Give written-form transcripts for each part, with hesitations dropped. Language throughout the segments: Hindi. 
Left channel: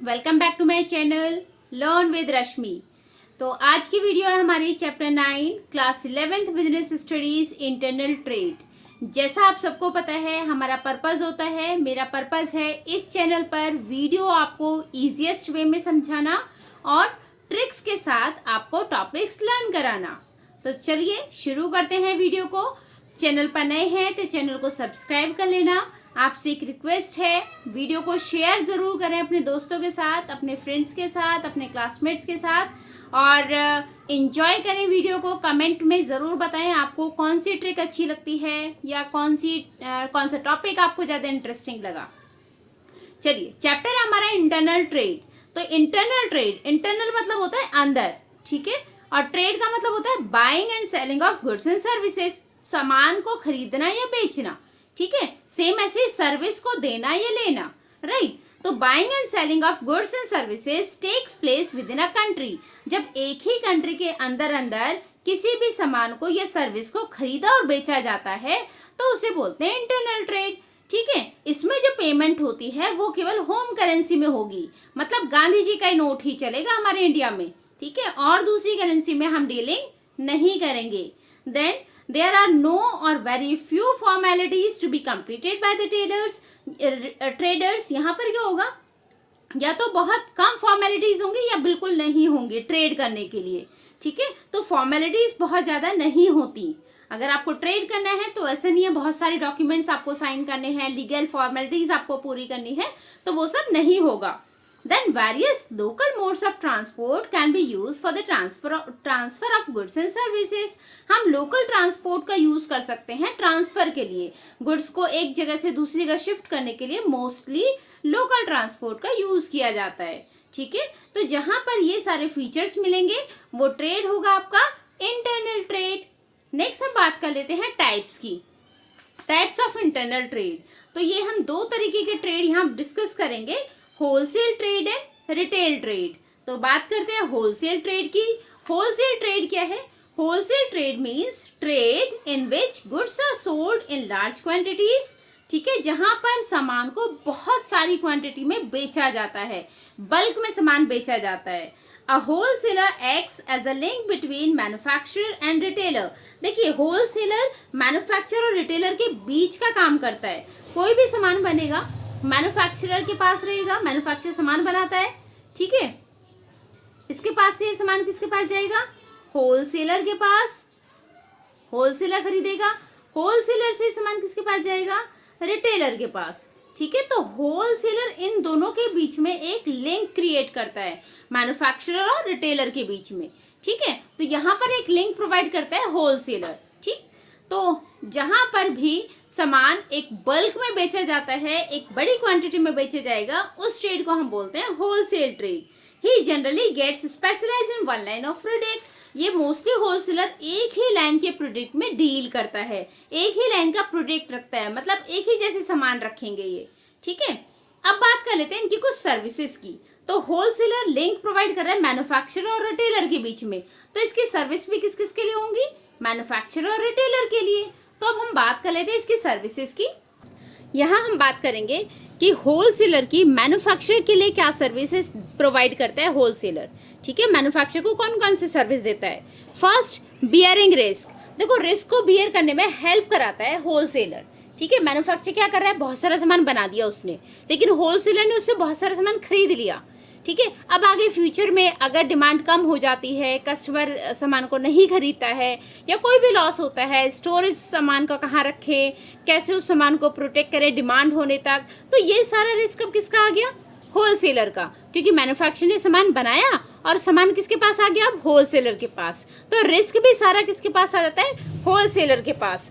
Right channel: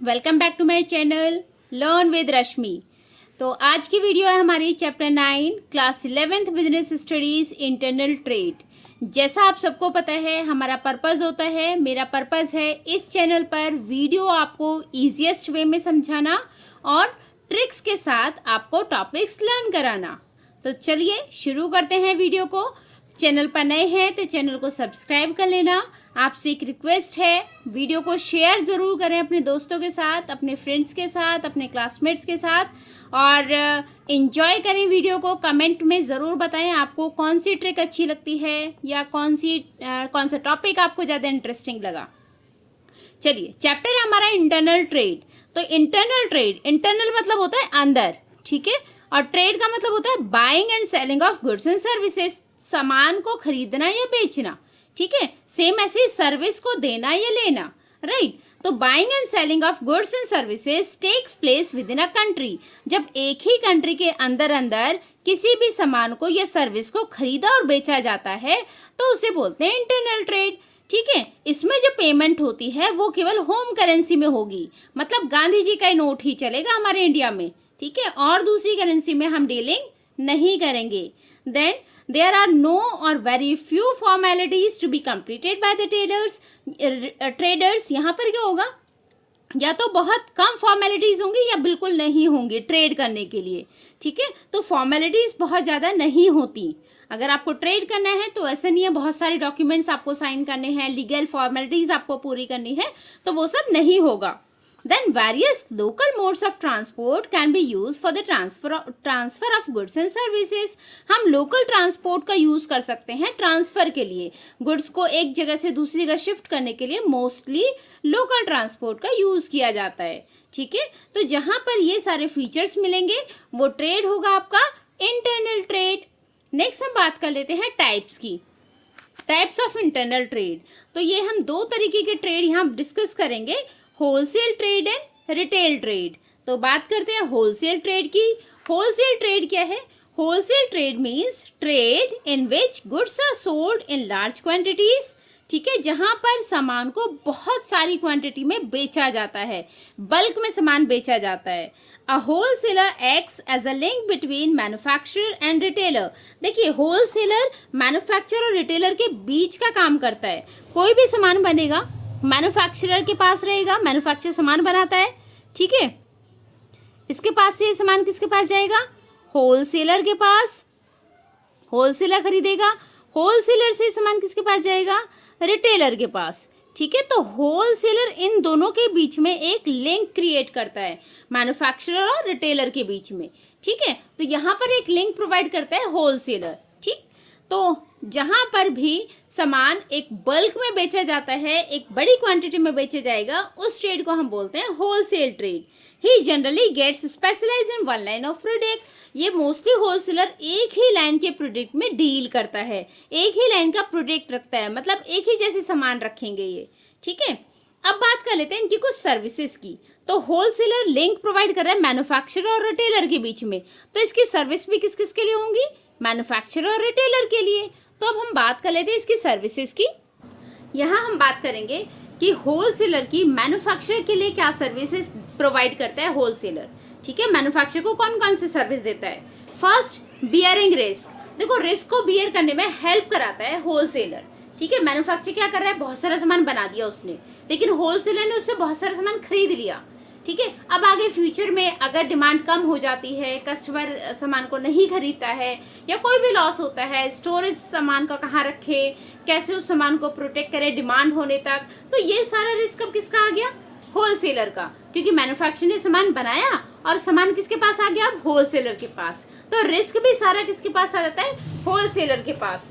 Welcome back to my channel learn with Rashmi. तो आज की वीडियो है हमारी chapter 9 class 11th business studies internal trade. जैसा आप सबको पता है हमारा पर्पस होता है, मेरा पर्पस है इस चैनल पर वीडियो आपको ईजीएस्ट वे में समझाना और ट्रिक्स के साथ आपको टॉपिक्स लर्न कराना। तो चलिए शुरू करते हैं वीडियो को। चैनल पर नए हैं तो चैनल को सब्सक्राइब कर लेना। आपसे एक रिक्वेस्ट है, वीडियो को शेयर ज़रूर करें अपने दोस्तों के साथ, अपने फ्रेंड्स के साथ, अपने क्लासमेट्स के साथ और एंजॉय करें वीडियो को। कमेंट में ज़रूर बताएं आपको कौन सी ट्रिक अच्छी लगती है या कौन सा टॉपिक आपको ज़्यादा इंटरेस्टिंग लगा। चलिए, चैप्टर है हमारा इंटरनल ट्रेड। तो इंटरनल ट्रेड, इंटरनल मतलब होता है अंदर, ठीक है, और ट्रेड का मतलब होता है buying and selling of goods and services, सामान को खरीदना या बेचना, ठीक है। सेम ऐसे सर्विस को देना या लेना, राइट। तो buying and selling of goods and services takes place within a country. जब एक ही कंट्री के अंदर अंदर किसी भी सामान को या सर्विस को खरीदा और बेचा जाता है तो उसे बोलते हैं इंटरनल ट्रेड, ठीक है। इसमें जो पेमेंट होती है वो केवल होम करेंसी में होगी, मतलब गांधी जी का नोट ही चलेगा हमारे इंडिया में, ठीक है, और दूसरी करेंसी में हम डीलिंग नहीं करेंगे। Then there are no or very few formalities to be completed by the traders। यहाँ पर क्या होगा, या तो बहुत कम फॉर्मेलिटीज होंगी या बिल्कुल नहीं होंगी ट्रेड करने के लिए, ठीक है। तो फॉर्मेलिटीज बहुत ज़्यादा नहीं होती। अगर आपको ट्रेड करना है तो ऐसा नहीं है बहुत सारे डॉक्यूमेंट्स आपको साइन करने हैं, लीगल फॉर्मेलिटीज आपको पूरी करनी है, तो वो सब नहीं होगा। Then various local modes of transport can be used for the transfer of goods and services। हम local transport का यूज कर सकते हैं ट्रांसफर के लिए, गुड्स को एक जगह से दूसरी जगह शिफ्ट करने के लिए मोस्टली लोकल ट्रांसपोर्ट का यूज किया जाता है, ठीक है। तो जहां पर ये सारे फीचर्स मिलेंगे वो ट्रेड होगा आपका इंटरनल ट्रेड। नेक्स्ट हम बात कर लेते हैं टाइप्स की, टाइप्स ऑफ इंटरनल ट्रेड। तो ये हम दो तरीके के ट्रेड यहाँ डिस्कस करेंगे, wholesale trade and retail trade. तो बात करते हैं होलसेल ट्रेड की। होलसेल ट्रेड क्या है? Wholesale trade means trade in which goods are sold in large quantities, ठीक है, जहां पर सामान को बहुत सारी क्वांटिटी में बेचा जाता है, बल्क में सामान बेचा जाता है। A wholesaler acts as a link between manufacturer and retailer. देखिए, होलसेलर मैन्युफैक्चरर और रिटेलर के बीच का काम करता है। कोई भी सामान बनेगा मैन्युफैक्चरर के पास रहेगा, मैन्युफैक्चरर सामान बनाता है, ठीक है, इसके पास से सामान किसके पास जाएगा? होलसेलर के पास, होलसेलर खरीदेगा, होलसेलर से सामान किसके पास जाएगा? रिटेलर के पास, ठीक है। तो होलसेलर इन दोनों के बीच में एक लिंक क्रिएट करता है, मैन्युफैक्चरर और रिटेलर के बीच में, ठीक है। तो यहाँ पर एक लिंक प्रोवाइड करता है होलसेलर, ठीक। तो जहां पर भी सामान एक बल्क में बेचा जाता है, एक बड़ी क्वांटिटी में बेचा जाएगा, उस ट्रेड को हम बोलते हैं wholesale trade. He generally gets specialize in one line of product. ये मोस्टली होलसेलर एक ही लाइन के प्रोडक्ट में डील करता है, एक ही लाइन का प्रोडक्ट रखता है, मतलब एक ही जैसे सामान रखेंगे ये, ठीक है। अब बात कर लेते हैं इनकी कुछ सर्विसेज की। तो होलसेलर लिंक प्रोवाइड कर रहा है मैन्युफैक्चरर और रिटेलर के बीच में, तो इसकी सर्विस भी किस किस के लिए होंगी? मैन्युफैक्चरर और रिटेलर के लिए। तो अब हम बात कर लेते हैं इसकी सर्विसेज की। यहाँ हम बात करेंगे कि होलसेलर की मैन्युफैक्चरर के लिए क्या सर्विसेज प्रोवाइड करता है होलसेलर, ठीक है। मैन्युफैक्चरर को कौन कौन सी सर्विस देता है? First, bearing risk. देखो, रिस्क को बियर करने में हेल्प कराता है होलसेलर, ठीक है। मैन्युफैक्चरर क्या कर रहा है? बहुत सारा सामान बना दिया उसने, लेकिन होलसेलर ने उससे बहुत सारा सामान खरीद लिया, ठीक है। अब आगे फ्यूचर में अगर डिमांड कम हो जाती है, कस्टमर सामान को नहीं खरीदता है या कोई भी लॉस होता है, स्टोरेज सामान का कहाँ रखे, कैसे उस सामान को प्रोटेक्ट करे डिमांड होने तक, तो ये सारा रिस्क अब किसका आ गया? होलसेलर का, क्योंकि मैन्युफैक्चरर ने सामान बनाया और सामान किसके पास आ गया? अब होलसेलर के पास। तो रिस्क भी सारा किसके पास आ जाता है? होलसेलर के पास।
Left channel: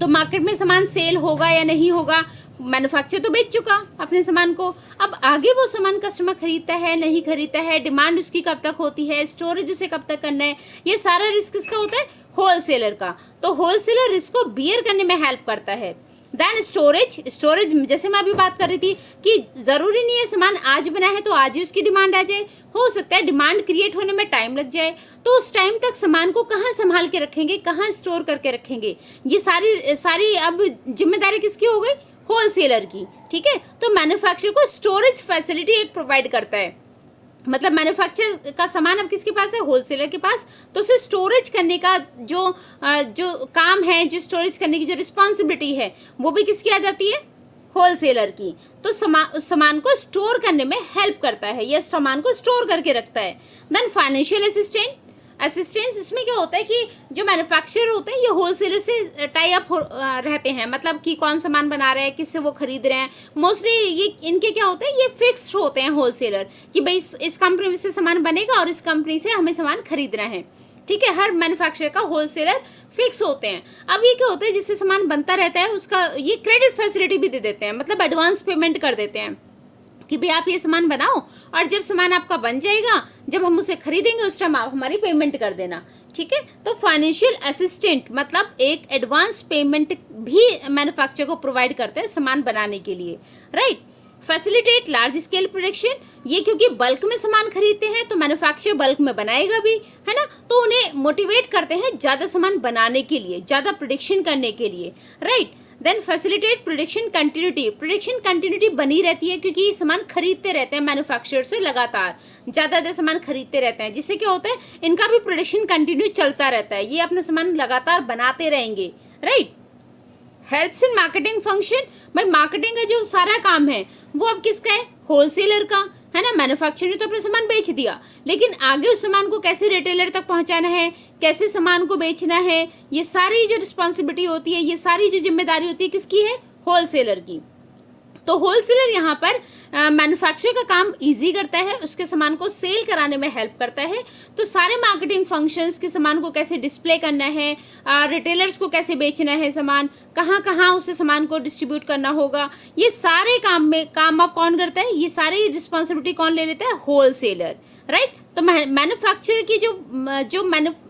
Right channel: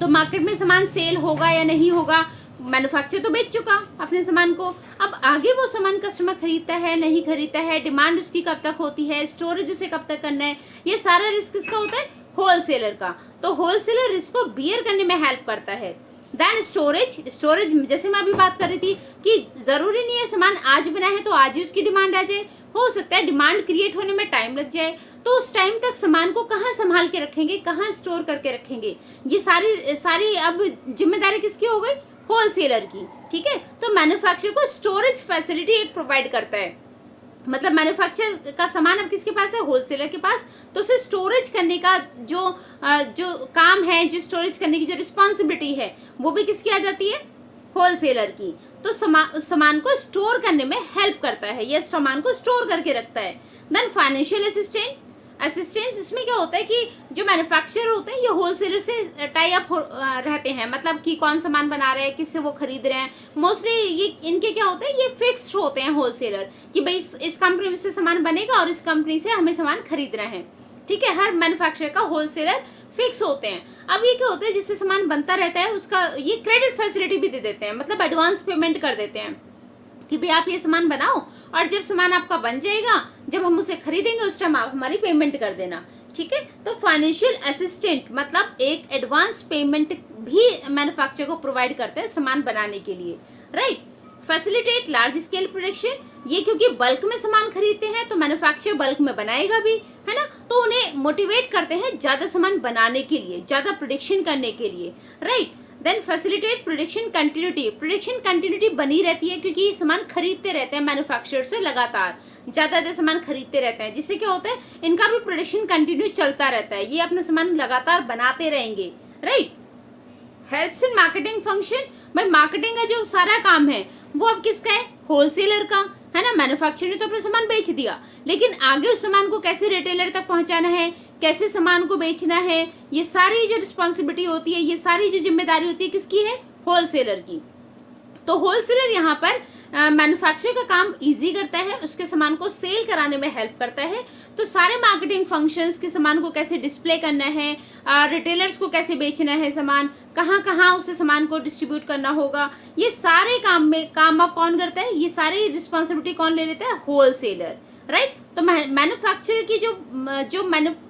तो मार्केट में सामान सेल होगा या नहीं होगा, मैन्युफैक्चरर तो बेच चुका अपने सामान को, अब आगे वो सामान कस्टमर खरीदता है नहीं खरीदता है, डिमांड उसकी कब तक होती है, स्टोरेज उसे कब तक करना है, ये सारा रिस्क किसका होता है? होलसेलर का। तो होलसेलर रिस्क को बियर करने में हेल्प करता है। देन स्टोरेज, स्टोरेज जैसे मैं अभी बात कर रही थी कि जरूरी नहीं है सामान आज बना है तो आज ही उसकी डिमांड आ जाए, हो सकता है डिमांड क्रिएट होने में टाइम लग जाए, तो उस टाइम तक सामान को कहाँ संभाल के रखेंगे, कहाँ स्टोर करके रखेंगे, ये सारी अब जिम्मेदारी किसकी हो गई? होलसेलर की, ठीक है। तो मैन्युफैक्चरर को स्टोरेज फैसिलिटी एक प्रोवाइड करता है, मतलब मैन्युफैक्चर का सामान अब किसके पास है, होलसेलर के पास, तो उसे स्टोरेज करने का जो काम है, जो स्टोरेज करने की जो रिस्पॉन्सिबिलिटी है, वो भी किसकी आ जाती है, होलसेलर की। तो उस सामान को स्टोर करने में हेल्प करता है, ये सामान को स्टोर करके रखता है। देन फाइनेंशियल असिस्टेंस, इसमें क्या होता है कि जो मैन्युफैक्चरर होते हैं ये होलसेलर से टाई अप रहते हैं, मतलब कि कौन सामान बना रहा है, किससे वो खरीद रहे हैं। मोस्टली ये इनके क्या होते हैं, ये फिक्स्ड होते हैं होलसेलर, कि भाई इस कंपनी से सामान बनेगा और इस कंपनी से हमें सामान खरीदना है, ठीक है। हर मैन्युफैक्चरर का होलसेलर फिक्स होते हैं। अब ये क्या होता है, जिससे सामान बनता रहता है उसका ये क्रेडिट फैसिलिटी भी दे देते हैं, मतलब एडवांस पेमेंट कर देते हैं कि भाई आप ये सामान बनाओ और जब सामान आपका बन जाएगा, जब हम उसे खरीदेंगे उस टाइम आप हमारी पेमेंट कर देना, ठीक है। तो फाइनेंशियल असिस्टेंट मतलब एक एडवांस पेमेंट भी मैन्युफैक्चरर को प्रोवाइड करते हैं सामान बनाने के लिए, right. Facilitate large scale production, ये क्योंकि बल्क में सामान खरीदते हैं तो मैन्युफैक्चरर बल्क में बनाएगा भी, है ना, तो उन्हें मोटिवेट करते हैं ज्यादा सामान बनाने के लिए, ज्यादा प्रोडक्शन करने के लिए, right. Then facilitate production continuity बनी रहती है, क्योंकि ये सामान खरीदते रहते हैं मैन्युफैक्चरर से, लगातार ज्यादा सामान खरीदते रहते हैं, जिससे क्या होता है इनका भी प्रोडक्शन कंटिन्यू चलता रहता है, ये अपना सामान लगातार बनाते रहेंगे, right. Helps in marketing function, भाई मार्केटिंग का जो सारा काम है वो अब किसका है, होलसेलर का, है ना। मैन्युफैक्चरर ने तो अपना सामान बेच दिया, लेकिन आगे उस सामान को कैसे रिटेलर तक पहुंचाना है, कैसे सामान को बेचना है, ये सारी जो रिस्पॉन्सिबिलिटी होती है, ये सारी जो जिम्मेदारी होती है किसकी है, होलसेलर की। तो होलसेलर यहाँ पर मैन्युफैक्चरर का काम इजी करता है, उसके सामान को सेल कराने में हेल्प करता है। तो सारे मार्केटिंग फंक्शंस के सामान को कैसे डिस्प्ले करना है, रिटेलर्स को कैसे बेचना है सामान, कहाँ कहाँ उसे सामान को डिस्ट्रीब्यूट करना होगा, ये सारे काम अब कौन करता है, ये सारी रिस्पॉन्सिबिलिटी कौन ले लेता है, होलसेलर, राइट। तो मैन्युफैक्चरर की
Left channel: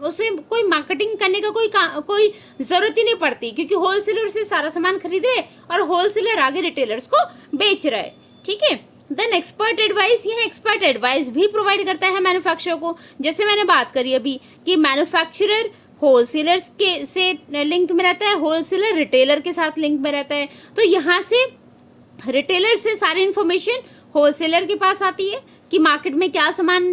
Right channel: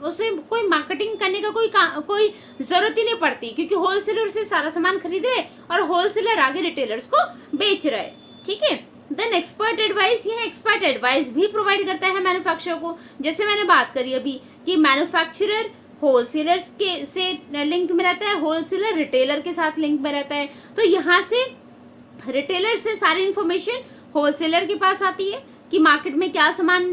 उसे कोई मार्केटिंग करने का कोई जरूरत ही नहीं पड़ती, क्योंकि होलसेलर से सारा सामान खरीद रहे और होलसेलर आगे रिटेलर्स को बेच रहा है, ठीक है। देन एक्सपर्ट एडवाइस, यह एक्सपर्ट एडवाइस भी प्रोवाइड करता है मैन्युफैक्चरर को। जैसे मैंने बात करी अभी कि मैन्युफैक्चरर होलसेलर्स के से लिंक में रहता है, होलसेलर रिटेलर के साथ लिंक में रहता है, तो यहाँ से रिटेलर से सारी इंफॉर्मेशन होलसेलर के पास आती है कि मार्केट में क्या सामान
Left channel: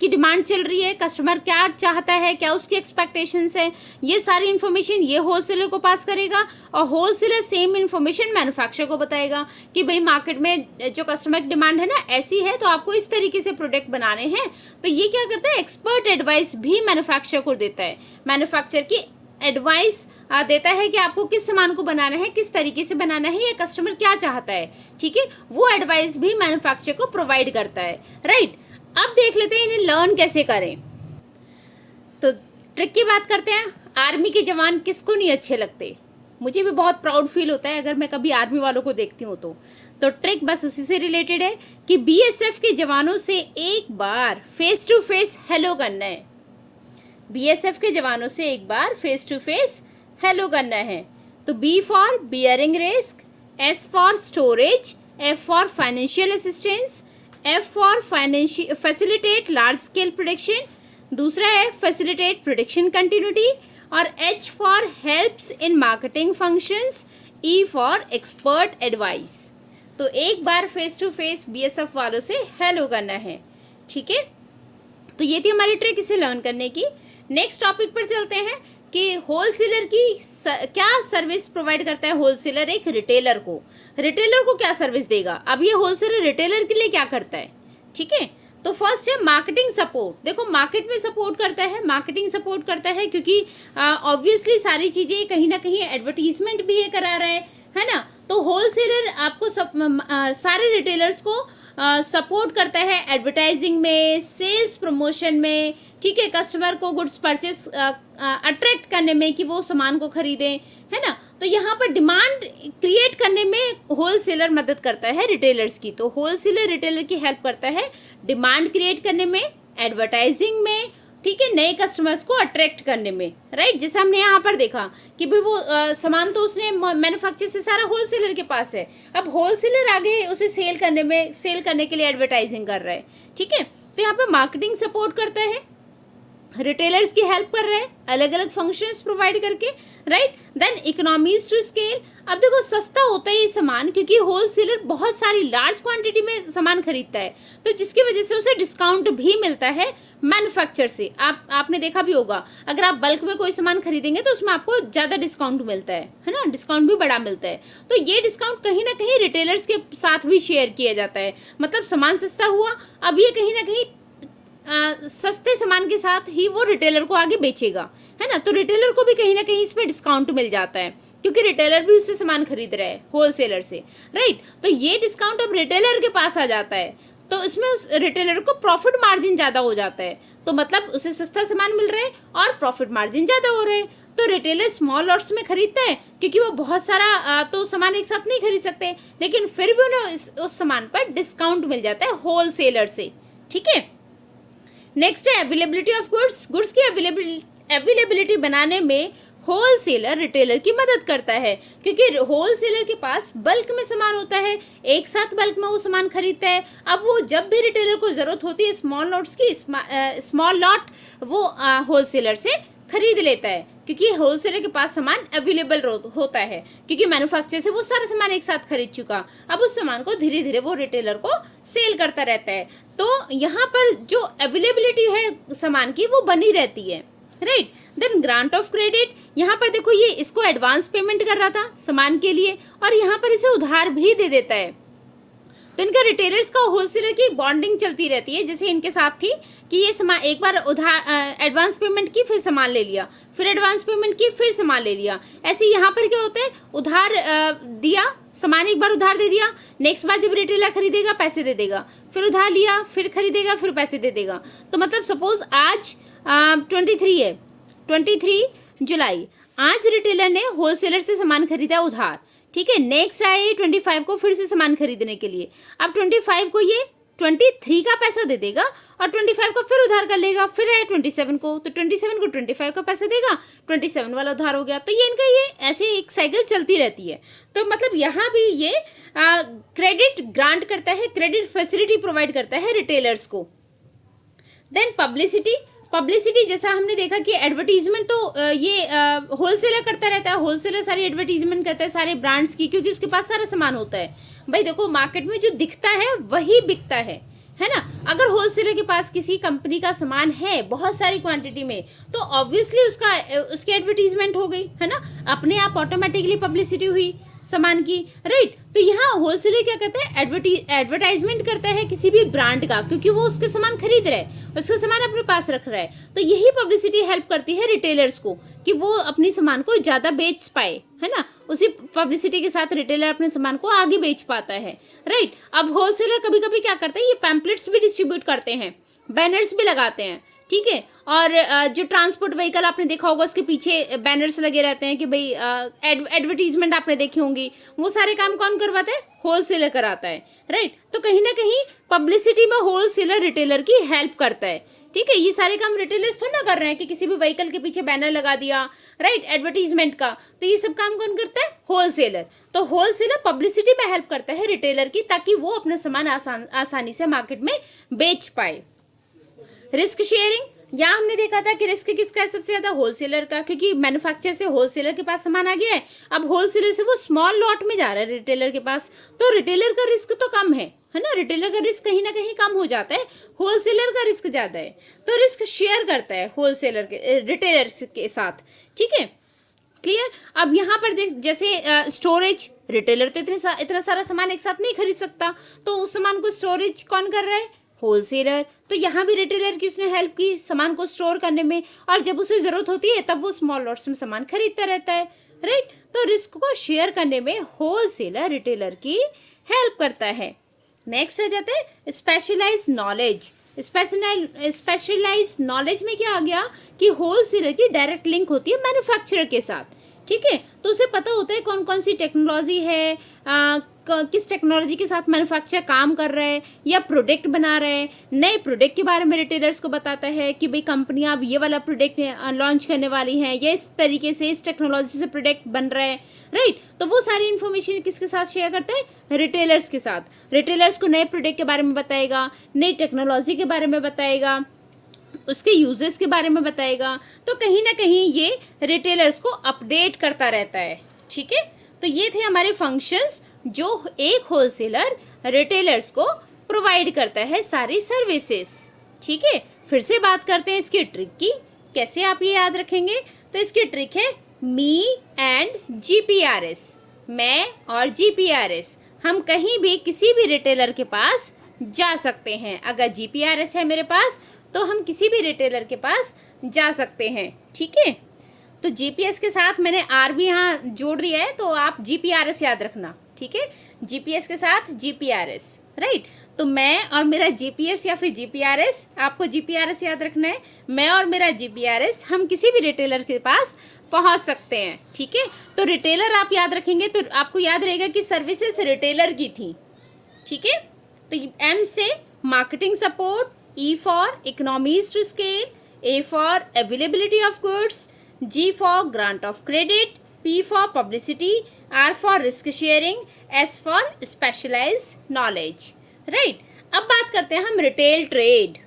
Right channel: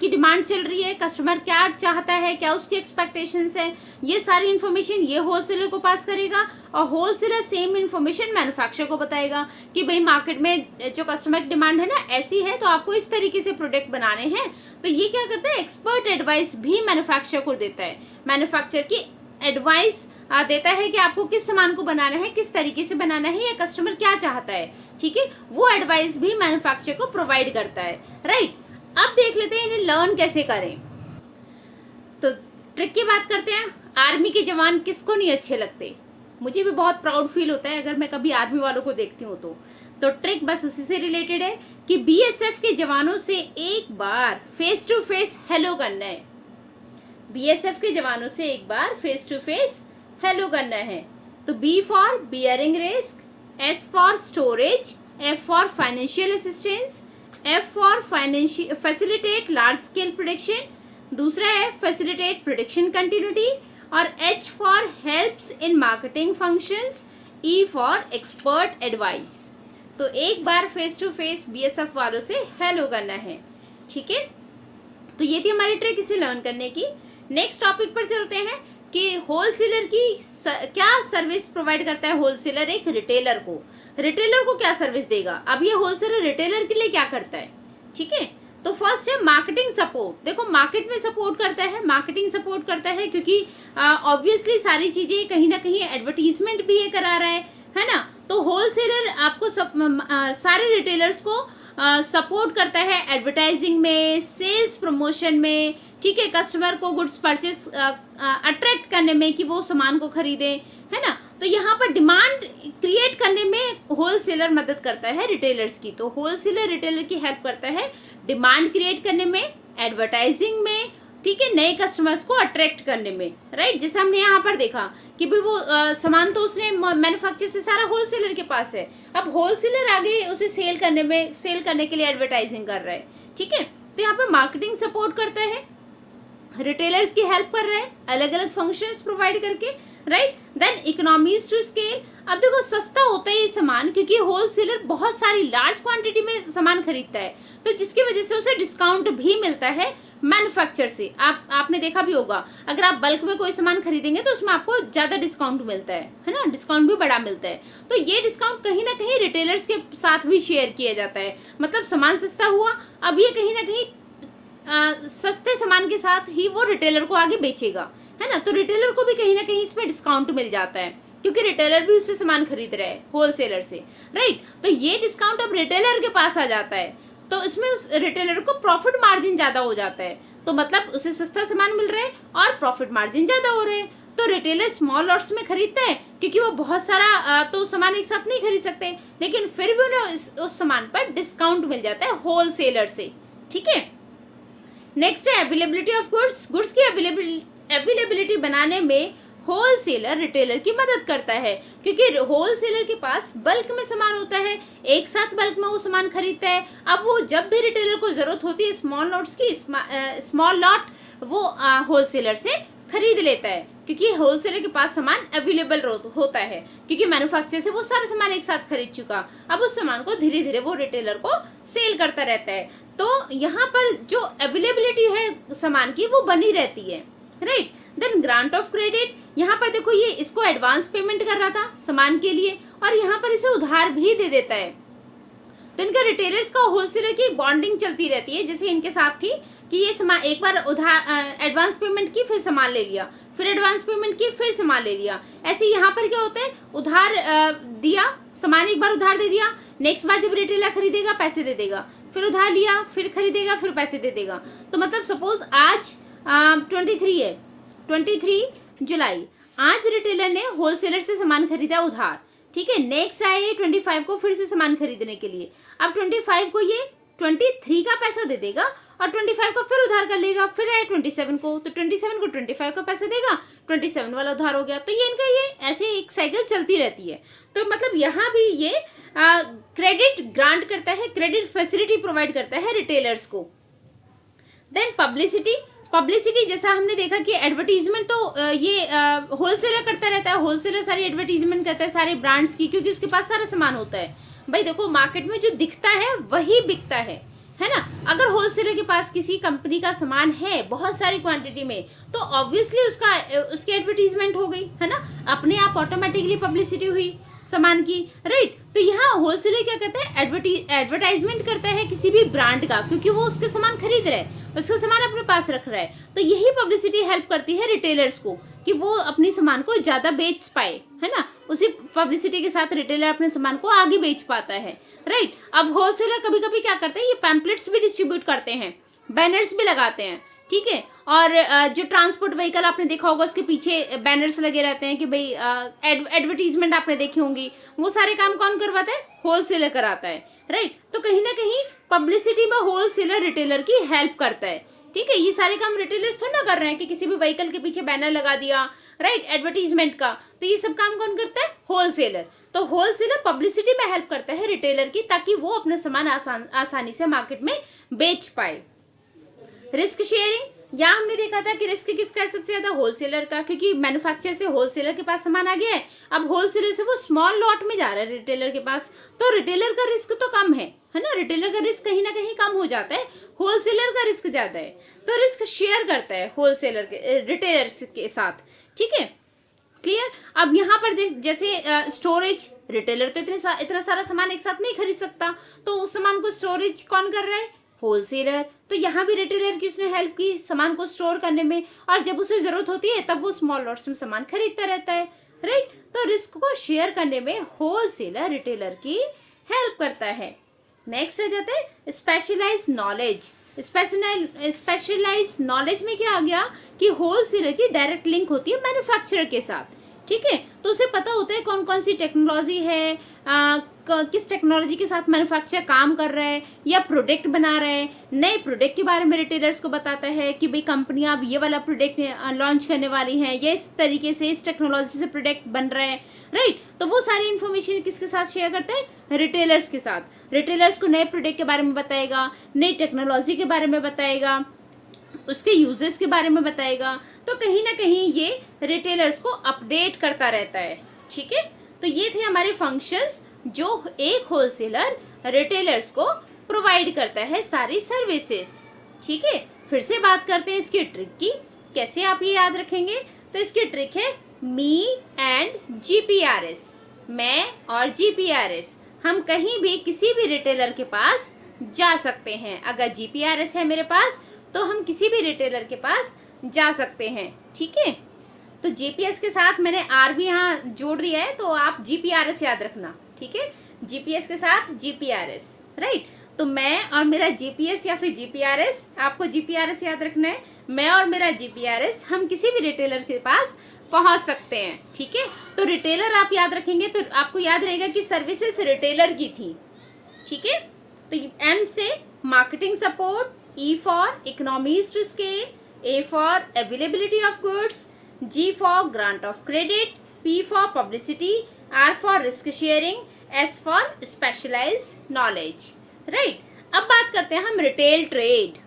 की डिमांड चल रही है, कस्टमर क्या चाहता है, क्या उसकी एक्सपेक्टेशंस है, ये सारी इन्फॉर्मेशन ये होलसेलर को पास करेगा और होलसेलर सेम इन्फॉर्मेशन मैन्युफैक्चरर को बताएगा कि भाई मार्केट में जो कस्टमर की डिमांड है ना ऐसी है, तो आपको इस तरीके से प्रोडक्ट बनाने हैं। तो ये क्या करता है, एक्सपर्ट एडवाइस भी मैन्युफैक्चरर को देता है, मैन्युफैक्चरर की एडवाइस देता है कि आपको किस सामान को बनाना है, किस तरीके से बनाना है, या कस्टमर क्या चाहता है, ठीक है, वो एडवाइस भी मैन्युफैक्चरर को प्रोवाइड करता है, राइट। अब देख लेते हैं इन्हें लर्न कैसे करें। तो ट्रिक की बात करते हैं। आर्मी के जवान किसको नहीं अच्छे लगते, मुझे भी बहुत प्राउड फील होता है अगर मैं कभी आर्मी वालों को देखती हूँ तो ट्रिक बस उसी से रिलेटेड है कि बीएसएफ के जवानों से एक बार फेस टू फेस हेलो करना है, बीएसएफ के जवानों से एक बार फेस टू फेस हेलो करना है। तो B for bearing risk, S for storage, F for financial assistance, F for facilitate large scale production, दूसरा है फैसिलिटेट प्रोडक्शन कंटिन्यूटी, और H for helps in marketing functions, E for expert advice. तो एक बार फेस टू फेस बीएसएफ वालों से हेलो करना है, ठीक है। तो ये थी हमारी ट्रिक इसे लर्न करने की। नेक्स्ट टॉपिक पर चलते हैं कि होलसेलर की क्या सर्विस प्रोवाइड करता है होलसेलर एक रिटेलर को क्या सर्विस देगा। अब ये होलसेलर रिटेलर के लिए क्या करता है, ठीक है। तो फर्स्ट है मार्केटिंग सपोर्ट। देखो मार्केट में सपोर्ट करता है, मार्केटिंग सपोर्ट करता है, क्योंकि ऑब्वियसली सारी चीज़ें कहीं ना कहीं एडवर्टीजमेंट भी ये करा रहा है ना। तो होलसेलर आपको सारे रिटेलर्स को सपोर्ट करता है एडवर्टाइजिंग में, सेल्स प्रमोशन में, ठीक है, कस्टमर को गुड्स परचेस अट्रैक्ट करने में कि वो सामान को खरीदें, है ना। तो यहाँ पर डिमांड क्रिएट करने में होलसेलर मदद करता है रिटेलर्स की। तो होलसेलर रिटेलर की हेल्प करता है डिमांड क्रिएट करने में, एडवर्टाइजिंग में, ठीक है, नए कस्टमर्स को अट्रैक्ट करने में, राइट। जैसे हमने यहाँ पर देखा कि भाई वो सामान तो उसने मैन्युफैक्चर से सारा होलसेलर के पास है, अब होलसेलर आगे उसे सेल करने के लिए एडवर्टाइजिंग कर रहा है, ठीक है। तो यहाँ पर मार्केटिंग सपोर्ट करता है, रिटेलर्स की हेल्प कर रहा है अलग अलग फंक्शंस प्रोवाइड करके, right. Then economies to scale, अब देखो सस्ता होता है ये सामान क्योंकि होलसेलर बहुत सारी लार्ज क्वांटिटी में सामान खरीदता है, तो जिसकी वजह से उसे डिस्काउंट भी मिलता है मैन्युफैक्चर से। आपने देखा भी होगा, अगर आप बल्क में कोई सामान खरीदेंगे तो उसमें आपको ज्यादा डिस्काउंट मिलता है ना, डिस्काउंट भी बड़ा मिलता है। तो ये डिस्काउंट कहीं ना कहीं रिटेलर्स के साथ भी शेयर किया जाता है, मतलब सामान सस्ता हुआ, अब ये कहीं ना कहीं सस्ते सामान के साथ ही वो रिटेलर को आगे बेचेगा, है ना। तो रिटेलर को भी कहीं ना कहीं इसमें डिस्काउंट मिल जाता है क्योंकि रिटेलर भी उससे सामान खरीद रहा है होलसेलर से, राइट। तो ये डिस्काउंट अब रिटेलर के पास आ जाता है, तो इसमें उस रिटेलर को प्रॉफिट मार्जिन ज्यादा हो जाता है, तो मतलब उसे सस्ता सामान मिल रहा है और प्रॉफिट मार्जिन ज्यादा हो रहा है। तो रिटेलर स्मॉल लॉट्स में खरीदता है क्योंकि वो बहुत सारा तो सामान एक साथ नहीं खरीद सकते, लेकिन फिर भी उन्हें उस सामान पर डिस्काउंट मिल जाता है होलसेलर से, ठीक है। नेक्स्ट है अवेलेबिलिटी ऑफ गुड्स। गुड्स की अवेलेबिलिटी बनाने में होलसेलर रिटेलर की मदद करता है क्योंकि होलसेलर के पास बल्क में सामान होता है, एक साथ बल्क में वो सामान खरीदता है। अब वो जब भी रिटेलर को जरूरत होती है स्मॉल लॉट्स की, स्मॉल लॉट वो होलसेलर से खरीद लेता है क्योंकि होलसेलर के पास सामान अवेलेबल होता है क्योंकि मैन्युफैक्चरर से वो सारा सामान एक साथ खरीद चुका। अब उस सामान को धीरे धीरे वो रिटेलर को सेल करता रहता है, तो यहाँ पर जो अवेलेबिलिटी है सामान की वो बनी रहती है, right. Then grant of credit, यहाँ पर देखो ये इसको एडवांस पेमेंट कर रहा था सामान के लिए और यहाँ पर इसे उधार भी दे देता है। तो इनका रिटेलर्स का होलसेलर की बॉन्डिंग चलती रहती है, जैसे इनके साथ थी कि ये सामान एक बार उधार एडवांस पेमेंट की, फिर सामान ले लिया, फिर एडवांस पेमेंट की, फिर सामान ले लिया। ऐसे यहाँ पर क्या होता है, उधार दिया सामान, एक बार उधार दे दिया, नेक्स्ट बार जब रिटेलर खरीदेगा पैसे दे देगा, फिर उधार लिया, फिर खरीदेगा, फिर पैसे दे देगा। तो मतलब सपोज आज 23 है, 23 जुलाई, आज रिटेलर ने होलसेलर से सामान खरीदा उधार, ठीक है। नेक्स्ट आए 25 को फिर से सामान खरीदने के लिए, अब 25 को ये 23 का पैसा दे देगा और 25 को फिर उधार कर लेगा, फिर आए 27 को, तो 27 को 25 का पैसा देगा, 27 वाला उधार हो गया। तो ये इनका ये ऐसे एक साइकिल चलती रहती है। तो मतलब यहाँ भी ये क्रेडिट ग्रांट करता है, क्रेडिट फैसिलिटी प्रोवाइड करता है रिटेलर्स को। देन पब्लिसिटी जैसा हमने देखा कि एडवर्टीजमेंट तो ये होलसेलर करता रहता है, होलसेलर सारी एडवर्टीजमेंट करता है सारे ब्रांड्स की क्योंकि उसके पास सारा सामान होता है। भाई देखो मार्केट में जो दिखता है वही बिकता है ना। अगर होलसेलर के पास किसी कंपनी का सामान है बहुत सारी क्वांटिटी में तो ऑब्वियसली उसकी एडवर्टीजमेंट हो गई, है ना, अपने आप ऑटोमेटिकली पब्लिसिटी हुई सामान की, राइट। तो यहाँ होलसेलर क्या करता है, एडवर्टाइजमेंट करता है किसी भी ब्रांड का क्योंकि वो उसके सामान खरीद रहा है, उसका सामान अपने पास रख रहा है। तो यही पब्लिसिटी हेल्प करती है रिटेलर्स को कि वो अपने सामान को ज्यादा बेच पाए, है ना। उसी पब्लिसिटी के साथ रिटेलर अपने सामान को आगे बेच पाता है, राइट। अब होलसेलर कभी कभी क्या करते हैं, ये पैम्पलेट्स भी डिस्ट्रीब्यूट करते हैं, बैनर्स भी लगाते हैं, ठीक है। और जो ट्रांसपोर्ट व्हीकल आपने देखा होगा उसके पीछे बैनर्स लगे रहते हैं कि भाई एडवर्टीजमेंट आपने देखी होंगी, वो सारे काम कौन करवाता है, होलसेलर कराता है, राइट। तो कहीं ना कहीं पब्लिसिटी में होलसेलर रिटेलर की हेल्प करता है, ठीक है। ये सारे काम रिटेलर्स थोड़ा ना कर रहे हैं कि किसी भी व्हीकल के पीछे बैनर लगा दिया, राइट, एडवर्टीजमेंट का। तो ये सब काम कौन करता है, होलसेलर। तो होलसेलर पब्लिसिटी में हेल्प करता है रिटेलर की ताकि वो अपना सामान आसानी से मार्केट में बेच पाए। रिस्क शेयरिंग, यहाँ हमने देखा था कि रिस्क किसका है, सबसे ज्यादा होलसेलर का, क्योंकि मैन्युफैक्चरर से होलसेलर के पास सामान आ गया है, अब होलसेलर से वो स्मॉल लॉट में जा रहा है रिटेलर के पास, तो रिटेलर का रिस्क तो कम है ना, रिटेलर का रिस्क कहीं ना कहीं कम हो जाता है, होलसेलर का रिस्क ज्यादा है। तो रिस्क शेयर करता है होलसेलर के रिटेलर के साथ, ठीक है, क्लियर। अब यहाँ पर जैसे स्टोरेज, रिटेलर तो इतना सारा सामान एक साथ नहीं खरीद सकता, तो उस सामान को स्टोरेज कौन कर रहा है, होलसेलर। तो यहाँ भी रिटेलर की उसने हेल्प की सामान को स्टोर करने में, और जब उसे जरूरत होती है तब वो स्मॉल लॉट्स में सामान खरीदता रहता है, राइट। तो रिस्क को शेयर करने में होलसेलर रिटेलर की हेल्प करता है। नेक्स्ट आ जाता है स्पेशलाइज नॉलेज। स्पेशलाइज नॉलेज में क्या आ गया कि होलसेलर की डायरेक्ट लिंक होती है मैन्युफैक्चरर के साथ, ठीक है। तो उसे पता होता है कौन कौन सी टेक्नोलॉजी है, किस टेक्नोलॉजी के साथ मैन्युफैक्चरर काम कर रहा है या प्रोडक्ट बना रहा है, नए प्रोडक्ट के बारे में रिटेलर्स को बताता है कि भाई कंपनियां अब ये वाला प्रोडक्ट लॉन्च करने वाली हैं, ये इस तरीके से इस टेक्नोलॉजी से प्रोडक्ट बन रहा है, राइट। तो वो सारी इन्फॉर्मेशन किसके साथ शेयर करता है, रिटेलर्स के साथ। रिटेलर्स को नए प्रोडक्ट के बारे में बताएगा, नई टेक्नोलॉजी के बारे में बताएगा, उसके यूजेस के बारे में बताएगा। तो कहीं ना कहीं ये रिटेलर्स को अपडेट करता रहता है, ठीक है। तो ये थे हमारे फंक्शंस जो एक होलसेलर रिटेलर्स को प्रोवाइड करता है सारी सर्विसेज। ठीक है, फिर से बात करते हैं इसकी ट्रिक की, कैसे आप ये याद रखेंगे। तो इसकी ट्रिक है मी एंड जीपीआरएस, मैं और जीपीआरएस। हम कहीं भी किसी भी रिटेलर के पास जा सकते हैं। अगर जीपीआरएस है मेरे पास तो हम किसी भी रिटेलर के पास जा सकते हैं। ठीक है, तो जीपीएस के साथ मैंने आर भी यहाँ जोड़ दिया है, तो आप जीपीआरएस याद रखना। ठीक है, जीपीएस के साथ जीपीआरएस, राइट। तो मैं और मेरा जीपीएस या फिर जीपीआरएस, आपको जीपीआरएस याद रखना है। मैं और मेरा जीपीआरएस हम किसी भी रिटेलर के पास पहुंच सकते हैं। ठीक है, तो रिटेलर आप याद रखेंगे तो आपको याद रहेगा कि सर्विसेज रिटेलर की थी। ठीक है, तो एम से marketing support, E for economies to scale, A for availability of goods, G for grant of credit, P for publicity, R for risk sharing, S for specialized knowledge, right. अब बात करते हैं हम retail trade.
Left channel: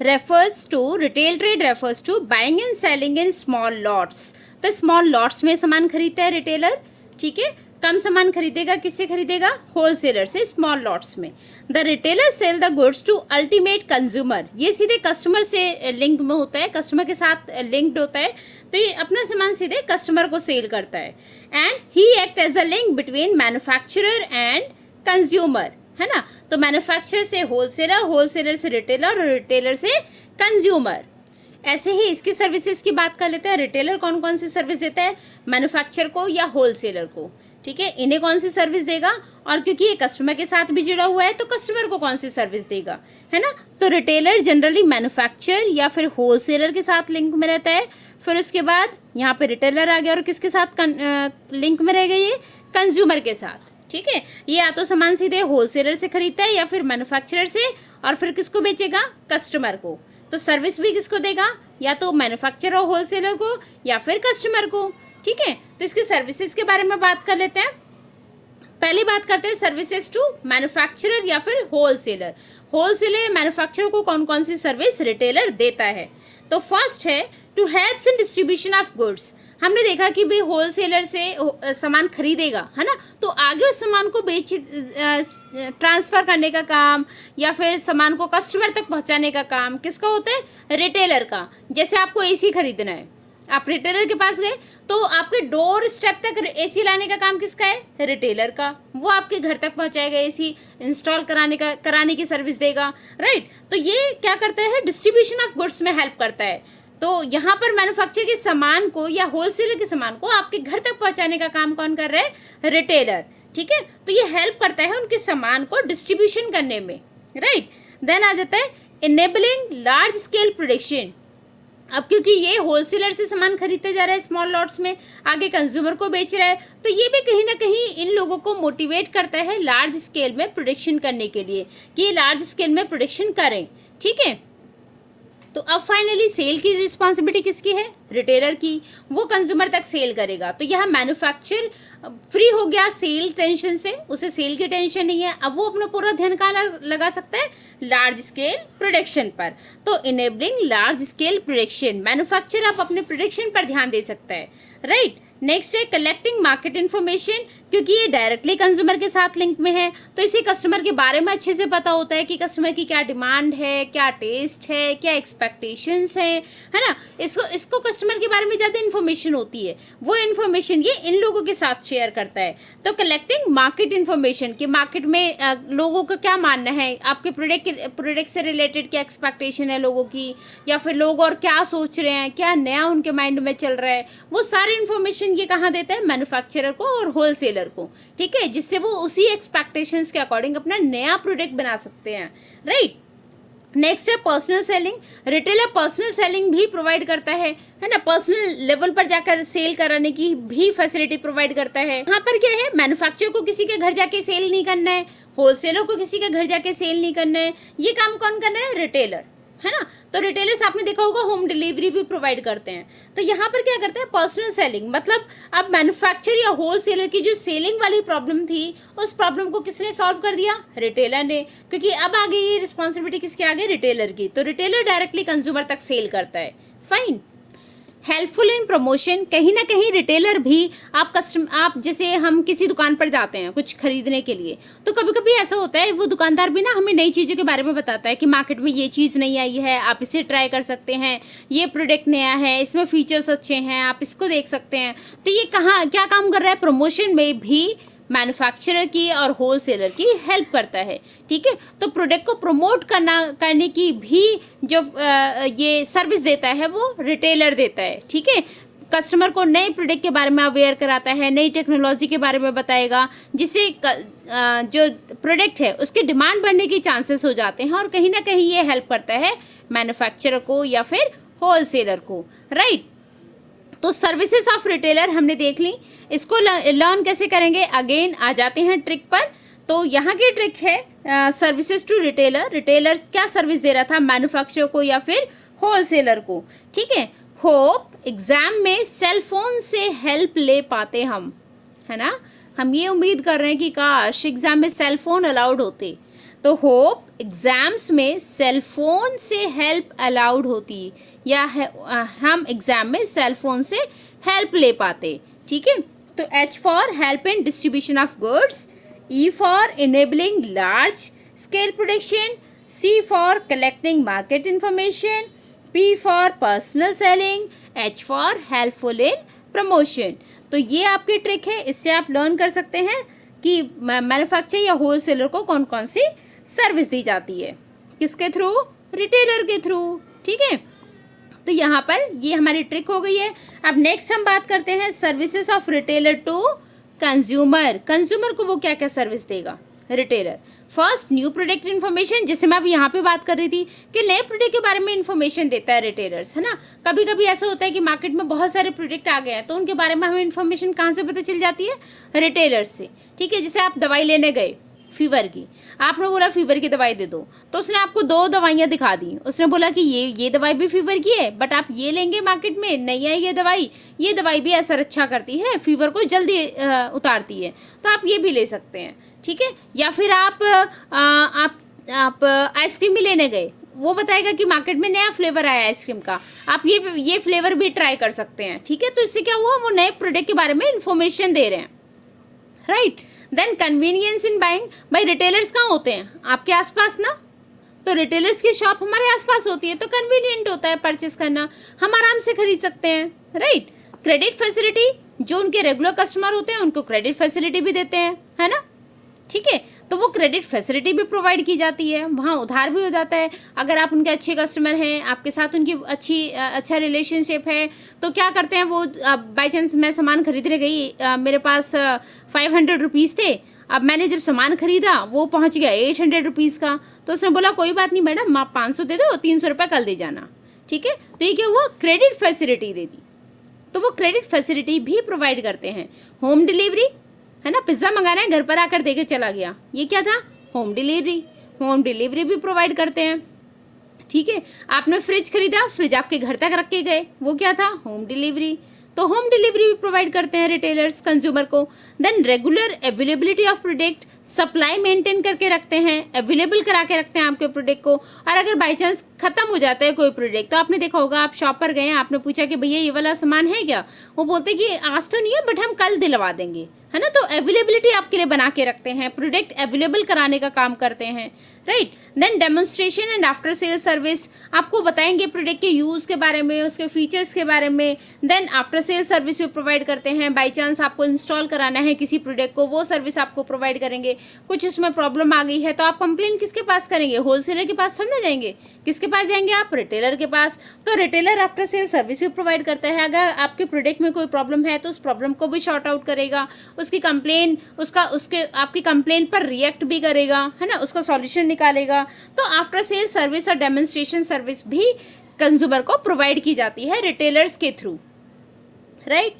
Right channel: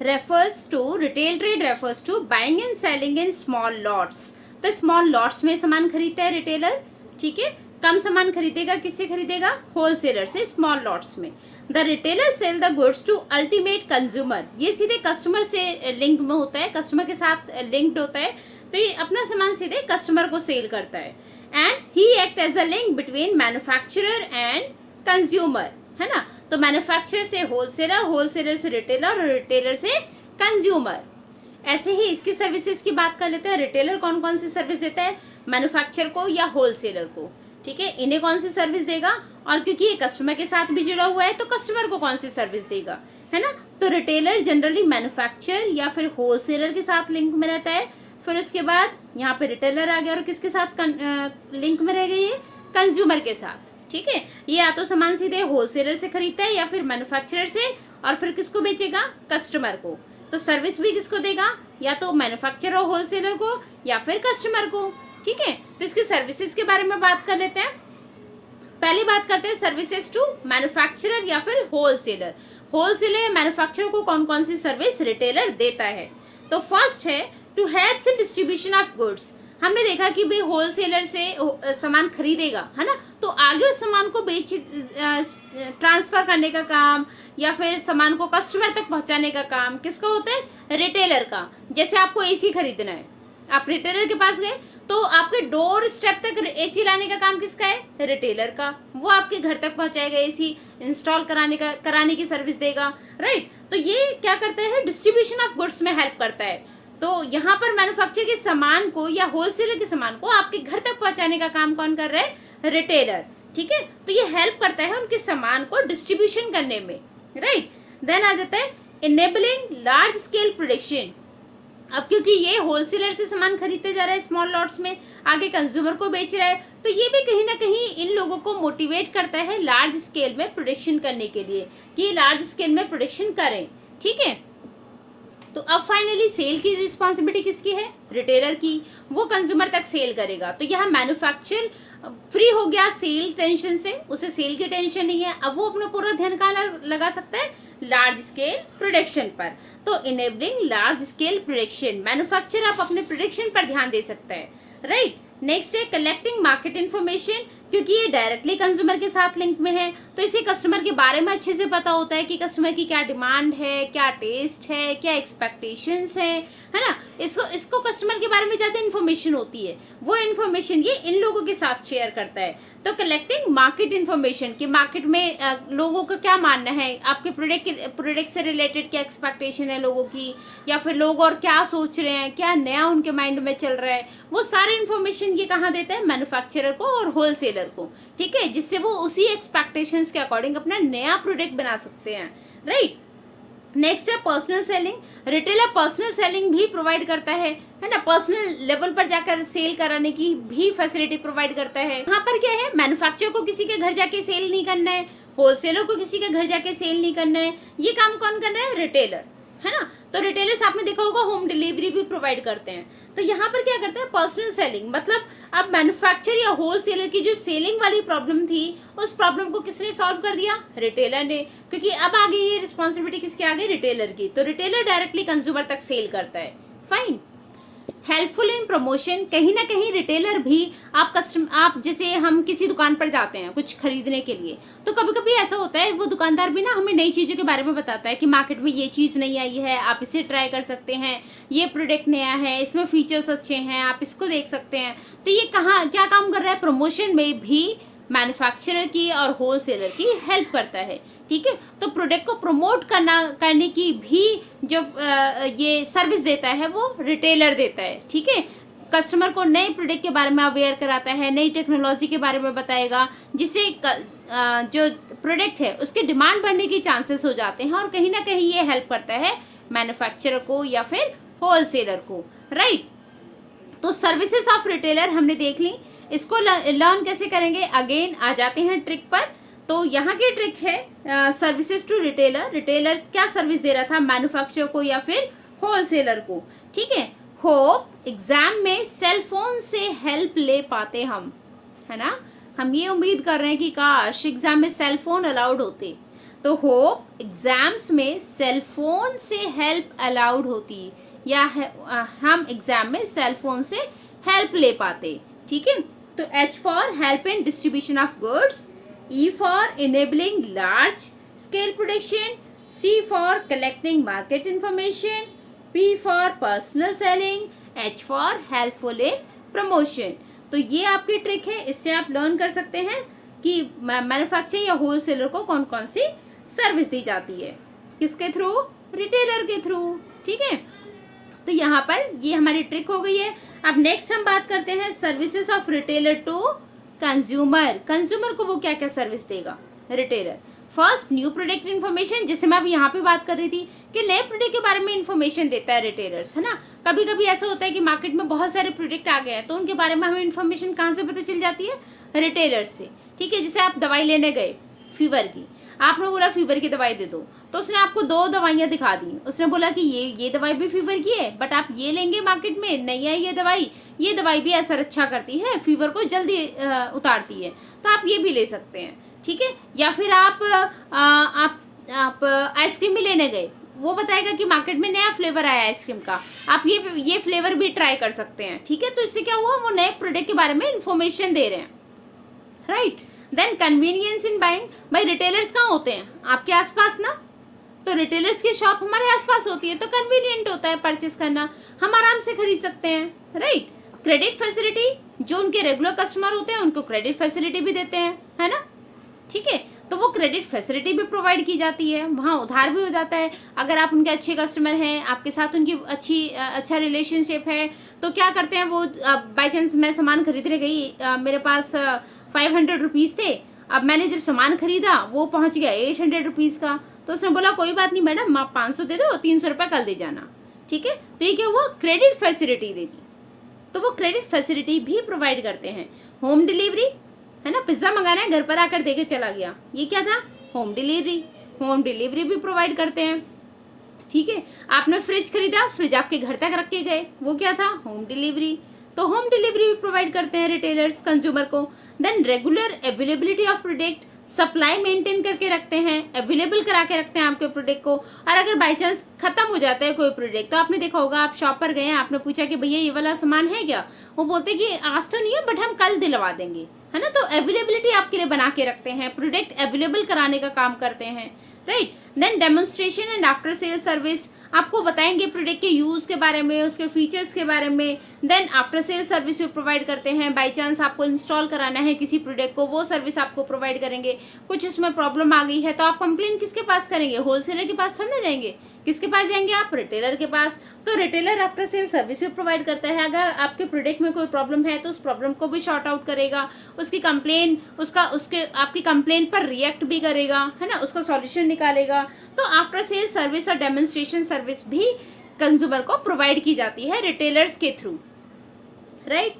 Retail trade refers to buying and selling in small lots. तो स्मॉल लॉट्स में सामान खरीदता है रिटेलर। ठीक है, कम सामान खरीदेगा, किससे खरीदेगा? होलसेलर से, स्मॉल लॉट्स में। The retailer sell the goods to ultimate consumer, ये सीधे कस्टमर से लिंक में होता है, कस्टमर के साथ लिंक्ड होता है, तो ये अपना सामान सीधे कस्टमर को सेल करता है। And he act as a link between manufacturer and consumer, है ना। तो मैन्युफैक्चरर से होलसेलर, होलसेलर से रिटेलर और रिटेलर से कंज्यूमर। ऐसे ही इसकी सर्विसेज की बात कर लेते हैं। रिटेलर कौन कौन सी सर्विस देता है? मैन्युफैक्चरर को या होलसेलर को। ठीक है, इन्हें कौन सी सर्विस देगा, और क्योंकि ये कस्टमर के साथ भी जुड़ा हुआ है तो कस्टमर को कौन सी सर्विस देगा, है ना। तो रिटेलर जनरली मैन्युफैक्चरर या फिर होलसेलर के साथ लिंक में रहता है। फिर उसके बाद यहाँ पे रिटेलर आ गया और किसके साथ लिंक में रह गई है? कंज्यूमर के साथ। ठीक है, ये या तो सामान सीधे होलसेलर से खरीदता है या फिर मैन्युफैक्चरर से, और फिर किसको बेचेगा? कस्टमर को। तो सर्विस भी किसको देगा? या तो मैन्युफैक्चरर और होलसेलर को या फिर कस्टमर को। ठीक है, तो इसकी सर्विसेज के बारे में बात कर लेते हैं। पहली बात करते हैं सर्विसेज टू मैन्युफैक्चरर या फिर होलसेलर। होलसेलर या मैन्युफैक्चरर को कौन कौन सी सर्विस रिटेलर देता है? तो फर्स्ट है to helps in distribution of goods. हमने देखा कि भाई होलसेलर से सामान खरीदेगा, है ना, तो आगे उस सामान को ट्रांसफर करने का काम या फिर सामान को कस्टमर तक पहुंचाने का काम किसका होता है? रिटेलर का। जैसे आपको एसी खरीदना है, आप रिटेलर के पास गए तो आपके डोर स्टेप तक एसी लाने का काम किसका है? रिटेलर का। वो आपके घर तक पहुंचाएगा, एसी इंस्टॉल कराने की सर्विस देगा, राइट। तो ये क्या करता है? डिस्ट्रीब्यूशन ऑफ गुड्स में हेल्प करता है। तो यहाँ पर मैन्युफैक्चर के सामान को या होलसेलर के सामान को आपके घर तक पहुंचाने का काम कौन कर रहा है? रिटेलर। ठीक है, तो ये हेल्प करता है उनके सामान को डिस्ट्रीब्यूशन करने में, राइट। देन आ जाता है इनेबलिंग लार्ज स्केल प्रोडक्शन। अब क्योंकि ये होलसेलर से सामान खरीदते जा रहा है स्मॉल लॉट्स में, आगे कंज्यूमर को बेच रहा है, तो ये भी कहीं ना कहीं इन लोगों को मोटिवेट करता है लार्ज स्केल में प्रोडक्शन करने के लिए, कि ये लार्ज स्केल में प्रोडक्शन करें। ठीक है, तो अब फाइनली सेल की रिस्पॉन्सिबिलिटी किसकी है? रिटेलर की। वो कंज्यूमर तक सेल करेगा। तो यहाँ मैन्युफैक्चर फ्री हो गया सेल टेंशन से, उसे सेल की टेंशन नहीं है। अब वो अपना पूरा ध्यान कहाँ लगा सकता है? लार्ज स्केल प्रोडक्शन पर। तो enabling large scale production, manufacture आप अपने प्रोडक्शन पर ध्यान दे सकता है, राइट। नेक्स्ट है कलेक्टिंग मार्केट इन्फॉर्मेशन, क्योंकि ये डायरेक्टली कंज्यूमर के साथ लिंक में है, तो इसे कस्टमर के बारे में अच्छे से पता होता है कि कस्टमर की क्या डिमांड है, क्या टेस्ट है, क्या एक्सपेक्टेशंस है ना। इसको कस्टमर के बारे में ज़्यादा इन्फॉर्मेशन होती है, वो इन्फॉर्मेशन ये इन लोगों के साथ शेयर करता है। तो कलेक्टिंग मार्केट इन्फॉर्मेशन कि मार्केट में लोगों का क्या मानना है, आपके प्रोडक्ट से रिलेटेड क्या एक्सपेक्टेशन है लोगों की, या फिर लोग और क्या सोच रहे हैं, क्या नया उनके माइंड में चल रहा है, वो सारे इन्फॉर्मेशन ये कहाँ देता है? मैन्युफैक्चरर को और होलसेलर को। ठीक है, जिससे वो उसी एक्सपेक्टेशंस के अकॉर्डिंग अपना नया प्रोडक्ट बना सकते हैं, राइट। नेक्स्ट है personal selling. Retailer personal selling भी प्रोवाइड करता है ना, पर्सनल लेवल पर जाकर सेल कराने की भी फैसिलिटी प्रोवाइड करता है। यहाँ पर क्या है? मैन्युफैक्चरर को किसी के घर जाके सेल नहीं करना है, होलसेलर को किसी के घर जाके सेल नहीं करना है, ये काम कौन कर रहा है? रिटेलर, है ना। तो रिटेलर्स आपने देखा होगा होम डिलीवरी भी प्रोवाइड करते हैं। तो यहाँ पर क्या करते हैं? पर्सनल सेलिंग, मतलब अब मैन्युफैक्चर या होलसेलर की जो सेलिंग वाली प्रॉब्लम थी, उस प्रॉब्लम को किसने सॉल्व कर दिया? रिटेलर ने, क्योंकि अब आगे ये रिस्पॉन्सिबिलिटी किसके आगे? रिटेलर की। तो रिटेलर डायरेक्टली कंज्यूमर तक सेल करता है, फाइन। हेल्पफुल इन प्रमोशन, कहीं ना कहीं रिटेलर भी आप जैसे हम किसी दुकान पर जाते हैं कुछ खरीदने के लिए, तो कभी कभी ऐसा होता है वो दुकानदार भी ना हमें नई चीज़ों के बारे में बताता है कि मार्केट में ये चीज़ नहीं आई है, आप इसे ट्राई कर सकते हैं, ये प्रोडक्ट नया है, इसमें फीचर्स अच्छे हैं, आप इसको देख सकते हैं। तो ये कहाँ क्या काम कर रहा है, प्रमोशन में भी मैन्युफैक्चरर की और होलसेलर की हेल्प करता है। ठीक है, तो प्रोडक्ट को प्रमोट करने की भी जो ये सर्विस देता है वो रिटेलर देता है। ठीक है, कस्टमर को नए प्रोडक्ट के बारे में अवेयर कराता है, नई टेक्नोलॉजी के बारे में बताएगा, जिससे जो प्रोडक्ट है उसकी डिमांड बढ़ने की चांसेस हो जाते हैं, और कहीं ना कहीं ये हेल्प करता है मैन्युफैक्चरर को या फिर होलसेलर को। राइट, तो सर्विसेज ऑफ रिटेलर हमने देख ली। इसको लर्न कैसे करेंगे, अगेन आ जाते हैं ट्रिक पर। तो यहाँ की ट्रिक है सर्विसेज टू रिटेलर। रिटेलर क्या सर्विस दे रहा था, मैन्युफैक्चरर को या फिर होलसेलर को। ठीक है, होप एग्जाम में सेल फोन से हेल्प ले पाते हम, है ना। हम ये उम्मीद कर रहे हैं कि काश एग्जाम में सेल फोन अलाउड होते, तो होप एग्जाम्स में सेल फोन से हेल्प अलाउड होती, या हम एग्जाम में सेल फोन से हेल्प ले पाते। ठीक है, तो H for help in distribution of goods, E for enabling large scale production, C for collecting market information, P for personal selling, H for helpful in promotion. तो ये आपकी ट्रिक है, इससे आप लर्न कर सकते हैं कि मैन्युफैक्चरर या होलसेलर को कौन कौन सी सर्विस दी जाती है, किसके थ्रू, रिटेलर के थ्रू। ठीक है, तो यहाँ पर ये हमारी ट्रिक हो गई है। अब नेक्स्ट हम बात करते हैं services of retailer to consumer. Consumer को वो क्या क्या सर्विस देगा retailer. First, new product information, जैसे मैं अभी यहाँ पे बात कर रही थी कि नए प्रोडक्ट के बारे में इन्फॉर्मेशन देता है रिटेलर्स, है ना। कभी कभी ऐसा होता है कि मार्केट में बहुत सारे प्रोडक्ट आ गए हैं, तो उनके बारे में हमें इन्फॉर्मेशन कहाँ से पता चल जाती है, रिटेलर्स से। ठीक है, जैसे आप दवाई लेने गए फीवर की, आपने बोला फीवर की दवाई दे दो, तो उसने आपको 2 दवाइयाँ दिखा दी, उसने बोला कि ये दवाई भी फीवर की है, बट आप ये लेंगे मार्केट में, नहीं आई ये दवाई भी असर अच्छा करती है, फीवर को जल्दी उतारती है, तो आप ये भी ले सकते हैं। ठीक है, या फिर आप आइसक्रीम भी लेने गए, वो बताएगा कि मार्केट में नया फ्लेवर आया आइसक्रीम का, आप ये फ्लेवर भी ट्राई कर सकते हैं। ठीक है, तो इससे क्या हुआ, वो नए प्रोडक्ट के बारे में इंफॉर्मेशन दे रहे हैं। Right, then convenience in buying, भाई रिटेलर्स कहाँ होते हैं, आपके आसपास ना, तो रिटेलर्स की शॉप हमारे आसपास होती है, तो कन्वीनियंट होता है परचेस करना, हम आराम से खरीद सकते हैं। राइट, क्रेडिट फैसिलिटी, जो उनके रेगुलर कस्टमर होते हैं उनको क्रेडिट फैसिलिटी भी देते हैं, है ना। ठीक है, तो वो क्रेडिट फैसिलिटी भी प्रोवाइड की जाती है, वहाँ उधार भी हो जाता है। अगर आप उनके अच्छे कस्टमर हैं, आपके साथ उनकी अच्छा रिलेशनशिप है, तो क्या करते हैं वो, बाई चांस मैं सामान खरीदने गई, मेरे पास 500 रुपीज़ थे, अब मैंने जब सामान खरीदा वो पहुँच गया 800 रुपीज़ का, तो उसने बोला कोई बात नहीं मैडम, आप 500 दे दो, 300 रुपये कल दे जाना। ठीक है, तो ये क्या हुआ, क्रेडिट फैसिलिटी दे दी, तो वो क्रेडिट फैसिलिटी भी प्रोवाइड करते हैं। होम डिलीवरी, है ना, पिज्ज़ा मंगाना है, घर पर आकर देके चला गया, ये क्या था, होम डिलीवरी भी प्रोवाइड करते हैं। ठीक है, आपने फ्रिज खरीदा, फ्रिज आपके घर तक रख के गए, वो क्या था, होम डिलीवरी, तो होम डिलीवरी भी प्रोवाइड करते हैं रिटेलर्स कंज्यूमर को। Then regular availability of product, supply maintain करके रखते हैं, अवेलेबल करा के रखते हैं आपके प्रोडक्ट को। और अगर बाई चांस खत्म हो जाता है कोई प्रोडक्ट, तो आपने देखा होगा, आप शॉप पर गए, आपने पूछा कि भैया ये वाला सामान है क्या, वो बोलते कि आज तो नहीं है बट हम कल दिलवा देंगे, है ना। तो अवेलेबिलिटी आपके लिए बना के रखते हैं, प्रोडक्ट अवेलेबल कराने का काम करते हैं। Right, then demonstration and after sale service, आपको बताएंगे प्रोडक्ट के यूज़ के बारे में, उसके फीचर्स के बारे में। देन आफ्टर सेल सर्विस भी प्रोवाइड करते हैं, बाई चांस आपको इंस्टॉल कराना है किसी प्रोडक्ट को, वो सर्विस आपको प्रोवाइड करेंगे। कुछ उसमें प्रॉब्लम आ गई है तो आप कंप्लेन किसके पास करेंगे, होलसेलर के पास थोड़ी ना जाएंगे, किसके पास जाएंगे आप, रिटेलर के पास। तो रिटेलर आफ्टर सेल सर्विस भी प्रोवाइड करता है, अगर आपके प्रोडक्ट में कोई प्रॉब्लम है तो उस प्रॉब्लम को भी शॉर्ट आउट करेगा, उसकी कंप्लेन आपकी कंप्लेन पर रिएक्ट भी करेगा, है ना, उसका सॉल्यूशन निकालेगा। तो आफ्टर सेल सर्विस और डेमोन्स्ट्रेशन सर्विस भी कंज्यूमर को प्रोवाइड की जाती है रिटेलर्स के थ्रू। राइट,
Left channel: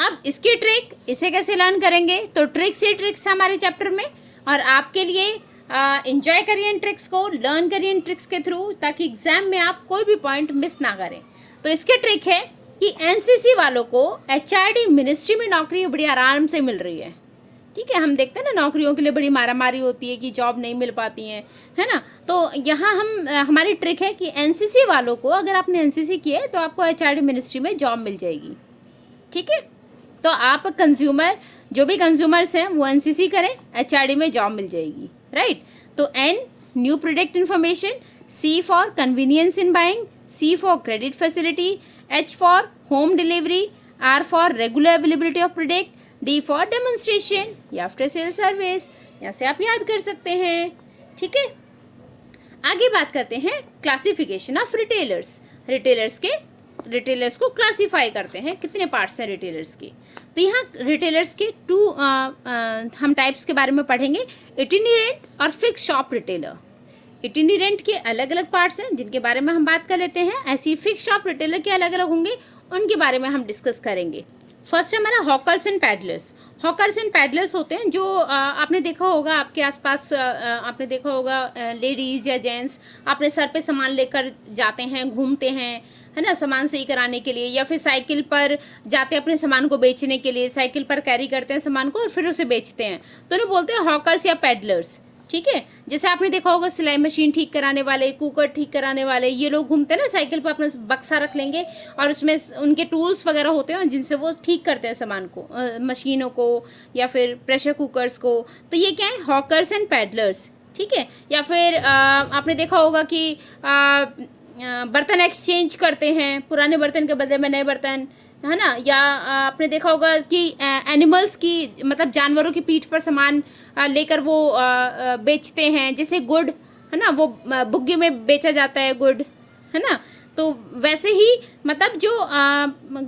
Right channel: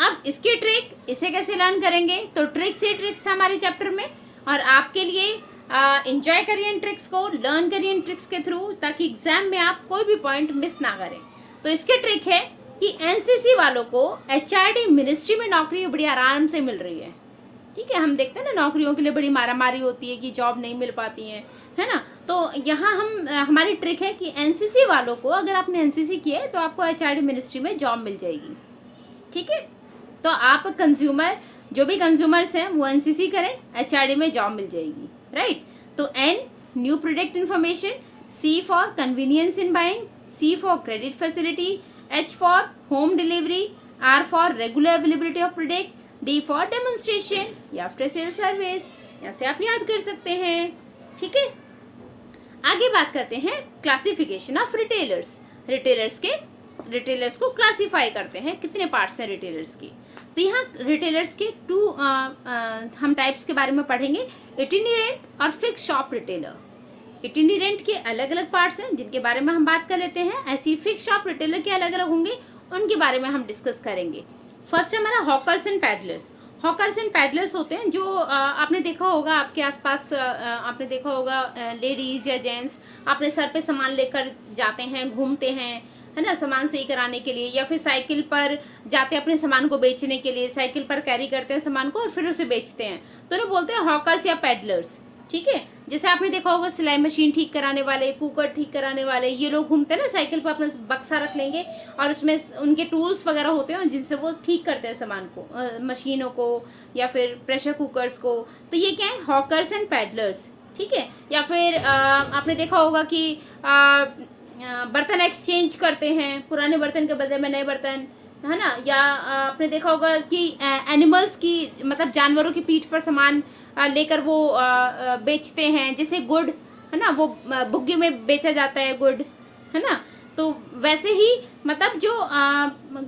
अब इसकी ट्रिक, इसे कैसे लर्न करेंगे, तो ट्रिक्स ही ट्रिक्स हमारे चैप्टर में, और आपके लिए एंजॉय करिए इन ट्रिक्स को, लर्न करिए इन ट्रिक्स के थ्रू, ताकि एग्जाम में आप कोई भी पॉइंट मिस ना करें। तो इसकी ट्रिक है कि एनसीसी वालों को एचआरडी मिनिस्ट्री में नौकरी बड़ी आराम से मिल रही है। ठीक है, हम देखते हैं ना नौकरियों के लिए बड़ी मारामारी होती है कि जॉब नहीं मिल पाती है ना। तो यहाँ हमारी ट्रिक है कि एनसीसी वालों को, अगर आपने एनसीसी किया है तो आपको एचआरडी मिनिस्ट्री में जॉब मिल जाएगी। ठीक है, तो आप कंज्यूमर, जो भी कंज्यूमर्स हैं वो एनसीसी करें, एचआरडी में जॉब मिल जाएगी, राइट। तो N, new product information, C for convenience in buying, C for credit facility, H for home delivery, R for regular availability of product, D for demonstration या आफ्टर सेल सर्विस। यहाँ से आप याद कर सकते हैं। ठीक है, आगे बात करते हैं क्लासिफिकेशन ऑफ रिटेलर्स। रिटेलर्स को क्लासिफाई करते हैं, कितने पार्ट्स हैं रिटेलर्स के। तो यहाँ रिटेलर्स के हम टाइप्स के बारे में पढ़ेंगे, इटिनेरेंट और फिक्स शॉप रिटेलर। इटिनेरेंट के अलग अलग पार्ट्स हैं जिनके बारे में हम बात कर लेते हैं, ऐसे ही फिक्स शॉप रिटेलर के अलग अलग होंगे, उनके बारे में हम डिस्कस करेंगे। फर्स्ट हमारा hawkers and peddlers. Hawkers and peddlers होते हैं जो आपने देखा होगा आपके आसपास, आपने देखा होगा लेडीज या जेंट्स अपने सर पे सामान लेकर जाते हैं, घूमते हैं, है ना, सामान सही कराने के लिए, या फिर साइकिल पर जाते हैं अपने सामान को बेचने के लिए, साइकिल पर कैरी करते हैं सामान को और फिर उसे बेचते हैं, तो उन्हें बोलते हैं हॉकर्स या पैडलर्स। ठीक है, जैसे आपने देखा होगा सिलाई मशीन ठीक कराने वाले, कुकर ठीक कराने वाले, ये लोग घूमते हैं ना, साइकिल पर अपना बक्सा रख लेंगे और उसमें उनके टूल्स वगैरह होते हैं जिनसे वो ठीक करते हैं सामान को, मशीनों को या फिर प्रेशर कुकर्स को। तो ये क्या है, हॉकर्स एंड पैडलर्स। ठीक है, या फिर आपने देखा होगा कि बर्तन एक्सचेंज करते हैं, पुराने बर्तन के बदले में नए बर्तन, है ना। या आपने देखा होगा कि एनिमल्स की, मतलब जानवरों की पीठ पर सामान लेकर वो बेचते हैं, जैसे गुड़, है ना, वो बुग्गे में बेचा जाता है गुड़, है ना। तो वैसे ही मतलब जो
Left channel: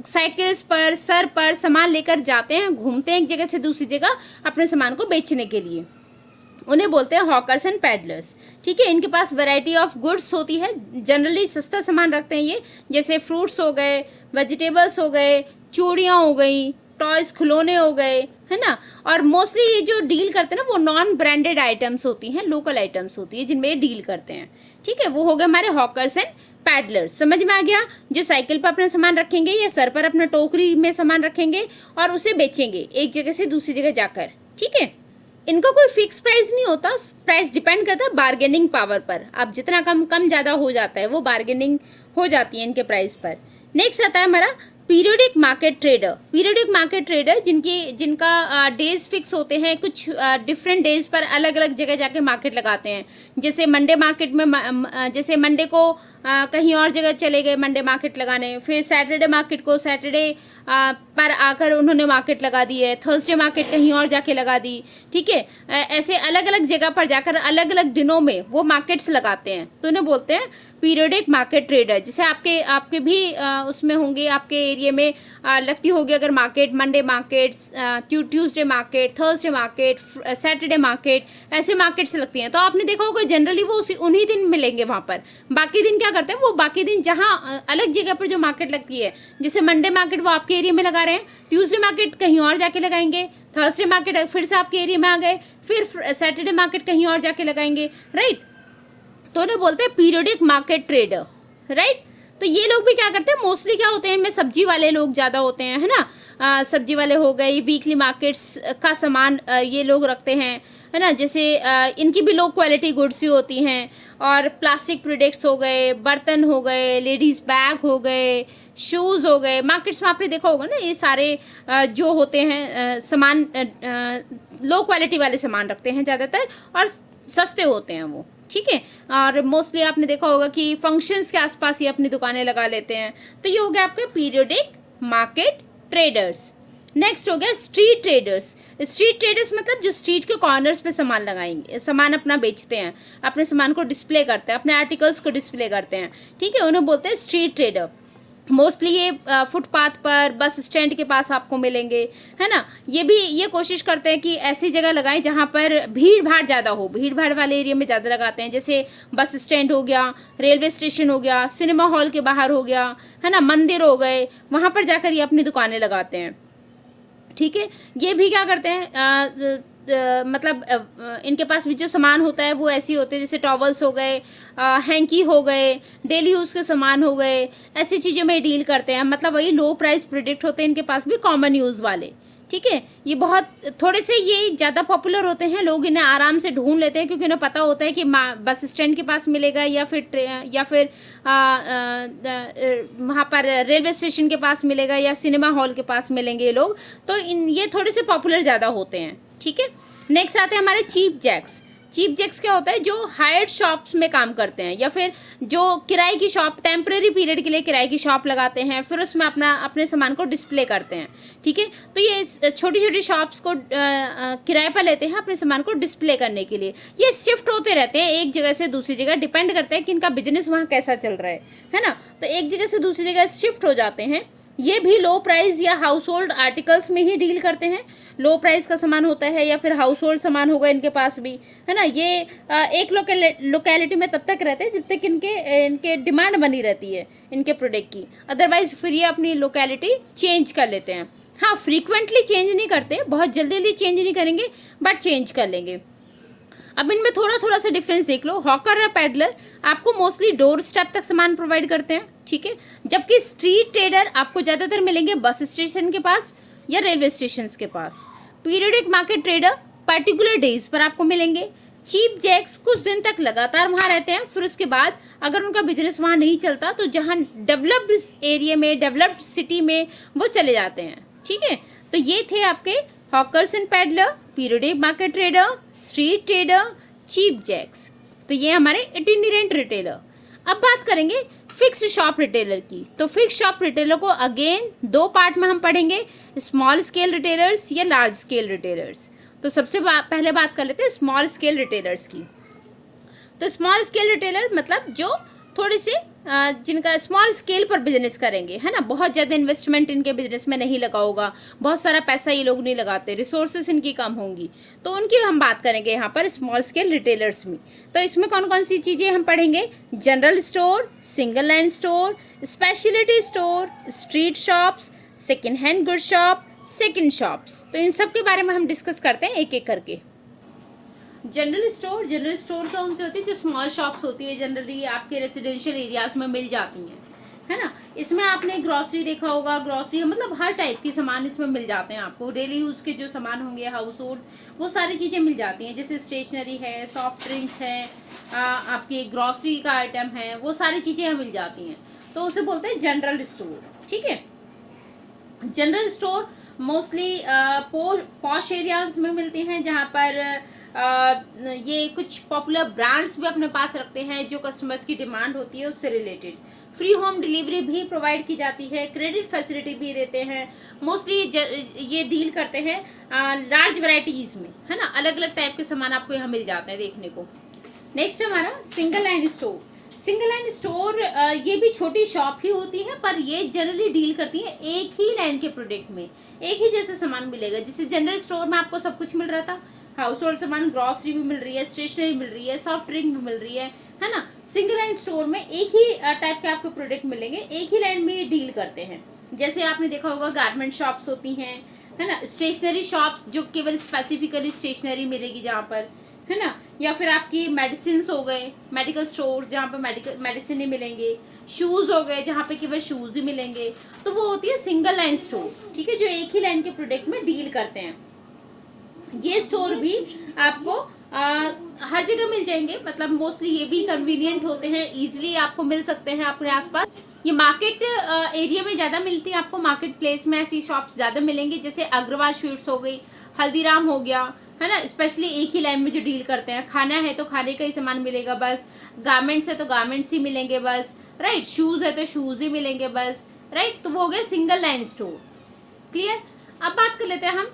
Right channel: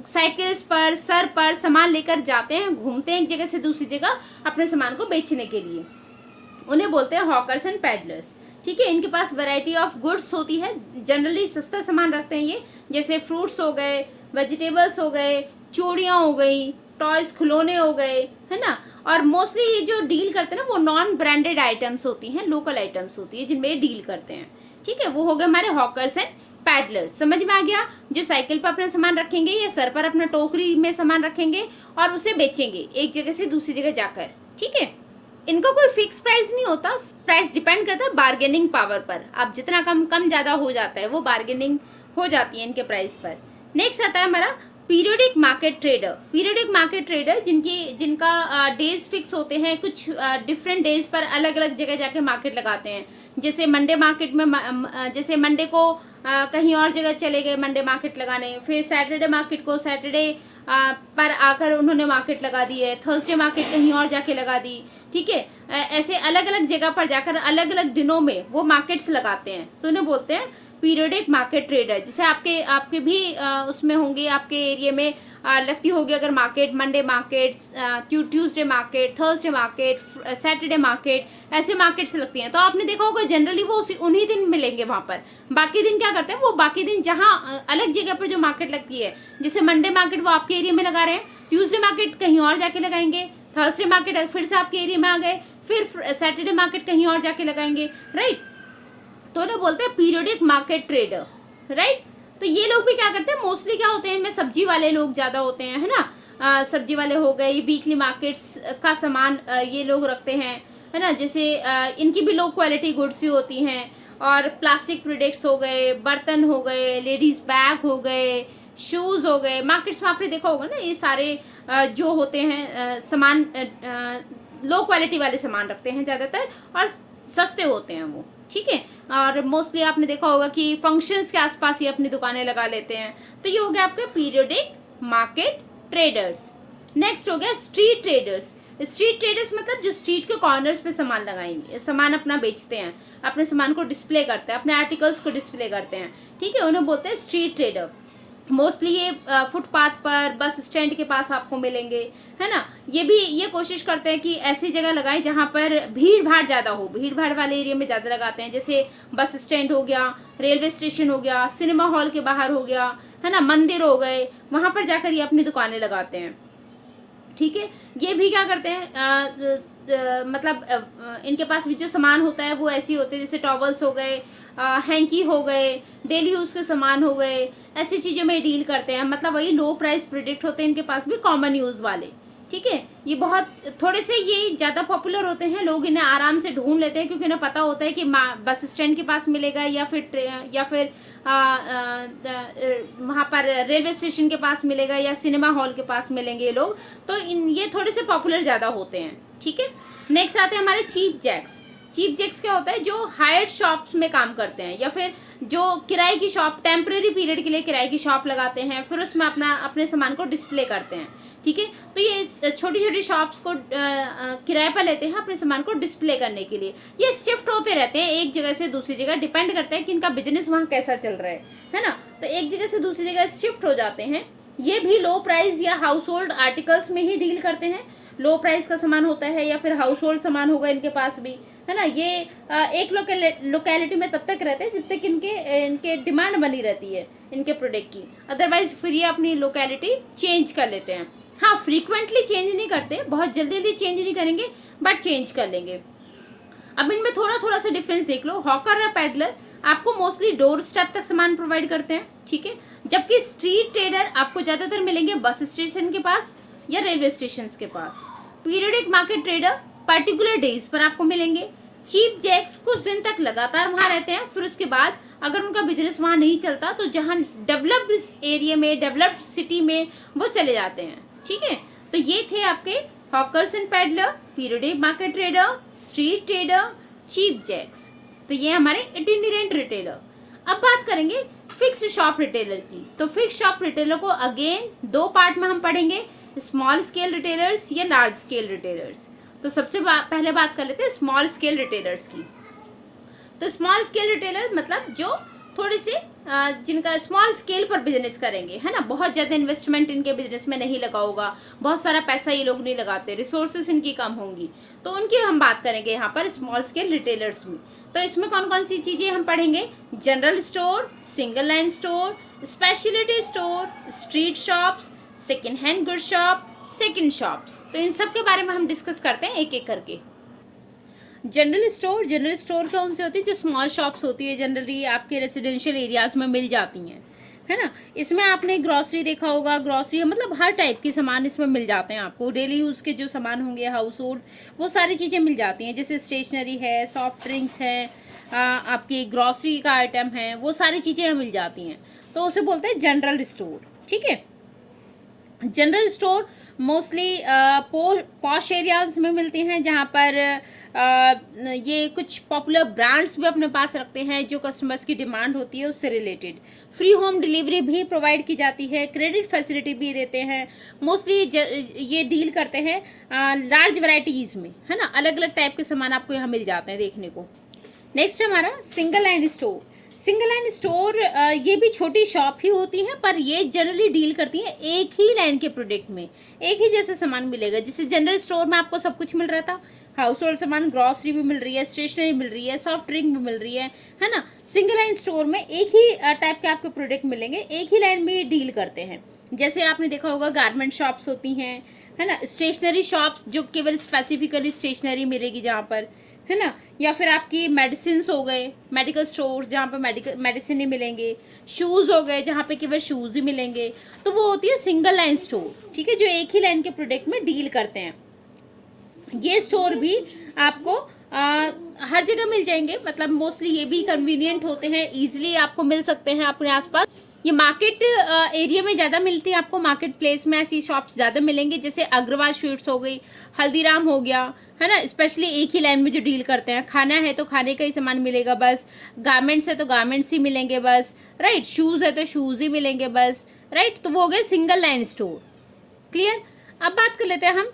साइकिल्स पर, सर पर सामान लेकर जाते हैं, घूमते हैं एक जगह से दूसरी जगह अपने सामान को बेचने के लिए, उन्हें बोलते हैं हॉकर्स एंड पैडलर्स। ठीक है, इनके पास वैरायटी ऑफ गुड्स होती है, जनरली सस्ता सामान रखते हैं ये, जैसे फ्रूट्स हो गए, वेजिटेबल्स हो गए, चूड़ियाँ हो गई, टॉयज, खिलौने हो गए, है ना। और मोस्टली ये जो डील करते हैं ना वो नॉन ब्रांडेड आइटम्स होती हैं, लोकल आइटम्स होती है जिनमें ये डील करते हैं। ठीक है, वो हो गए हमारे हॉकर्स एंड पैडलर्स। समझ में आ गया, जो साइकिल पर अपना सामान रखेंगे या सर पर अपना टोकरी में सामान रखेंगे और उसे बेचेंगे एक जगह से दूसरी जगह जाकर। ठीक है, इनका कोई फिक्स प्राइस नहीं होता, प्राइस डिपेंड करता है बार्गेनिंग पावर पर। अब जितना कम ज़्यादा हो जाता है वो बार्गेनिंग हो जाती है इनके प्राइस पर। नेक्स्ट आता है हमारा periodic market trader. Periodic market trader जिनका डेज फिक्स होते हैं, कुछ डिफरेंट डेज पर अलग अलग जगह जाके मार्केट लगाते हैं। जैसे मंडे मार्केट में, जैसे मंडे को कहीं और जगह चले गए मंडे मार्केट लगाने, फिर सैटरडे मार्केट को सैटरडे पर आकर उन्होंने मार्केट लगा दी है, थर्सडे मार्केट कहीं और जाके लगा दी। ठीक है, ऐसे अलग अलग जगह पर जाकर अलग अलग दिनों में वो मार्केट्स लगाते हैं, तो उन्हें बोलते हैं पीरियोडिक मार्केट ट्रेडर। जैसे आपके भी उसमें होंगे, आपके एरिया में लगती होगी अगर market, Monday market, Tuesday market, Thursday market, Saturday market, ऐसे मार्केट्स लगती हैं। तो आपने देखा होगा जनरली वो उन्हीं दिन मिलेंगे वहाँ पर। बाकी दिन क्या करते हैं, वो बाकी दिन जहाँ अलग जगह पर जो मार्केट लगती है, जैसे मंडे मार्केट वो आपके एरिया में लगा रहे हैं, ट्यूसडे मार्केट कहीं और जाके लगाएंगे, थर्सडे मार्केट फिर से आपके एरिया में आ गए, फिर सैटरडे मार्केट कहीं और जाके लगाएंगे, राइट। तो उन्हें बोलते हैं पीरियोडिक मार्केट ट्रेडर, राइट। तो ये लोग भी क्या करते हैं, मोस्टली क्या होते हैं इनमें, सब्जी वाले लोग ज़्यादा होते हैं, है ना। सब्जी वाले हो गए, वीकली मार्केट्स का सामान ये लोग रखते हैं, है ना। जैसे इनकी भी लो क्वालिटी गुड्स ही होती हैं, और प्लास्टिक प्रोडक्ट्स हो गए, बर्तन हो गए, लेडीज़ बैग हो गए, शूज़ हो गए। मार्केट्स में आपने देखा होगा ना, ये सारे जो होते हैं सामान, लो क्वालिटी वाले सामान रखते हैं ज़्यादातर, और सस्ते होते हैं वो। ठीक है, और मोस्टली आपने देखा होगा कि फंक्शंस के आसपास ही अपनी दुकानें लगा लेते हैं। तो ये हो गया आपका पीरियोडिक मार्केट ट्रेडर्स। नेक्स्ट हो गया स्ट्रीट ट्रेडर्स। स्ट्रीट ट्रेडर्स मतलब जो स्ट्रीट के कॉर्नर्स पे सामान लगाएंगे, सामान अपना बेचते हैं, अपने सामान को डिस्प्ले करते हैं, अपने आर्टिकल्स को डिस्प्ले करते हैं। ठीक है, उन्हें बोलते हैं स्ट्रीट ट्रेडर। मोस्टली ये फुटपाथ पर, बस स्टैंड के पास आपको मिलेंगे, है ना। ये कोशिश करते हैं कि ऐसी जगह लगाएं जहाँ पर भीड़ भाड़ ज़्यादा हो, भीड़ भाड़ वाले एरिया में ज़्यादा लगाते हैं, जैसे बस स्टैंड हो गया, रेलवे स्टेशन हो गया, सिनेमा हॉल के बाहर हो गया, है ना, मंदिर हो गए, वहाँ पर जाकर ये अपनी दुकानें लगाते हैं। ठीक है, ये भी क्या करते हैं, मतलब इनके पास भी जो सामान होता है वो ऐसी होते हैं, जैसे टॉवल्स हो गए, हैंकी हो गए, डेली यूज़ के सामान हो गए, ऐसी चीज़ों में डील करते हैं। मतलब वही लो प्राइस प्रोडक्ट होते हैं इनके पास भी, कॉमन यूज़ वाले। ठीक है। ये बहुत थोड़े से ये ज़्यादा पॉपुलर होते हैं, लोग इन्हें आराम से ढूंढ लेते हैं क्योंकि उन्हें पता होता है कि बस स्टैंड के पास मिलेगा या फिर वहाँ पर रेलवे स्टेशन के पास मिलेगा या सिनेमा हॉल के पास मिलेंगे ये लोग, तो ये थोड़े से पॉपुलर ज़्यादा होते हैं, ठीक है। नेक्स्ट आते हैं हमारे चीप जैक्स। चीप जैक्स क्या होता है, जो हायर्ड शॉप्स में काम करते हैं या फिर जो किराए की शॉप, टेम्परेरी पीरियड के लिए किराए की शॉप लगाते हैं, फिर उसमें अपने सामान को डिस्प्ले करते हैं, ठीक है। तो ये छोटी छोटी शॉप्स को किराए पर लेते हैं अपने सामान को डिस्प्ले करने के लिए। ये शिफ्ट होते रहते हैं एक जगह से दूसरी जगह, डिपेंड करता है कि इनका बिजनेस वहाँ कैसा चल रहा है ना। तो एक जगह से दूसरी जगह शिफ्ट हो जाते हैं। ये भी लो प्राइस या हाउस होल्ड आर्टिकल्स में ही डील करते हैं। लो प्राइस का सामान होता है या फिर हाउस होल्ड सामान होगा इनके पास भी, है ना। ये एक लोकेलिटी में तब तक रहते हैं जब तक इनके डिमांड बनी रहती है इनके प्रोडक्ट की, अदरवाइज फिर ये अपनी लोकेलिटी चेंज कर लेते हैं। हाँ, फ्रीक्वेंटली चेंज नहीं करते, बहुत जल्दी जल्दी चेंज नहीं करेंगे, बट चेंज कर लेंगे। अब इनमें थोड़ा सा डिफरेंस देख लो। हॉकर और पैडलर आपको मोस्टली डोर स्टेप तक सामान प्रोवाइड करते हैं, ठीक है, जबकि स्ट्रीट ट्रेडर आपको ज़्यादातर मिलेंगे बस स्टेशन के पास या रेलवे स्टेशन के पास। Periodic market trader particular days पर आपको मिलेंगे। चीप जैक्स कुछ दिन तक लगातार वहाँ रहते हैं, फिर उसके बाद अगर उनका बिजनेस वहाँ नहीं चलता तो जहाँ डेवलप्ड एरिया में, डेवलप्ड सिटी में वो चले जाते हैं, ठीक है। तो ये थे आपके hawkers and peddler, periodic market trader, street trader, cheap jacks. तो ये हमारे इटिनेरेंट रिटेलर। अब बात करेंगे फिक्स्ड शॉप रिटेलर की। तो फिक्स्ड शॉप रिटेलर को अगेन दो पार्ट में हम पढ़ेंगे, स्मॉल स्केल रिटेलर्स या लार्ज स्केल रिटेलर्स। तो सबसे पहले बात कर लेते हैं स्मॉल स्केल रिटेलर्स की। तो स्मॉल स्केल रिटेलर मतलब जो थोड़े से जिनका स्मॉल स्केल पर बिजनेस करेंगे, है ना। बहुत ज़्यादा इन्वेस्टमेंट इनके बिजनेस में नहीं लगा होगा, बहुत सारा पैसा ये लोग नहीं लगाते, रिसोर्सेज इनकी कम होंगी, तो उनकी हम बात करेंगे यहाँ पर स्मॉल स्केल रिटेलर्स में। तो इसमें कौन कौन सी चीज़ें हम पढ़ेंगे, general store, single line store, speciality store, street shops, second hand good shop, second shops. तो इन सब के बारे में हम डिस्कस करते हैं एक एक करके। जनरल स्टोर कौन से होती है, जो स्मॉल शॉप्स होती है, जनरली आपके रेजिडेंशियल एरियाज में मिल जाती हैं, है ना। इसमें आपने ग्रॉसरी देखा होगा, ग्रॉसरी मतलब हर टाइप के सामान इसमें मिल जाते हैं आपको। डेली यूज़ के जो सामान होंगे, हाउस होल्ड, वो सारी चीज़ें मिल जाती हैं, जैसे स्टेशनरी है, सॉफ्ट ड्रिंक्स हैं, आपकी ग्रॉसरी का आइटम है, वो सारी चीज़ें मिल जाती हैं। तो उसे बोलते हैं जनरल स्टोर, ठीक है। General store mostly posh areas में मिलते हैं, जहाँ पर ये कुछ पॉपुलर ब्रांड्स भी अपने पास रखते हैं जो कस्टमर्स की डिमांड होती है उससे रिलेटेड। फ्री होम डिलीवरी भी प्रोवाइड की जाती है, क्रेडिट फैसिलिटी भी देते हैं। मोस्टली ये डील करते हैं लार्ज वैरायटीज़ में, है ना। अलग अलग टाइप के सामान आपको यहाँ मिल जाते हैं देखने को। नेक्स्ट हमारा single line store. Single line store ये भी छोटी शॉप ही होती है, पर ये जनरली डील करती है एक ही लाइन के प्रोडक्ट में, एक ही जैसा सामान मिलेगा। जैसे जनरल स्टोर में आपको सब कुछ मिल रहा था, हाउस होल्ड सामान, ग्रॉसरी भी मिल रही है, स्टेशनरी मिल रही है, सॉफ्ट ड्रिंक भी मिल रही है ना। सिंगल लाइन स्टोर में एक ही टाइप के आपको प्रोडक्ट मिलेंगे, एक ही लाइन में ये डील करते हैं। जैसे आपने देखा होगा गारमेंट शॉप्स होती हैं, है ना, स्टेशनरी शॉप्स जो केवल स्पेसिफिकली स्टेशनरी मिलेगी जहाँ पर, है ना, या फिर आपकी मेडिसिन हो गए, मेडिकल स्टोर जहाँ पे मेडिसिन ही मिलेंगे, शूज़ हो गए जहाँ पे केवल शूज़ ही मिलेंगे। तो वो होती है सिंगल लाइन स्टोर, ठीक है, जो एक ही लाइन के प्रोडक्ट में डील करते हैं। ये स्टोर भी आपको हर जगह मिल जाएंगे, मतलब मोस्टली ये भी कन्वीनियंट होते हैं, इजीली आपको मिल सकते हैं अपने आसपास। ये मार्केट एरिया में ज़्यादा मिलती है आपको, मार्केट प्लेस में ऐसी शॉप्स ज़्यादा मिलेंगी, जैसे अग्रवाल स्वीट्स हो गई, हल्दीराम हो गया, है ना। स्पेशली एक ही लाइन में जो डील करते हैं। खाना है तो खाने का ही सामान मिलेगा बस, गारमेंट्स है तो गारमेंट्स ही मिलेंगे बस, राइट, शूज़ है तो शूज़ ही मिलेंगे बस, राइट। तो वो हो गए सिंगल लाइन स्टोर, क्लियर। अब बात कर लेते हैं हम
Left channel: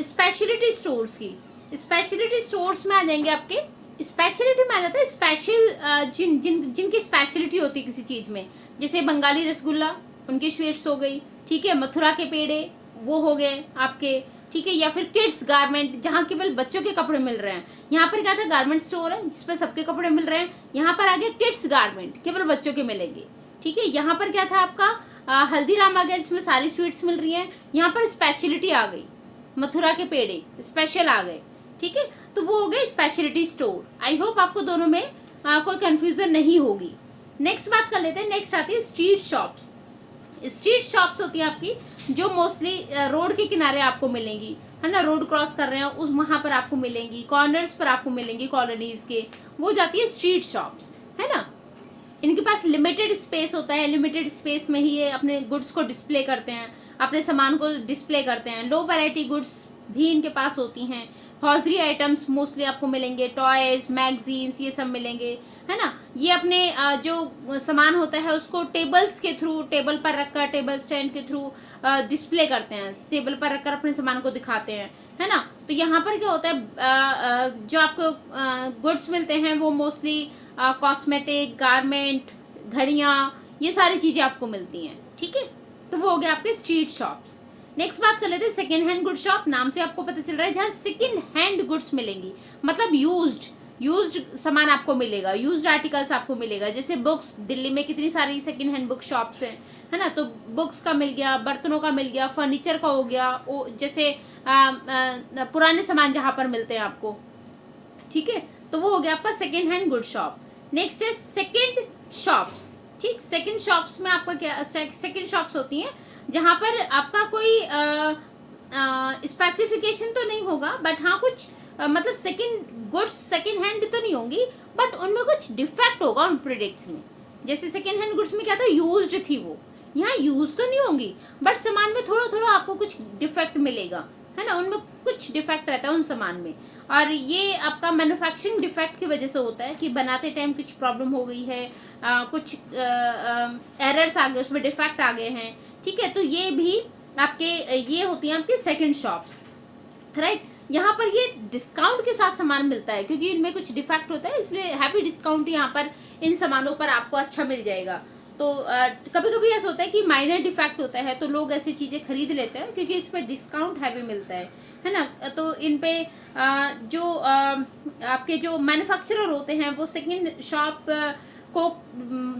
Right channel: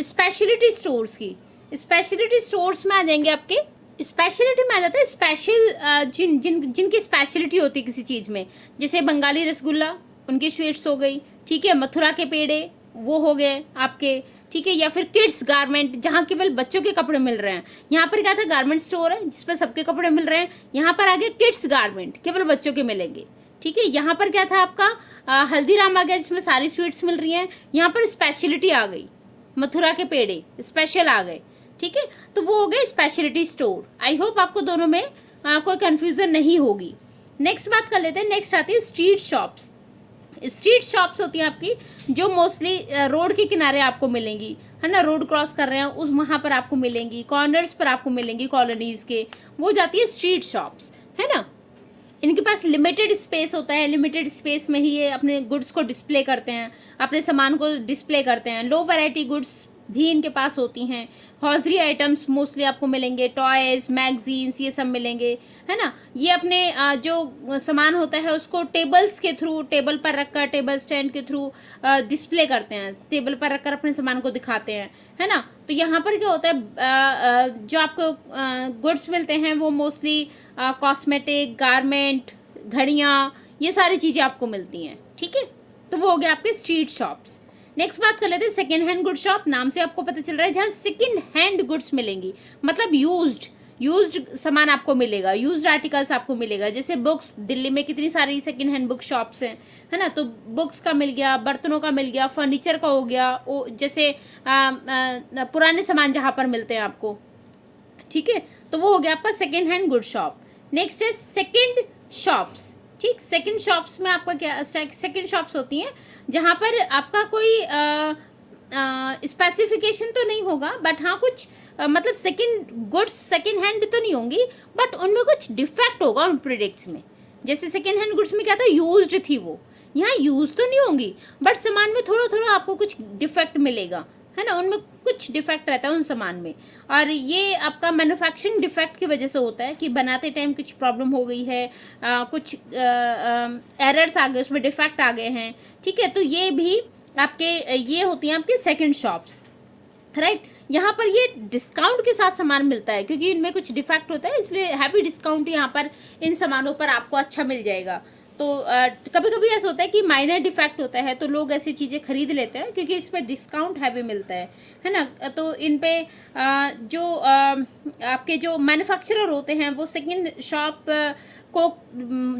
स्पेशलिटी स्टोर्स की। स्पेशलिटी स्टोर्स में आ जाएंगे आपके, स्पेशलिटी में आ जाता है स्पेशल जिनकी स्पेशलिटी होती है किसी चीज़ में, जैसे बंगाली रसगुल्ला, उनकी स्वीट्स हो गई, ठीक है, मथुरा के पेड़े वो हो गए आपके, ठीक है, या फिर किड्स गारमेंट जहाँ केवल बच्चों के कपड़े मिल रहे हैं। यहाँ पर क्या था, गारमेंट स्टोर है जिस पर सबके कपड़े मिल रहे हैं, यहाँ पर आ गया किड्स गारमेंट, केवल बच्चों के मिलेंगे, ठीक है। यहाँ पर क्या था आपका हल्दीराम आ गया जिसमें सारी स्वीट्स मिल रही हैं, यहाँ पर स्पेशलिटी आ गई, मथुरा के पेड़े स्पेशल आ गए, ठीक है। तो वो हो गए स्पेशलिटी स्टोर। आई होप आपको दोनों में कोई कंफ्यूजन नहीं होगी। नेक्स्ट बात कर लेते हैं, नेक्स्ट आती है स्ट्रीट शॉप्स। स्ट्रीट शॉप्स होती हैं आपकी जो मोस्टली रोड के किनारे आपको मिलेंगी, है ना, रोड क्रॉस कर रहे हैं उस वहाँ पर आपको मिलेंगी, कॉर्नर्स पर आपको मिलेंगी कॉलोनीज के, वो जाती है स्ट्रीट शॉप्स, है ना। इनके पास लिमिटेड स्पेस होता है, लिमिटेड स्पेस में ही ये अपने गुड्स को डिस्प्ले करते हैं, अपने सामान को डिस्प्ले करते हैं। लो वैरायटी गुड्स भी इनके पास होती हैं। हॉजरी आइटम्स मोस्टली आपको मिलेंगे, टॉयज, मैगजीन्स, ये सब मिलेंगे, है ना। ये अपने जो सामान होता है उसको टेबल्स के थ्रू, टेबल पर रखकर, टेबल स्टैंड के थ्रू डिस्प्ले करते हैं, टेबल पर रखकर अपने सामान को दिखाते हैं, है ना। तो यहाँ पर क्या होता है, जो आपको गुड्स मिलते हैं वो मोस्टली कॉस्मेटिक, गारमेंट, घड़ियाँ, ये सारी चीज़ें आपको मिलती हैं, ठीक है। तो वो हो गया आपके स्ट्रीट शॉप्स। नेक्स्ट बात कर लेते हैं सेकेंड हैंड गुड शॉप। नाम से आपको पता चल रहा है जहाँ सेकेंड हैंड गुड्स मिलेंगी, मतलब यूज्ड सामान आपको मिलेगा, यूज्ड आर्टिकल्स आपको मिलेगा। जैसे बुक्स, दिल्ली में कितनी सारी सेकेंड हैंड बुक शॉप्स हैं, है ना। तो बुक्स का मिल गया, बर्तनों का मिल गया, फर्नीचर का हो गया, जैसे पुराने सामान जहाँ पर मिलते हैं आपको, ठीक है। तो वो हो गया आपका second hand good shop. Next है सेकेंड शॉप्स, ठीक। सेकेंड शॉप्स में आपका क्या, सेकेंड शॉप्स होती हैं जहाँ पर आपका कोई स्पेसिफिकेशन तो नहीं होगा, बट हाँ कुछ मतलब सेकेंड गुड्स सेकेंड हैंड तो नहीं होंगी, बट उनमें कुछ डिफेक्ट होगा उन प्रोडक्ट्स में। जैसे सेकेंड हैंड गुड्स में क्या था, यूज्ड थी वो, यहाँ यूज तो नहीं होंगी, बट सामान में थोड़ा थोड़ा आपको कुछ डिफेक्ट मिलेगा, है ना। उनमें कुछ डिफेक्ट रहता है उन सामान में, और ये आपका मैन्युफैक्चरिंग डिफेक्ट की वजह से होता है कि बनाते टाइम कुछ प्रॉब्लम हो गई है, कुछ एरर्स आ गए, उसमें डिफेक्ट आ गए हैं, ठीक है। तो ये भी आपके ये होती हैं आपकी सेकंड शॉप्स, राइट। यहाँ पर ये डिस्काउंट के साथ सामान मिलता है, क्योंकि इनमें कुछ डिफेक्ट होता है, इसलिए हैवी डिस्काउंट यहाँ पर इन सामानों पर आपको अच्छा मिल जाएगा। तो कभी कभी ऐसा होता है कि माइनर डिफेक्ट होता है तो लोग ऐसी चीज़ें खरीद लेते हैं क्योंकि इस पर डिस्काउंट हैवी मिलता है ना। तो इन पे जो आपके जो मैन्युफैक्चरर होते हैं वो सेकंड शॉप को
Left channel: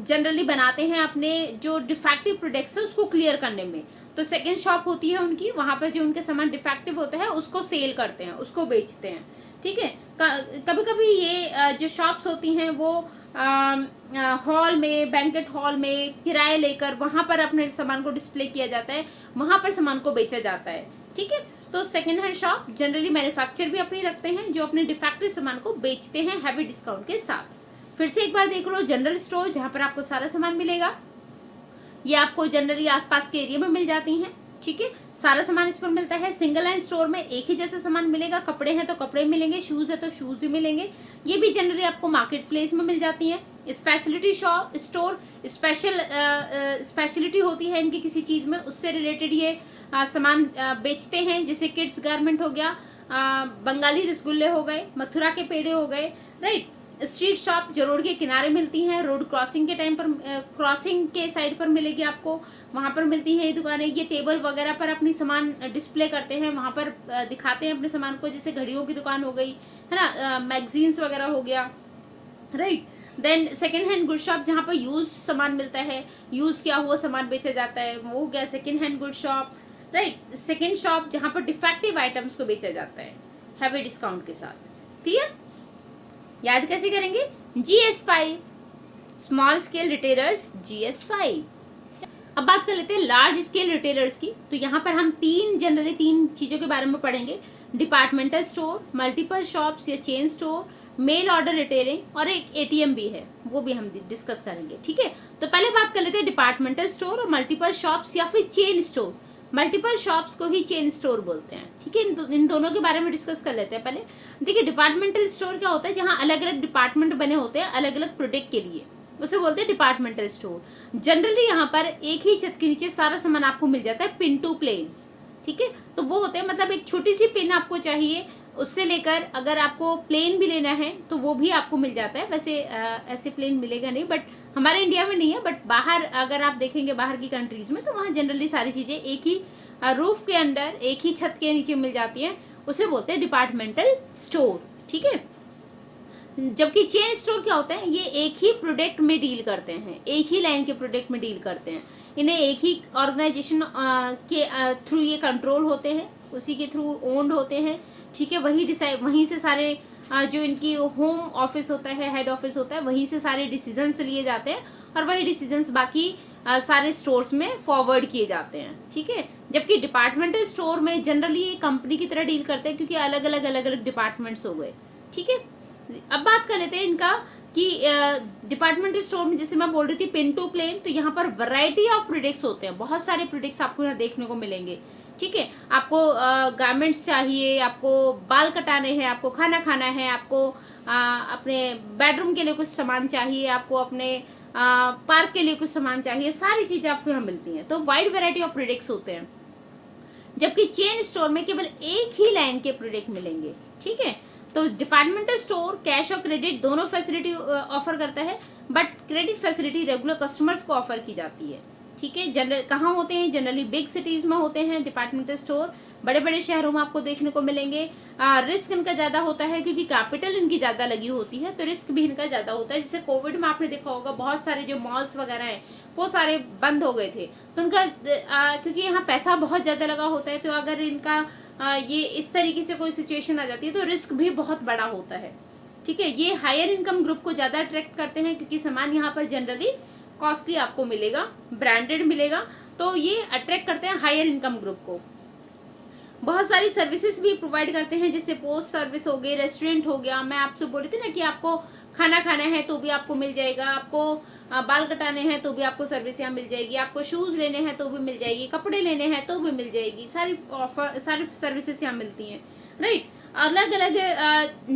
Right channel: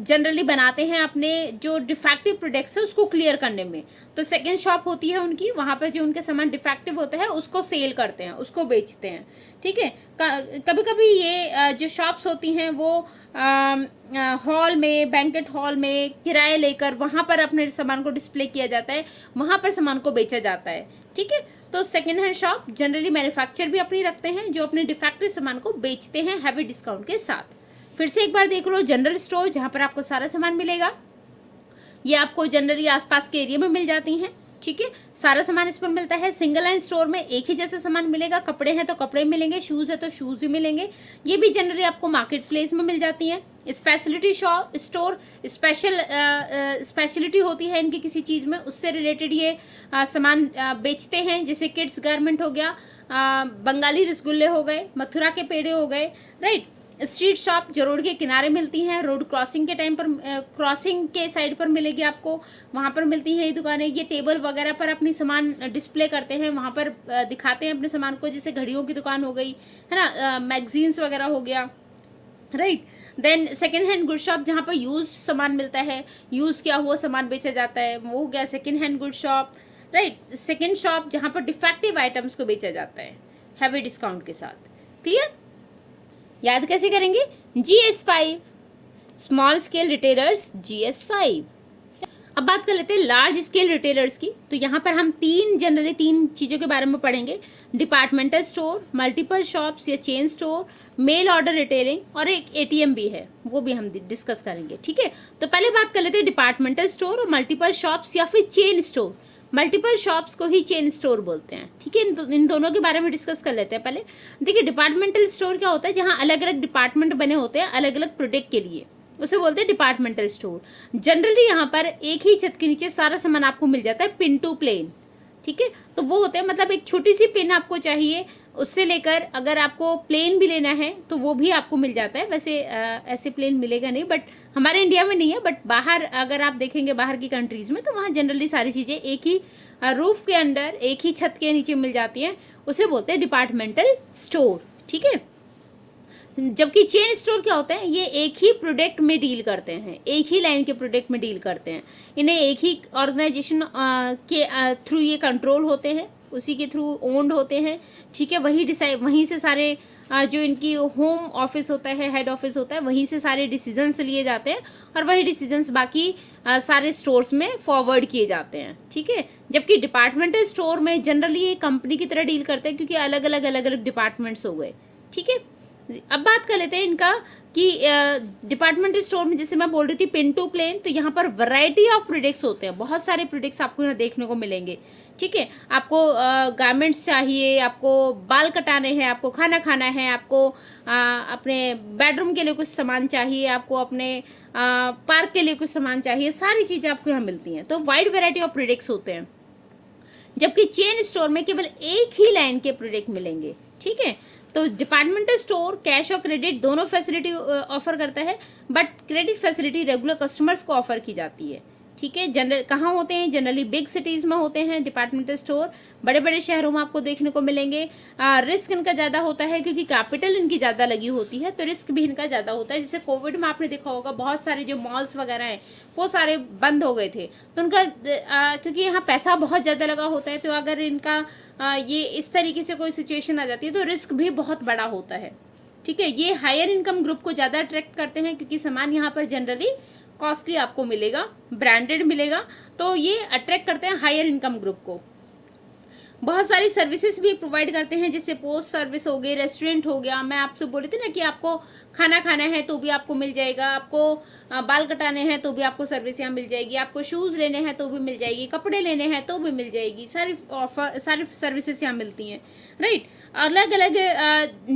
जनरली बनाते हैं अपने जो डिफेक्टिव प्रोडक्ट्स है उसको क्लियर करने में। तो सेकंड शॉप होती है उनकी, वहाँ पर जो उनके सामान डिफेक्टिव होता है उसको सेल करते हैं, उसको बेचते हैं, ठीक है। कभी कभी ये जो शॉप्स होती हैं वो हॉल में, बैंकेट हॉल में किराए लेकर वहाँ पर अपने सामान को डिस्प्ले किया जाता है, वहाँ पर सामान को बेचा जाता है, ठीक है। तो second hand shop generally manufacture भी अपनी रखते हैं जो अपने डिफेक्टिव सामान को बेचते हैं हैवी डिस्काउंट के साथ। फिर से एक बार देख लो, जनरल स्टोर जहाँ पर आपको सारा सामान मिलेगा, ये आपको जनरली आसपास के एरिया में मिल जाती हैं, ठीक है। सारा सामान इस पर मिलता है। सिंगल लाइन स्टोर में एक ही जैसा सामान मिलेगा, कपड़े हैं तो कपड़े मिलेंगे, शूज़ है तो शूज़ ही मिलेंगे, ये भी जनरली आपको मार्केट प्लेस में मिल जाती हैं। स्पेशलिटी शॉप स्टोर, स्पेशलिटी होती है इनकी किसी चीज़ में, उससे रिलेटेड ये सामान बेचते हैं। जैसे किड्स गारमेंट हो गया, बंगाली रसगुल्ले हो गए, मथुरा के पेड़े हो गए, राइट। स्ट्रीट शॉप जो रोड के किनारे मिलती हैं, रोड क्रॉसिंग के टाइम पर, क्रॉसिंग के साइड पर मिलेगी आपको, वहाँ पर मिलती हैं ये दुकानें। ये टेबल वगैरह पर अपनी सामान डिस्प्ले करते हैं, वहाँ पर दिखाते हैं अपने सामान को, जैसे घड़ियों की दुकान हो गई, है ना, मैगजीन्स वगैरह हो गया, right. Then second hand good shop जहाँ पर यूज सामान मिलता है, यूज़ किया हुआ सामान बेचा जाता है, वो हो गया second hand good shop, right. Second shop जहाँ पर डिफेक्टिव आइटम्स को बेचा जाता है हैवी डिस्काउंट के साथ, क्लियर। याद कैसे करेंगे, GS5 small scale retailers, GS5। अब बात कर लेते हैं लार्ज स्केल रिटेलर्स की। तो यहाँ पर हम जनरली तीन चीज़ों के बारे में पढ़ेंगे, डिपार्टमेंटल स्टोर, मल्टीपल शॉप्स या chain store, mail order retailing, और एक ATM भी है, वो भी हम डिस्कस करेंगे, ठीक है। तो पहले बात कर लेते हैं डिपार्टमेंटल स्टोर और मल्टीपल शॉप्स या फिर चेन स्टोर। मल्टीपल शॉप्स को ही चेन स्टोर बोलते हैं, ठीक है। इन दोनों के बारे में डिस्कस कर लेते हैं पहले। देखिए डिपार्टमेंटल स्टोर क्या होता है, जहाँ अलग अलग डिपार्टमेंट बने होते हैं अलग अलग प्रोडक्ट के लिए, उसे बोलते हैं डिपार्टमेंटल स्टोर। जनरली यहाँ पर एक ही छत के नीचे सारा सामान आपको मिल जाता है, पिन टू प्लेन, ठीक है। तो वो होते हैं, मतलब एक छोटी सी पिन आपको चाहिए, उससे लेकर अगर आपको प्लेन भी लेना है तो वो भी आपको मिल जाता है। वैसे ऐसे प्लेन मिलेगा नहीं, बट हमारे इंडिया में नहीं है, बट बाहर अगर आप देखेंगे बाहर की कंट्रीज में तो वहाँ जनरली सारी चीज़ें एक ही रूफ के अंदर, एक ही छत के नीचे मिल जाती हैं, उसे बोलते हैं डिपार्टमेंटल स्टोर, ठीक है। जबकि चेन स्टोर क्या होते हैं, ये एक ही प्रोडक्ट में डील करते हैं, एक ही लाइन के प्रोडक्ट में डील करते हैं, इन्हें एक ही ऑर्गेनाइजेशन के थ्रू ये कंट्रोल होते हैं, उसी के थ्रू ओन्ड होते हैं, ठीक है। वही डिसाइड, वहीं से सारे जो इनकी होम ऑफिस होता है, हेड ऑफिस होता है, वहीं से सारे डिसीजंस लिए जाते हैं और वही डिसीजंस बाकी सारे स्टोर्स में फॉरवर्ड किए जाते हैं, ठीक है। जबकि डिपार्टमेंटल स्टोर में जनरली ये कंपनी की तरह डील करते हैं, क्योंकि अलग अलग डिपार्टमेंट्स हो गए, ठीक है। अब बात कर लेते हैं इनका कि डिपार्टमेंटल स्टोर में जैसे मैं बोल रही थी पिन टू प्लेन, तो यहाँ पर वैरायटी ऑफ प्रोडक्ट्स होते हैं, बहुत सारे प्रोडक्ट्स आपको यहाँ देखने को मिलेंगे, ठीक है। आपको गारमेंट्स चाहिए, आपको बाल कटाने हैं, आपको खाना खाना है, आपको अपने बेडरूम के लिए कुछ सामान चाहिए, आपको अपने पार्क के लिए कुछ सामान चाहिए, सारी चीज़ें आपको यहाँ मिलती हैं। तो वाइड वैरायटी ऑफ प्रोडक्ट्स होते हैं, जबकि चेन स्टोर में केवल एक ही लाइन के प्रोडक्ट मिलेंगे, ठीक है। तो डिपार्टमेंटल स्टोर कैश और क्रेडिट दोनों फैसिलिटी ऑफर करता है, but credit facility regular customers को ऑफर की जाती है, ठीक है। जनरल कहाँ होते हैं? जनरली बिग सिटीज़ में होते हैं डिपार्टमेंटल स्टोर, बड़े बड़े शहरों में आपको देखने को मिलेंगे। रिस्क इनका ज़्यादा होता है क्योंकि कैपिटल इनकी ज़्यादा लगी होती है, तो रिस्क भी इनका ज़्यादा होता है। जैसे कोविड में आपने देखा होगा बहुत सारे जो मॉल्स वगैरह हैं वो सारे बंद हो गए थे, तो उनका क्योंकि यहाँ पैसा बहुत ज़्यादा लगा होता है, तो अगर इनका ये इस तरीके से कोई सिचुएशन आ जाती है तो रिस्क भी बहुत बड़ा होता है, ठीक है। ये हायर इनकम ग्रुप को ज़्यादा अट्रैक्ट करते हैं क्योंकि सामान यहाँ पर जनरली कॉस्टली आपको मिलेगा, ब्रांडेड मिलेगा, तो ये अट्रैक्ट करते हैं हायर इनकम ग्रुप को। बहुत सारी सर्विसेज भी प्रोवाइड करते हैं, जैसे पोस्ट सर्विस हो गई, रेस्टोरेंट हो गया। मैं आपसे बोली थी ना कि आपको खाना खाना है तो भी आपको मिल जाएगा, आपको बाल कटाने हैं तो भी आपको सर्विस यहाँ मिल जाएगी, आपको शूज़ लेने हैं तो भी मिल जाएगी, कपड़े लेने हैं तो भी मिल जाएगी, सारी सर्विसेज यहाँ मिलती हैं, राइट। अलग अलग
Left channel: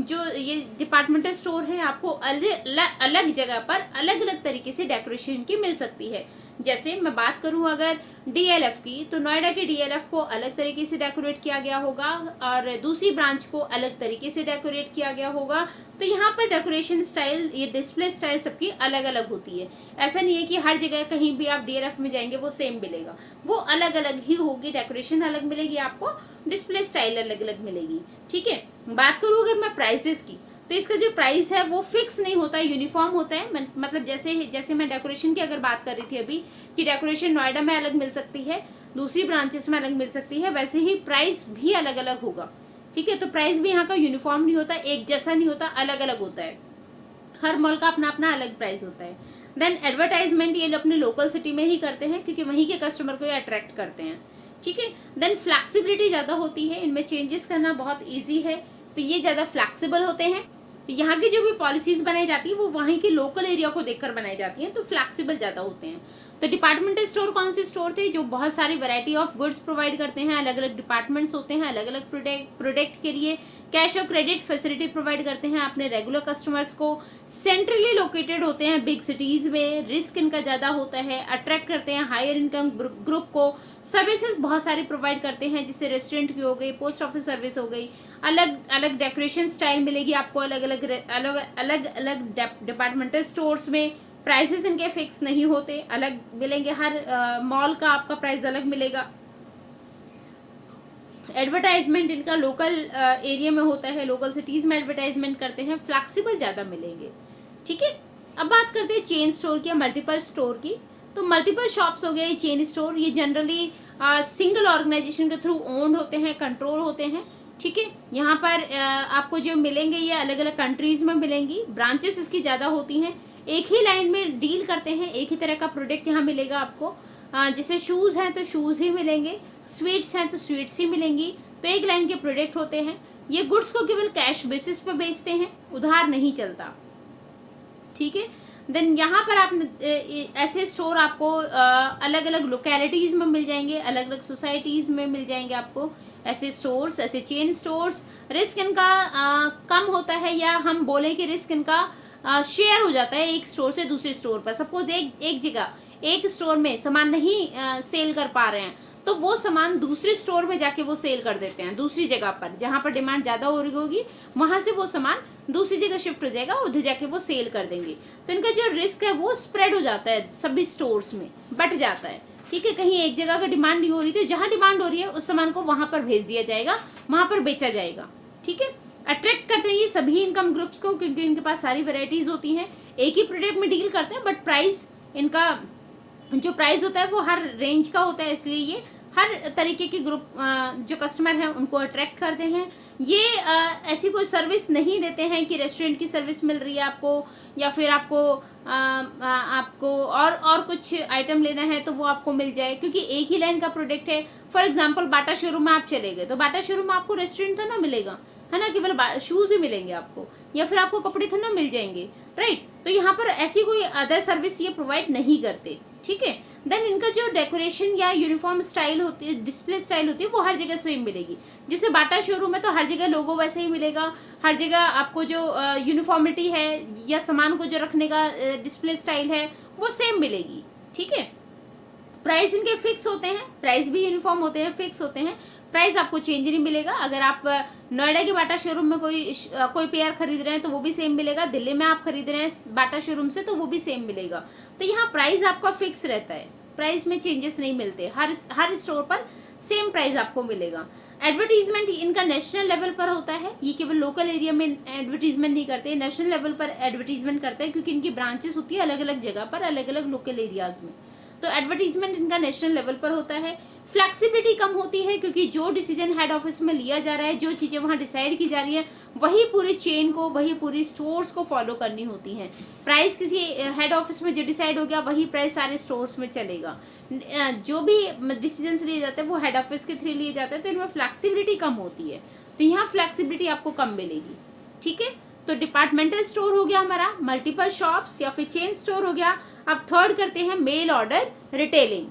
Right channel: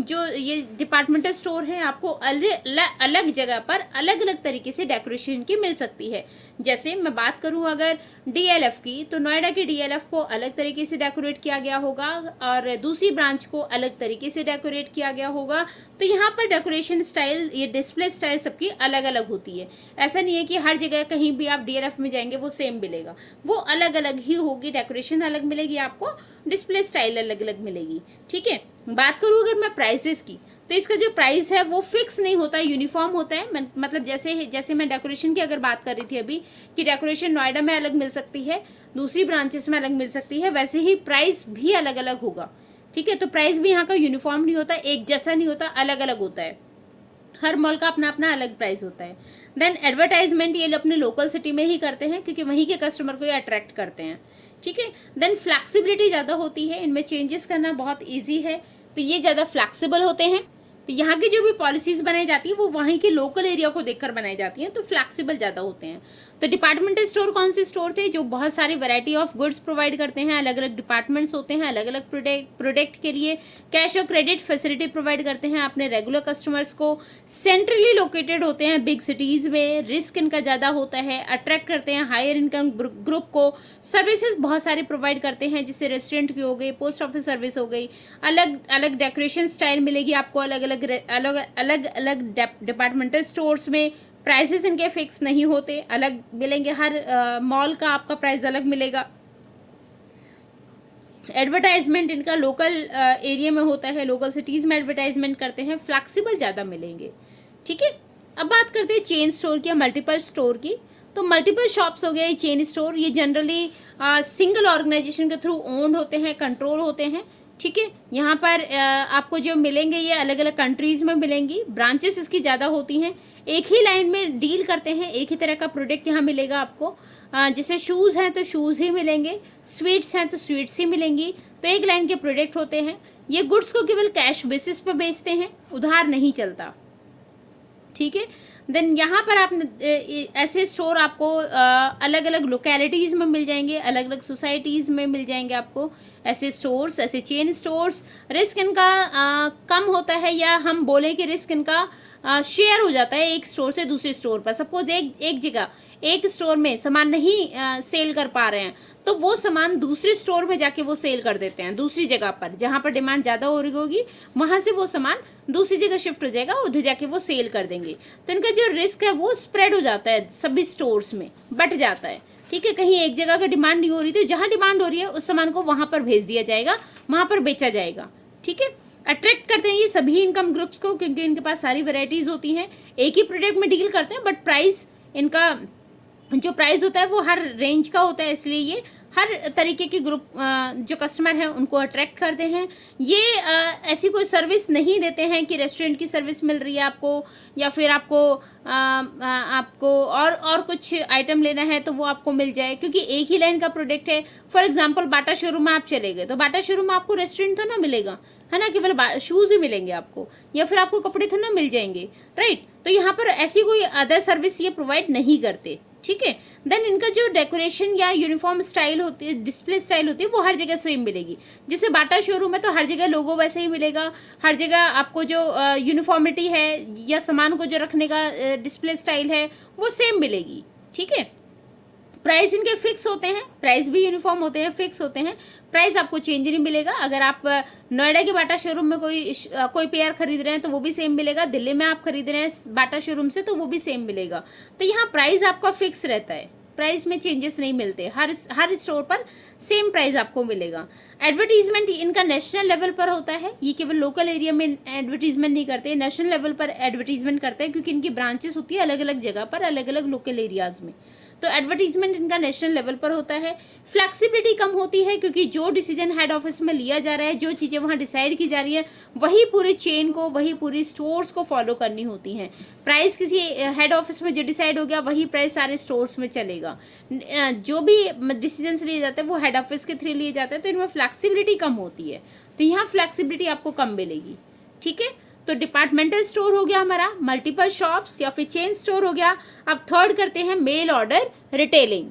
जो ये डिपार्टमेंटल स्टोर है आपको अलग जगह पर अलग अलग तरीके से डेकोरेशन की मिल सकती है। जैसे मैं बात करूं अगर डीएलएफ की, तो नोएडा के डीएलएफ को अलग तरीके से डेकोरेट किया गया होगा और दूसरी ब्रांच को अलग तरीके से डेकोरेट किया गया होगा। तो यहाँ पर डेकोरेशन स्टाइल, ये डिस्प्ले स्टाइल सबकी अलग अलग होती है। ऐसा नहीं है कि हर जगह कहीं भी आप डीएलएफ में जाएंगे वो सेम मिलेगा, वो अलग अलग ही होगी, डेकोरेशन अलग मिलेगी आपको, डिस्प्ले स्टाइल अलग अलग मिलेगी, ठीक है। बात करूँ अगर मैं प्राइसेस की, तो इसका जो प्राइस है वो फिक्स नहीं होता, यूनिफॉर्म होता है। मतलब जैसे मैं डेकोरेशन की अगर बात कर रही थी अभी कि डेकोरेशन नोएडा में अलग मिल सकती है, दूसरी ब्रांचेस में अलग मिल सकती है, वैसे ही प्राइस भी अलग अलग होगा, ठीक है। तो प्राइस भी यहाँ का यूनिफॉर्म नहीं होता, एक जैसा नहीं होता, अलग अलग होता है। हर मॉल का अपना अपना अलग प्राइस होता है। देन एडवर्टाइजमेंट ये अपने लोकल सिटी में ही करते हैं क्योंकि वहीं के कस्टमर को ये अट्रैक्ट करते हैं, ठीक है। देन फ्लैक्सिबिलिटी ज़्यादा होती है, इनमें चेंजेस करना बहुत ईजी है, तो ये ज़्यादा फ्लैक्सिबल होते हैं। तो यहाँ की जो भी पॉलिसीज बनाई जाती है वो वहीं के लोकल एरिया को देखकर बनाई जाती हैं, तो फ्लैक्सिबल ज़्यादा होते हैं। तो डिपार्टमेंटल स्टोर कौन से स्टोर थे? जो बहुत सारी वैरायटी ऑफ गुड्स प्रोवाइड करते हैं, अलग अलग डिपार्टमेंट्स होते हैं, अलग अलग प्रोडक्ट के लिए कैश और क्रेडिट फैसिलिटी प्रोवाइड करते हैं अपने रेगुलर कस्टमर्स को, सेंट्रली लोकेटेड होते हैं बिग सिटीज़ में, रिस्क इनका ज़्यादा होता है, अट्रैक्ट करते हैं हायर इनकम ग्रुप को, सर्विसेज बहुत सारी प्रोवाइड करते हैं, जैसे रेस्टोरेंट की हो गई, पोस्ट ऑफिस सर्विस हो गई, अलग अलग डेकोरेशन स्टाइल मिलेगी आपको अलग अलग डिपार्टमेंटल स्टोर्स में। प्राइसेस इनके फिक्स नहीं होते, अलग मिलेंगे, हर मॉल का आपका प्राइस अलग मिलेगा। एडवर्टाइजमेंट इनका लोकल एरिया में होता है, लोकल सिटीज़ में एडवर्टाइजमेंट करते हैं, फ्लैक्सिबल ज़्यादा मिलेंगे, ठीक है। अब बात करते हैं चेन स्टोर की या मल्टीपल स्टोर की। तो मल्टीपल शॉप्स हो गए ये चेन स्टोर, ये जनरली सिंगल ऑर्गेनाइजेशन के थ्रू ओन्ड होते हैं, कंट्रोल होते हैं, ठीक है। यहाँ पर आपको जो मिलेंगे ये अलग अलग कंट्रीज़ में मिलेंगी, ब्रांचेस इसकी ज़्यादा होती हैं, एक ही लाइन में डील करते हैं, एक ही तरह का प्रोडक्ट यहाँ मिलेगा आपको। जैसे शूज़ हैं तो शूज़ ही मिलेंगे, स्वीट्स हैं तो स्वीट्स ही मिलेंगी, तो एक लाइन के प्रोडक्ट होते हैं। ये गुड्स को केवल कैश बेसिस पे बेचते हैं, उधार नहीं चलता, ठीक है। देन यहाँ पर आप ऐसे स्टोर आपको अलग अलग लोकेलिटीज़ में मिल जाएंगे, अलग अलग सोसाइटीज़ में मिल जाएंगे आपको ऐसे स्टोर्स, ऐसे चेन स्टोर्स। रिस्क इनका कम होता है, या हम बोलें कि रिस्क इनका शेयर हो जाता है एक स्टोर से दूसरे स्टोर पर। सपोज एक जगह एक स्टोर में सामान नहीं सेल कर पा रहे हैं तो वो सामान दूसरे स्टोर में जाके वो सेल कर देते हैं, दूसरी जगह पर जहाँ पर डिमांड ज़्यादा हो रही होगी वहाँ से वो सामान दूसरी जगह शिफ्ट हो जाएगा, उधर जाके वो सेल कर देंगे। तो इनका जो रिस्क है वो स्प्रेड हो जाता है, सभी स्टोर्स में बट जाता है, ठीक है। कहीं एक जगह का डिमांड नहीं हो रही, तो जहाँ डिमांड हो रही है उस सामान को वहाँ पर भेज दिया जाएगा, वहाँ पर बेचा जाएगा, ठीक है। अट्रैक्ट करते हैं ये सभी इनकम ग्रुप्स को क्योंकि इनके पास सारी वेराइटीज़ होती हैं, एक ही प्रोडक्ट में डील करते हैं, बट प्राइस इनका जो प्राइस होता है वो हर रेंज का होता है, इसलिए ये हर तरीके के ग्रुप जो कस्टमर हैं उनको अट्रैक्ट करते हैं। ये ऐसी कोई सर्विस नहीं देते हैं कि रेस्टोरेंट की सर्विस मिल रही है आपको, या फिर आपको और कुछ आइटम लेना है तो वो आपको मिल जाए, क्योंकि एक ही लाइन का प्रोडक्ट है। फॉर एग्जांपल बाटा शोरूम में आप चले गए तो बाटा शोरूम में आपको रेस्टोरेंट तो ना मिलेगा, है ना, केवल शूज़ ही मिलेंगे आपको, या फिर आपको कपड़े तो ना मिल जाएंगे, राइट। तो यहाँ पर ऐसी कोई अदर सर्विस ये प्रोवाइड नहीं करते, ठीक है। देन इनका जो डेकोरेशन या यूनिफॉर्म स्टाइल होती है, डिस्प्ले स्टाइल होती है, वो हर जगह सेम मिलेगी। जैसे बाटा शोरूम है तो हर जगह लोगो वैसे ही मिलेगा, हर जगह आपको जो यूनिफॉर्मिटी है या सामान को जो रखने का डिस्प्ले स्टाइल है वो सेम मिलेगी, ठीक है। प्राइस इनके फिक्स होते हैं, प्राइस भी यूनिफॉर्म होते हैं, फिक्स होते हैं, प्राइस आपको चेंज नहीं मिलेगा। अगर आप नोएडा के बाटा शोरूम में कोई पेयर खरीद रहे हैं तो वो भी सेम मिलेगा, दिल्ली में आप खरीद रहे हैं बाटा शोरूम से तो वो भी सेम मिलेगा। तो यहाँ प्राइस आपका फिक्स रहता है, प्राइस में चेंजेस नहीं मिलते, हर स्टोर पर सेम प्राइस आपको मिलेगा। एडवर्टीजमेंट इनका नेशनल लेवल पर होता है, ये केवल लोकल एरिया में एडवर्टीजमेंट नहीं करते, नेशनल लेवल पर एडवर्टीजमेंट करते हैं, क्योंकि इनकी ब्रांचेस होती है अलग अलग जगह पर, अलग अलग लोकल एरियाज में। तो एडवर्टीजमेंट इनका नेशनल लेवल पर होता है। फ्लेक्सिबिलिटी कम होती है, क्योंकि जो डिसीजन हेड ऑफिस में लिया जा रहा है, जो चीज़ें वहाँ डिसाइड की जा रही हैं, वही पूरे चेन को, वही पूरी स्टोर्स को फॉलो करनी होती हैं। प्राइस किसी हेड ऑफिस में जो डिसाइड हो गया वही प्राइस सारे स्टोर्स में चलेगा। जो भी डिसीजन लिए जाते हैं वो हेड ऑफिस के थ्रू लिए जाते हैं, तो इनमें फ्लेक्सिबिलिटी कम होती है। तो यहाँ फ्लेक्सिबिलिटी आपको कम मिलेगी, ठीक है। तो डिपार्टमेंटल स्टोर हो गया हमारा, मल्टीपल शॉप्स या फिर चेन स्टोर हो गया। अब थर्ड करते हैं मेल ऑर्डर रिटेलिंग।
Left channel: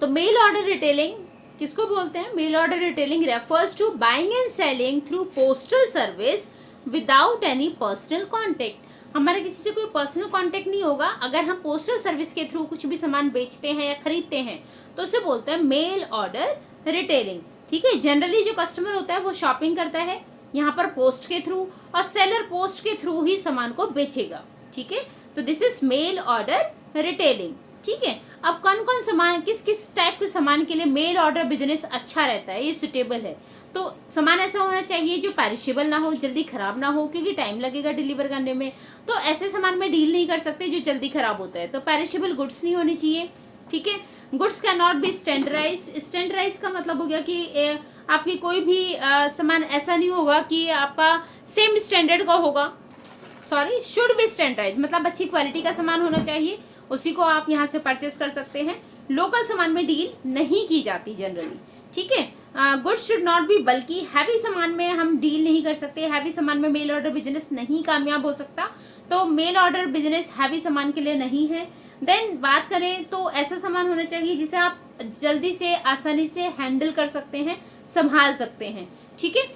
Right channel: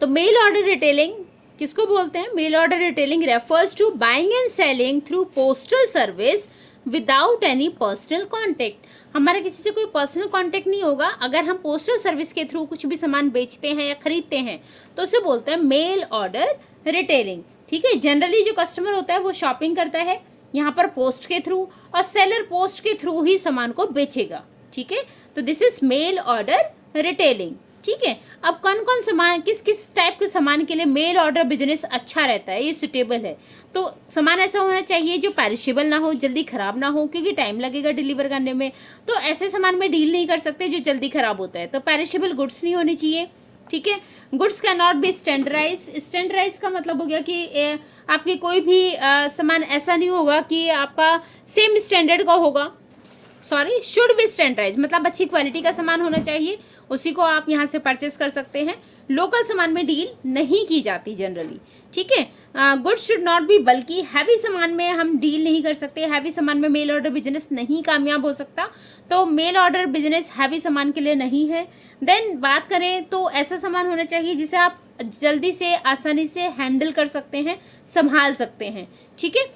तो मेल ऑर्डर रिटेलिंग किसको बोलते हैं? Mail order retailing refers to buying and selling through postal service without any personal contact. हमारा किसी से कोई पर्सनल कॉन्टेक्ट नहीं होगा। अगर हम पोस्टल सर्विस के थ्रू कुछ भी सामान बेचते हैं या खरीदते हैं तो उसे बोलते हैं मेल ऑर्डर रिटेलिंग, ठीक है। जनरली जो कस्टमर होता है वो शॉपिंग करता है यहाँ पर पोस्ट के थ्रू, और सेलर पोस्ट के थ्रू ही सामान को बेचेगा, ठीक है। तो this is mail order retailing, ठीक है। अब कौन कौन सामान, किस किस टाइप के सामान के लिए मेल ऑर्डर बिजनेस अच्छा रहता है, ये सुटेबल है। तो सामान ऐसा होना चाहिए जो पेरिशेबल ना हो, जल्दी खराब ना हो, क्योंकि टाइम लगेगा डिलीवर करने में। तो ऐसे सामान में डील नहीं कर सकते जो जल्दी खराब होता है। तो पेरिशेबल गुड्स नहीं होनी चाहिए, ठीक है। Goods cannot be standardized. Standardize का मतलब हो गया कि आपके कोई भी सामान ऐसा नहीं होगा कि आपका सेम स्टैंडर्ड का होगा। सॉरी, शुड बी स्टैंडर्डाइज मतलब अच्छी क्वालिटी का सामान होना चाहिए, उसी को आप यहाँ से परचेस कर सकते हैं। लोकल सामान में डील नहीं की जाती जनरली, ठीक है। गुड्स शुड नॉट बी बल्कि, हैवी सामान में हम डील नहीं कर सकते, हैवी सामान में मेल ऑर्डर बिजनेस नहीं कामयाब हो सकता। तो मेल ऑर्डर बिजनेस हैवी सामान के लिए नहीं है। देन बात करें तो ऐसा सामान होना चाहिए जिसे आप जल्दी से आसानी से हैंडल कर सकते हैं, संभाल सकते हैं, ठीक है।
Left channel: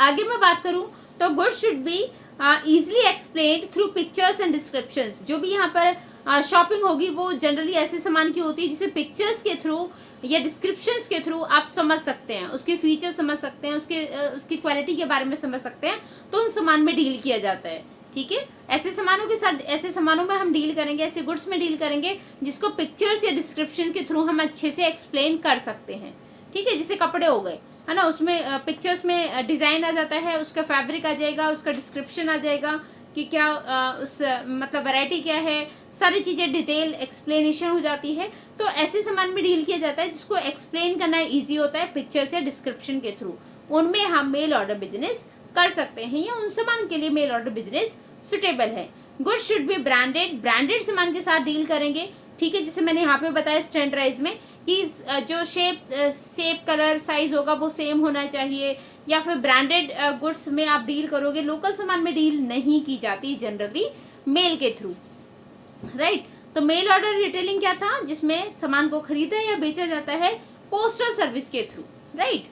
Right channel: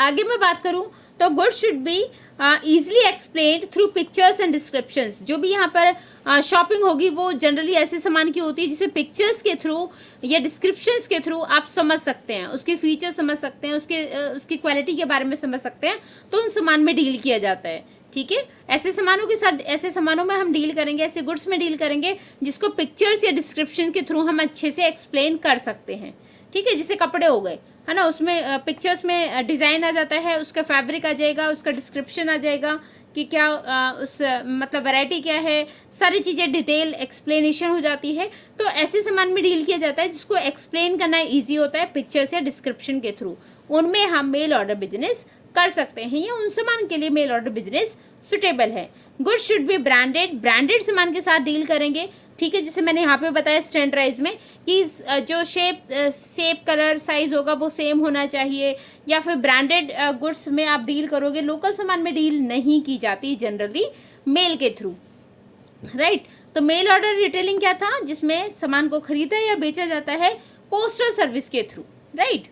आगे मैं बात करूं तो goods should be easily explained through pictures and descriptions। जो भी यहाँ पर शॉपिंग होगी वो जनरली ऐसे सामान की होती है जिसे पिक्चर्स के थ्रू या डिस्क्रिप्शंस के थ्रू आप समझ सकते हैं, उसके फीचर्स समझ सकते हैं, उसकी क्वालिटी के बारे में समझ सकते हैं। तो उन सामान में डील किया जाता है, ठीक है। ऐसे सामानों के साथ, ऐसे सामानों में हम डील करेंगे, ऐसे गुड्स में डील करेंगे जिसको पिक्चर्स या डिस्क्रिप्शन के थ्रू हम अच्छे से एक्सप्लेन कर सकते हैं, ठीक है। जैसे कपड़े हो गए, है ना, उसमें पिक्चर्स में डिज़ाइन आ जाता है, उसका फैब्रिक आ जाएगा, उसका डिस्क्रिप्शन आ जाएगा कि क्या मतलब वैरायटी क्या है, सारी चीज़ें डिटेल एक्सप्लेनेशन हो जाती है। तो ऐसे सामान में डील किया जाता है जिसको एक्सप्लेन करना ईजी होता है पिक्चर्स या डिस्क्रिप्शन के थ्रू, उनमें हम मेल ऑर्डर बिजनेस कर सकते हैं, या उन सामान के लिए मेल ऑर्डर बिजनेस सुटेबल है। Good should be branded, branded सामान के साथ डील करेंगे, ठीक है। जैसे मैंने यहाँ पे बताया स्टैंडर्डाइज में कि जो शेप कलर साइज होगा वो सेम होना चाहिए, या फिर ब्रांडेड गुड्स में आप डील करोगे। लोकल सामान में डील नहीं की जाती जनरली मेल के थ्रू, राइट। तो मेल ऑर्डर रिटेलिंग क्या था? जिसमें सामान को खरीदा या बेचा जाता है पोस्टल सर्विस के थ्रू, राइट।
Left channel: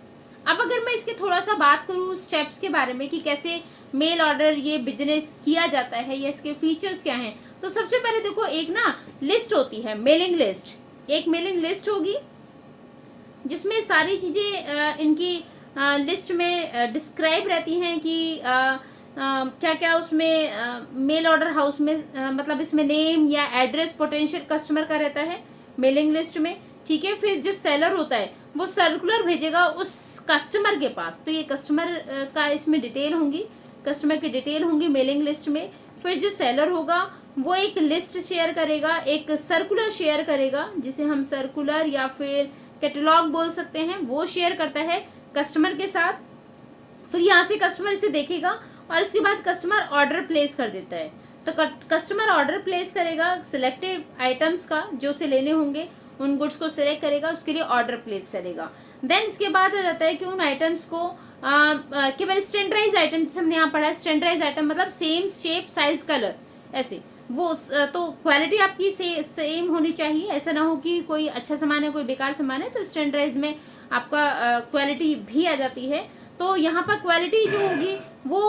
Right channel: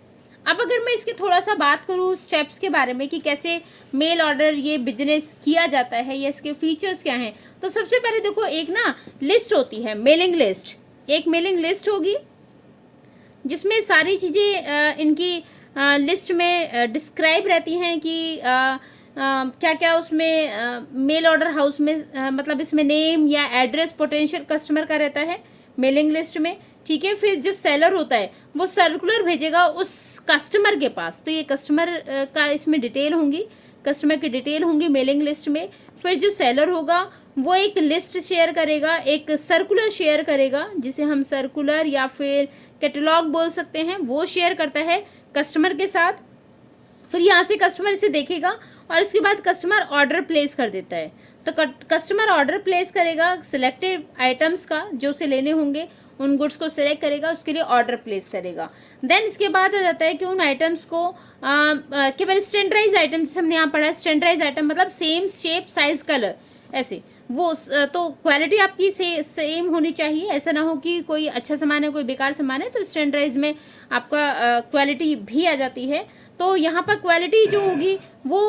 अब अगर मैं इसके थोड़ा सा बात करूँ स्टेप्स के बारे में कि कैसे मेल ऑर्डर ये बिजनेस किया जाता है या इसके फीचर्स क्या हैं, तो सबसे पहले देखो एक ना लिस्ट होती है, मेलिंग लिस्ट। एक मेलिंग लिस्ट होगी जिसमें सारी चीज़ें इनकी लिस्ट में डिस्क्राइब रहती हैं कि क्या क्या उसमें मेल ऑर्डर हाउस में मतलब इसमें नेम या एड्रेस पोटेंशियल कस्टमर का रहता है मेलिंग लिस्ट में, ठीक है। फिर जो सेलर होता है वो सर्कुलर भेजेगा उस कस्टमर के पास, तो ये कस्टमर का इसमें डिटेल होंगी, कस्टमर की डिटेल होंगी मेलिंग लिस्ट में। फिर जो सेलर होगा वो एक लिस्ट शेयर करेगा, एक सर्कुलर शेयर करेगा, जिसे हम सर्कुलर या फिर कैटलॉग बोल सकते हैं, वो शेयर करता है कस्टमर के साथ। फिर यहाँ से कस्टमर इसे देखेगा और इसके बाद कस्टमर ऑर्डर प्लेस कर देता है। तो कस्टमर ऑर्डर प्लेस करेगा सिलेक्टेड आइटम्स का, जो उसे लेने होंगे उन गुड्स को सिलेक्ट करेगा, उसके लिए ऑर्डर प्लेस करेगा। देन इसके बाद आ जाता है कि उन आइटम्स को केवल स्टैंडर्डाइज आइटम, जैसे हमने यहाँ पढ़ा है स्टैंडर्डाइज आइटम मतलब सेम शेप साइज कलर ऐसे, वो तो क्वालिटी आपकी सेम होनी चाहिए। ऐसा ना हो कि कोई अच्छा सामान है कोई बेकार सामान है, तो स्टैंडर्डाइज में आपका क्वालिटी भी आ जाती है। तो यहाँ पर क्वालिटी जो होगी वो